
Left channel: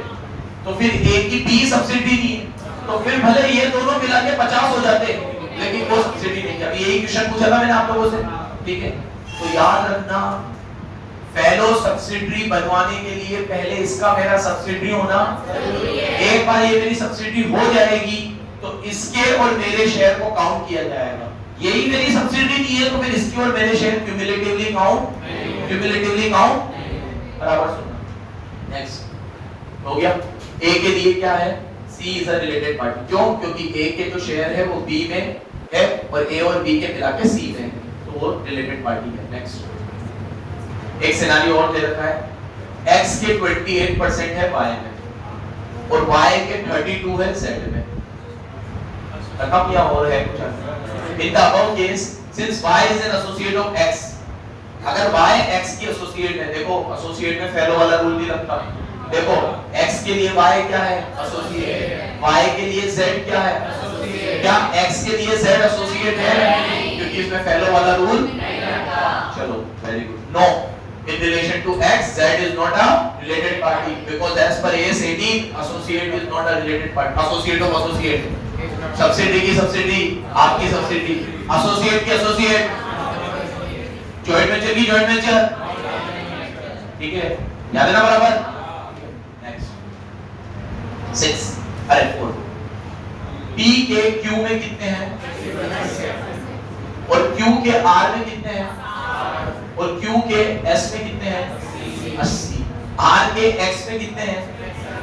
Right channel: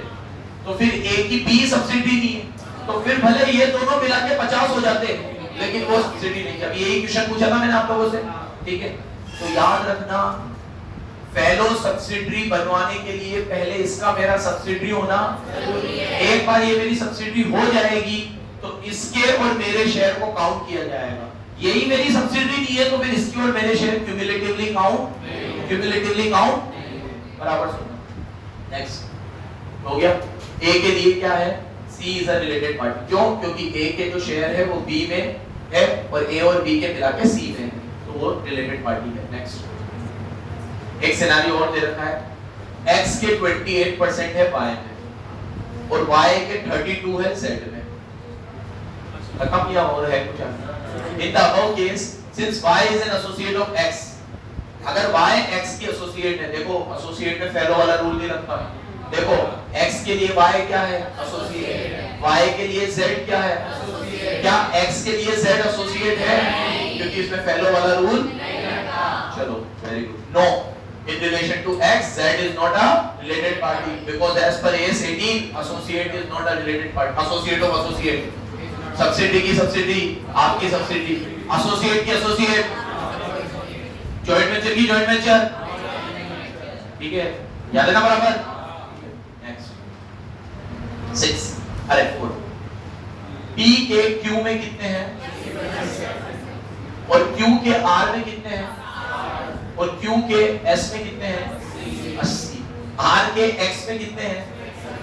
तो फिर A की B सब्सिडी नहीं है, तो फिर भले ये दोनों मिला के 50 हो जाते, लेकिन वो सब्सिडी नहीं है। अभी यही क्वेश्चन पूछा था मैंने आप लोगों से, ठीक है? तो याद रखना, फेलो सब्सिडी बनवाने के लिए पहले इसका मेरा सब्सिडी होना जरूरी है। एक बार ये मेरी सब्सिडी हो जाएगी तो इसके और मेरे शेयर को काउंट किया जाएगा। यही मेरी सब्सिडी नहीं है तो फिर इसके और मेरे शेयर क्यूमुलेटिवली काउंट बराबर सुनना। नेक्स्ट हो गया। A के लिए क्या है? C is a related party. क्यों? क्योंकि A के जो शेयर है वो B में है और A और B के मिला के C में है, तो वो रिलेटेड पार्टी है। नेक्स्ट एक सिनेरियो और दे रखा है, X के 28% है Y में और Y के 32 है Z में। रखा क्या और है कुछ? In the above case, since Y is an associate of X, अगर Y X की एसोसिएट है, देखो एसोसिएट में फेलो वाला रूल नहीं लगता है, देखो x के लिए y क्या है? एसोसिएट। y के लिए z क्या है? एसोसिएट। क्या x के लिए z एसोसिएट है? क्योंकि इसमें फेलो वाला रूल नहीं रहता। चलो very good. No, in relation to x z is not a related party because as per AS 18 associate is not a related party. associate of associate, subsidy की सब्सिडी, आपकी सब्सिडी, एसोसिएट की एसोसिएट, जॉइंट वेंचर की जॉइंट वेंचर। ठीक है, याद है ना बराबर? नेक्स्ट 6 अरे 4 P के Q में कितने हैं और Q के R में कितने हैं और Q के S में कितने हैं? 80। R के X में कितने हैं?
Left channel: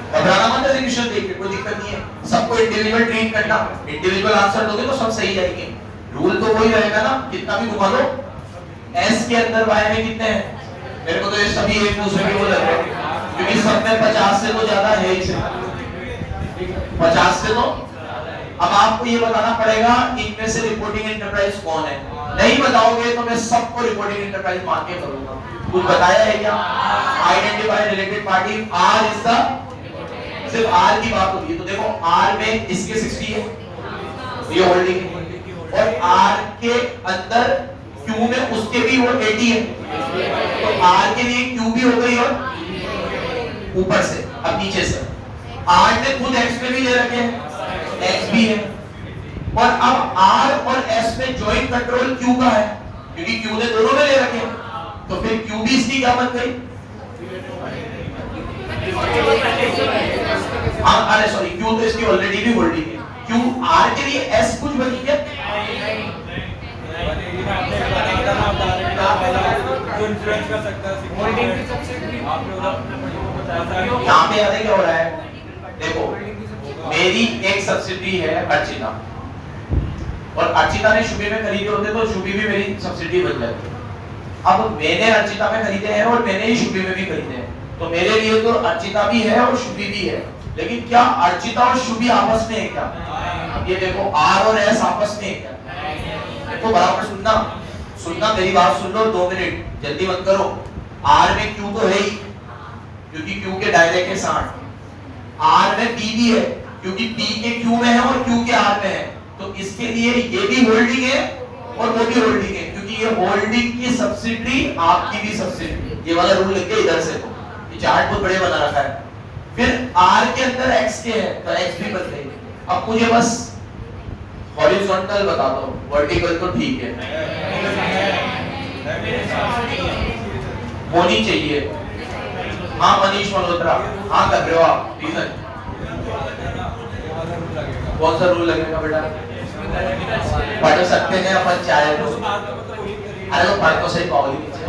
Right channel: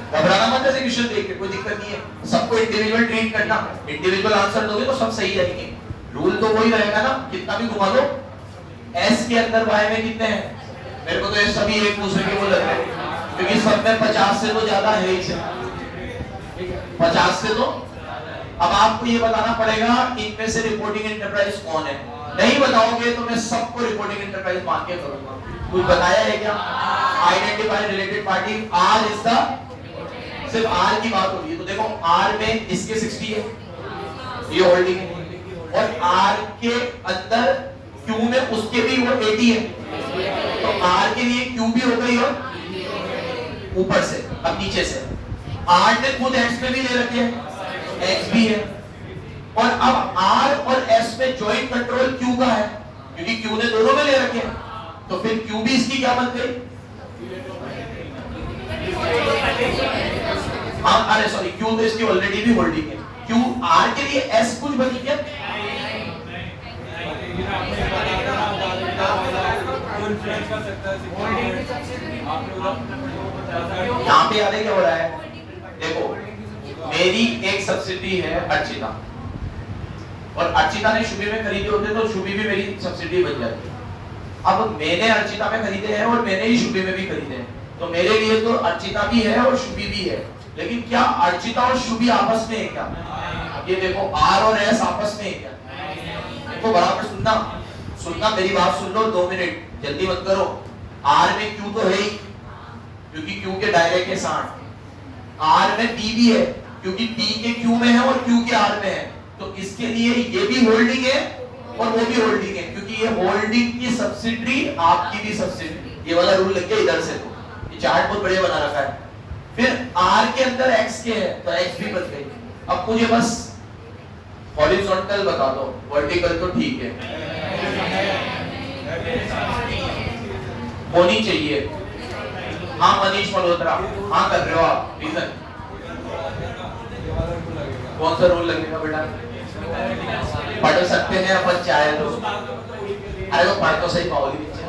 घबराना मत, ऐसे क्वेश्चन देख के कोई दिक्कत नहीं है। सबको इंडिविजुअल ट्रीट करना, इंडिविजुअल आंसर दोगे तो सब सही जाएंगे। रूल तो वही रहेगा ना, कितना भी घुमा लो। S के अंदर Y में कितने हैं? मेरे को तो ये सभी एक दूसरे के वो लग रहे हैं क्योंकि सब में 50 से तो ज्यादा है ही से 50 से तो। अब आपको ये बताना पड़ेगा इनमें से रिपोर्टिंग एंटरप्राइज कौन है। नहीं बताओगे तो मैं सबको रिपोर्टिंग एंटरप्राइज मान के करूंगा। कुछ बताया है क्या? Identify related party, R is the, सिर्फ R की बात होगी तो देखो R में इसके 60 है, ये होल्डिंग है, और R के अंदर Q में उसके भी वो 80 है, तो R के लिए Q भी हो गई और ऊपर से अब नीचे से R ने खुद X में भी ले रखे हैं, X भी है, और अब R और S में ज्वाइंट कंट्रोल Q का है क्योंकि Q ने दोनों में ले रखे हैं, तो फिर Q भी इसकी क्या बन गई? अरे सॉरी, Q तो इसकी ऑलरेडी भी होल्डिंग है। Q R के लिए S कुछ बची क्या? यहाँ पे याद है क्या हो रहा है? देखो मेरी एक सब्सिडी है अर्चिता, और अर्चिता ने शुभी में खरीदे होते तो शुभी भी मेरी सब्सिडी बन जाती। अब मैंने अर्चिता में खरीदे हैं और मैंने ही शुभी में भी खरीदे हैं, तो मेरे लिए तो अर्चिता भी है और शुभी भी है, लेकिन क्या अर्चिता और शुभी आपस में है क्या? ये देखो R और S आपस में है क्या? देखो बराबर सुनना, सुनना मेरी बात सुन लो 2 मिनट, जल्दी मत करो। R में Q तो है ही क्योंकि Q के दायरे के साथ, R में P भी है क्योंकि P के Q में है और Q के R में है, तो इसके लिए ये भी होल्डिंग है और वो भी होल्डिंग है क्योंकि ये होल्डिंग की सब्सिडी आपकी भी सब्सिडी, ये वाला रूल लग गया इधर से, तो ये चार्ट बहुत बढ़िया बना रखा है। फिर R के अंदर X के है तो X भी बन गई। अब मुझे बस हॉरिजॉन्टल बता दो, वर्टिकल तो ठीक है, होनी चाहिए। हाँ मनीष मल्होत्रा, हाँ कर रहे हो आप, रीजन कौन सा रूल लगेगा बेटा? पढ़ सकते हैं अपन चाहे तो, अरे वो पढ़ तो सही पाओली नीचे।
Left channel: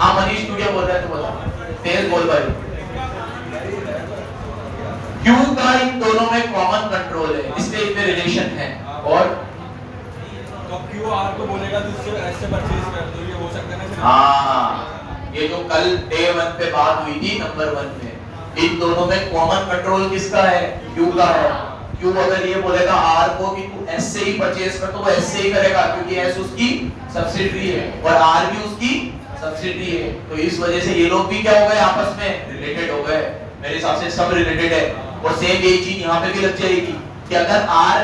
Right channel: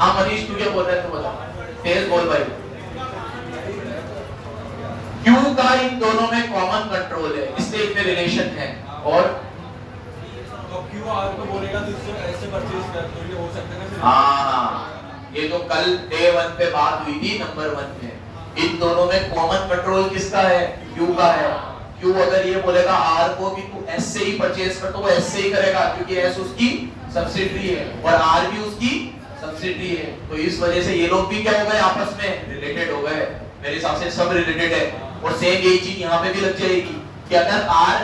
हाँ मनीष तू क्या बोल रहा है, तू बता, तेज बोल भाई। Q का इन दोनों में कॉमन कंट्रोल है, इसलिए इनमें रिलेशन है, और Q R को बोलेगा तो इससे ऐसे परचेज कर दो, ये हो सकता है ना? हाँ, ये जो कल डे 1 पे बात हुई थी नंबर 1 में, इन दोनों में कॉमन कंट्रोल किसका है? Q का है। Q अगर ये बोलेगा R को कि तू S से ही परचेज कर, तो वो S से ही करेगा क्योंकि S उसकी सब्सिडरी है और R भी उसकी सब्सिडरी है, तो इस वजह से ये लोग भी क्या हो गए? आपस में रिलेटेड हो गए। मेरे हिसाब से सब रिलेटेड है, और सेम यही चीज यहाँ पे भी लग जाएगी कि अगर R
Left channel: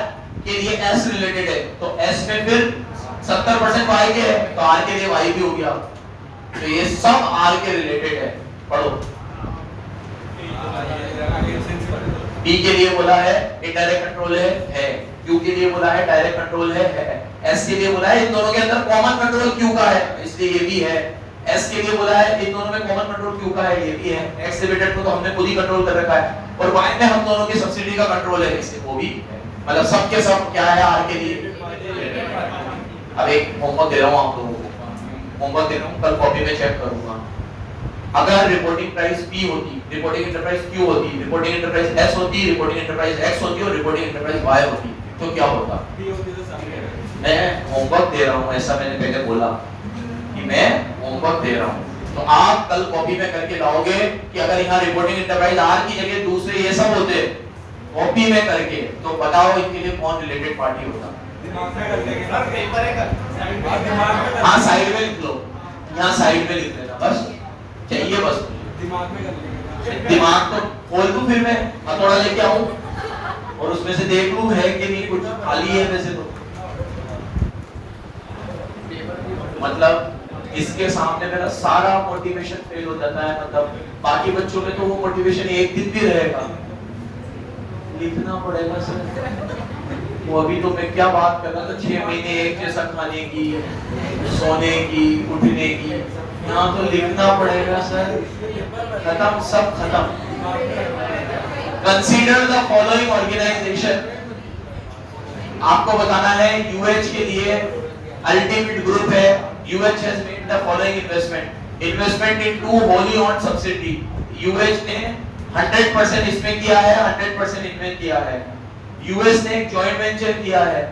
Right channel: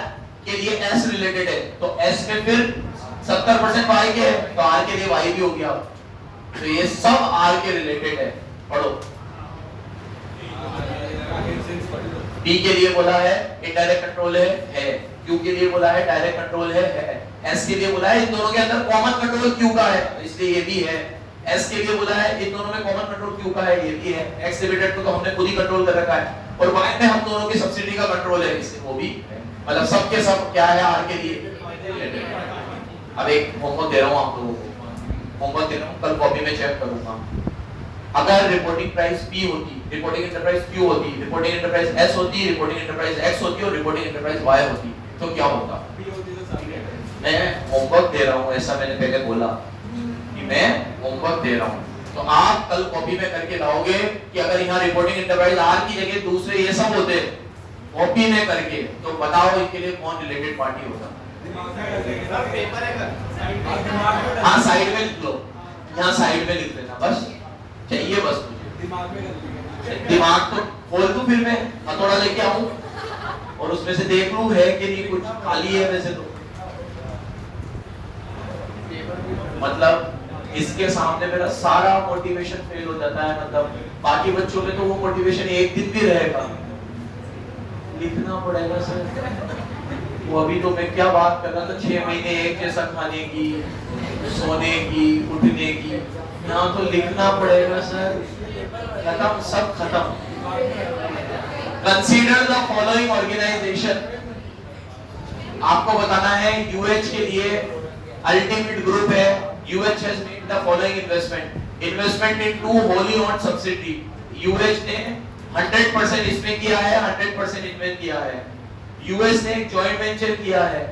के लिए S रिलेटेड है तो S में फिर 70% Y के है तो R के लिए Y भी हो गया, तो ये सब R के रिलेटेड है। पढ़ो, D के लिए बोला है इनडायरेक्ट कंट्रोल है, Q के लिए बोला है डायरेक्ट कंट्रोल है, S के लिए बोला है इन दोनों के अंदर कॉमन कंट्रोल Q का है, इसलिए ये भी है। S के लिए बोला है इन दोनों में कॉमन कंट्रोल Q का है, ये भी है। X लिमिटेड को तो हमने खुद ही कंट्रोल कर रखा है, और Y में हम दोनों की सब्सिडी का कंट्रोल है, इससे वो भी है। मतलब सब के सब क्या है R के लिए। अब एक होमवर्क दे रहा हूँ आप लोगों को, होमवर्क दे रहा हूँ, कल कॉपी में चेक करूंगा। अगर रिपोर्टिंग प्राइस P होती, रिपोर्टिंग एंटरप्राइज Q होती, रिपोर्टिंग एंटरप्राइज S होती, रिपोर्टिंग एंटरप्राइज X होती और रिपोर्टिंग एंटरप्राइज Y होती, तो क्या होता? मैं होमवर्क दे रहा हूँ, ऐसा मैंने पहले बोला कि मैं होमवर्क दे रहा हूँ, तो आप कल कॉपी में करके लाओगे कि अगर यहाँ रिपोर्टिंग एंटरप्राइज R की जगह दूसरे ये सब होते कॉपी में करके, तो बताओ इनके लिए कौन रिलेटेड पार्टी होगा? हाँ साइड में लिख लो, यहाँ साइड में लिख देना, बस चाहिए बस। दिमाग तो खोल दूं, फिर मैं हथौड़ा लेके आऊं और उसमें से देख लूं है कि नहीं, कुछ खाली है वैसे तो। मतलब इसके सामने मेरा सारा मोटिवेशन फेल हो जाता है। मतलब बाकी बच्चों में तो वो मोटिवेशन एक दिन भी रहेगा, लिखना पड़ेगा सर। वो अभी तो मैं क्या बात कर रहा था, 6 महीने एक जैसा खाने की, सोने की, उठने की, यहाँ तो लिखना पड़ेगा सर। खत्म, सब खत्म। Consider the following organisation. आपको बताना है यूएच के लिए अल्टीमेट ग्रुप है। UH has made the following investment in 2 wholly owned subsidiary। UH ने 100% इसमें किया है, 100% इनमें किया है। यूएस ने एक जॉइंट वेंचर किया है।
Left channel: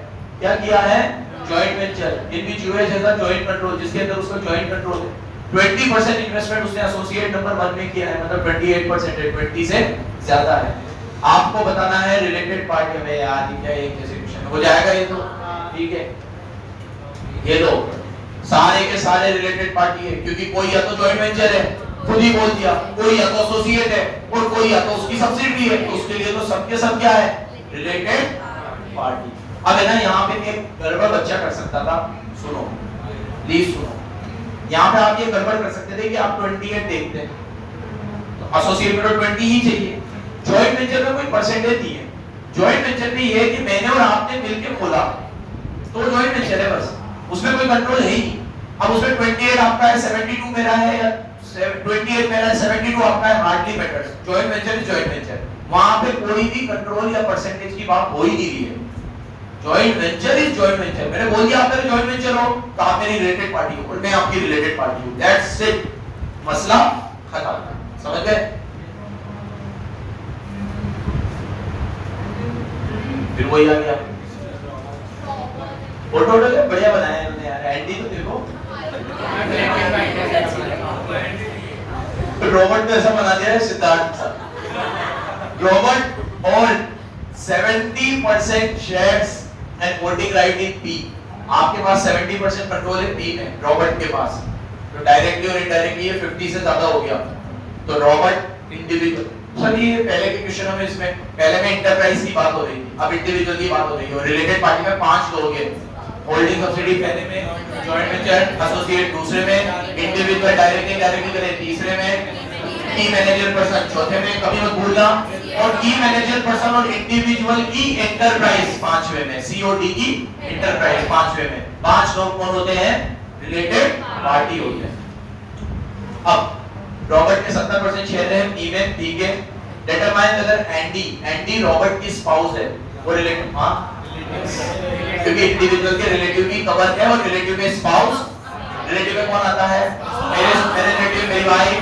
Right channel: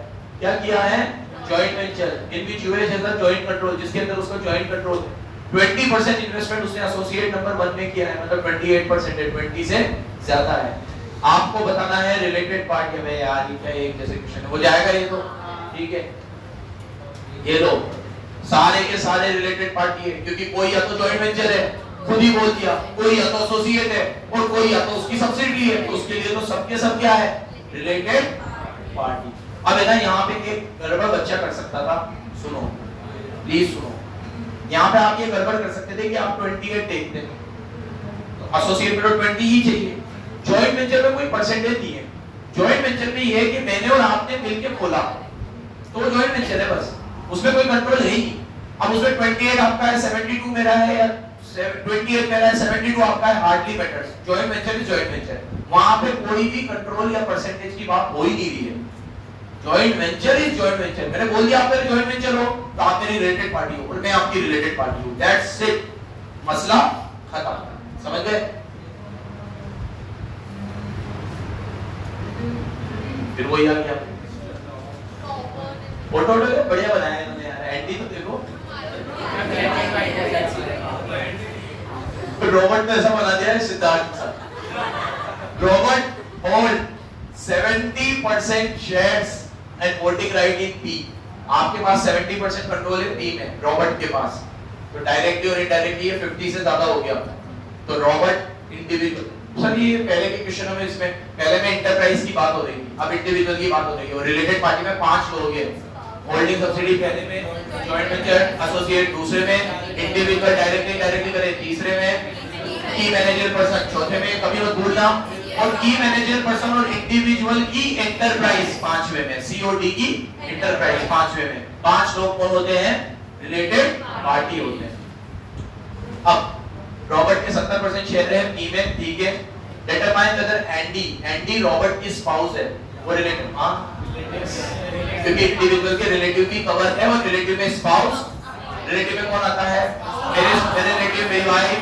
क्या किया है? Joint venture, in which US has a joint control, जिसके अंदर उसका जॉइंट कंट्रोल है। 20% इन्वेस्टमेंट उसने एसोसिएट नंबर 1 में किया है, मतलब 28% है, 20 से ज्यादा है। आपको बताना है रिलेटेड पार्टी में। यार ये क्या, ये कैसे क्वेश्चन हो जाएगा? ये तो ठीक है, ये लो सारे के सारे रिलेटेड पार्टी है, क्योंकि कोई या तो जॉइंट वेंचर है, खुद ही बोल दिया, कोई या तो एसोसिएट है और कोई या तो उसकी सब्सिडियरी है, तो उसके लिए तो सबके सब क्या है? Related party. अब है ना, यहाँ पे एक गड़बड़ बच्चा कर सकता था। सुनो प्लीज सुनो, यहाँ पे आप ये गड़बड़ कर सकते थे कि आप 28 देखते हैं, तो एसोसिएट में तो 20 ही चाहिए। जॉइंट वेंचर में कोई परसेंटेज नहीं है। जॉइंट वेंचर में ये है कि मैंने और आपने मिलकर खोला, तो जॉइंट वेंचर है बस, उसमें कोई कंट्रोल है ही। अब उसमें 28 आपका है, 72 मेरा है, या 28 मेरा है, 72 आपका है, hardly matters. Joint venture is joint venture, वहां पे कोई भी कंट्रोल या परसेंटेज की बात हो ही नहीं रही है। Joint venture is joint venture. मैंने बोल दिया आप मेरे जॉइंट वेंचर हो तो आप मेरी रिलेटेड पार्टी हो और मैं आपकी रिलेटेड पार्टी हूं, दैट्स इट, मसला खत्म। समझ गए? फिर वही आ गया, फोटो बढ़िया बनाया है यार। एंडी तो देखो, रॉबर्ट ने ऐसा बना दिया है Siddharth sir. Robert hold 70% shares and voting right in P. आपके पास 70% कंट्रोल है पी में, रॉबर्ट के पास। तो डायरेक्टली और इनडायरेक्टली ये 50 से ज्यादा हो गया। तो रॉबर्ट इंडिविजुअल, सर ये पहले के क्वेश्चन में, इसमें पहले में इंटरप्राइज की बात हो रही थी, अब इंडिविजुअल की बात हो रही है। रिलेटेड पार्टी में 5 लोग हैं, होल्डिंग सब्सिडी पहले में, जॉइंट वेंचर एसोसिएट दूसरे में, इंडिविजुअल डायरेक्टली डायरेक्टली करे तीसरे में, की मैनेजर पर्सन चौथे में, कभी मत भूलना, और की मैनेजर पर्सन और इंडिविजुअल की एंटरप्राइज 5वें में, सीओडी की एंटरप्राइज 5वें में। 5 लोग कौन होते हैं? रिलेटेड पार्टी होते हैं। अब रॉबर्ट के 70% शेयर है पी में, ठीक है। डिटरमाइन अगर एंडी रॉबर्ट की स्पाउस है, वो रिलेटिव, हां क्योंकि इंडिविजुअल के रिलेटिव भी कवर है, और रिलेटिव में स्पाउस, रिलेटिव में कौन आता है? मेरे रिलेटिव, मेरी वाइफ,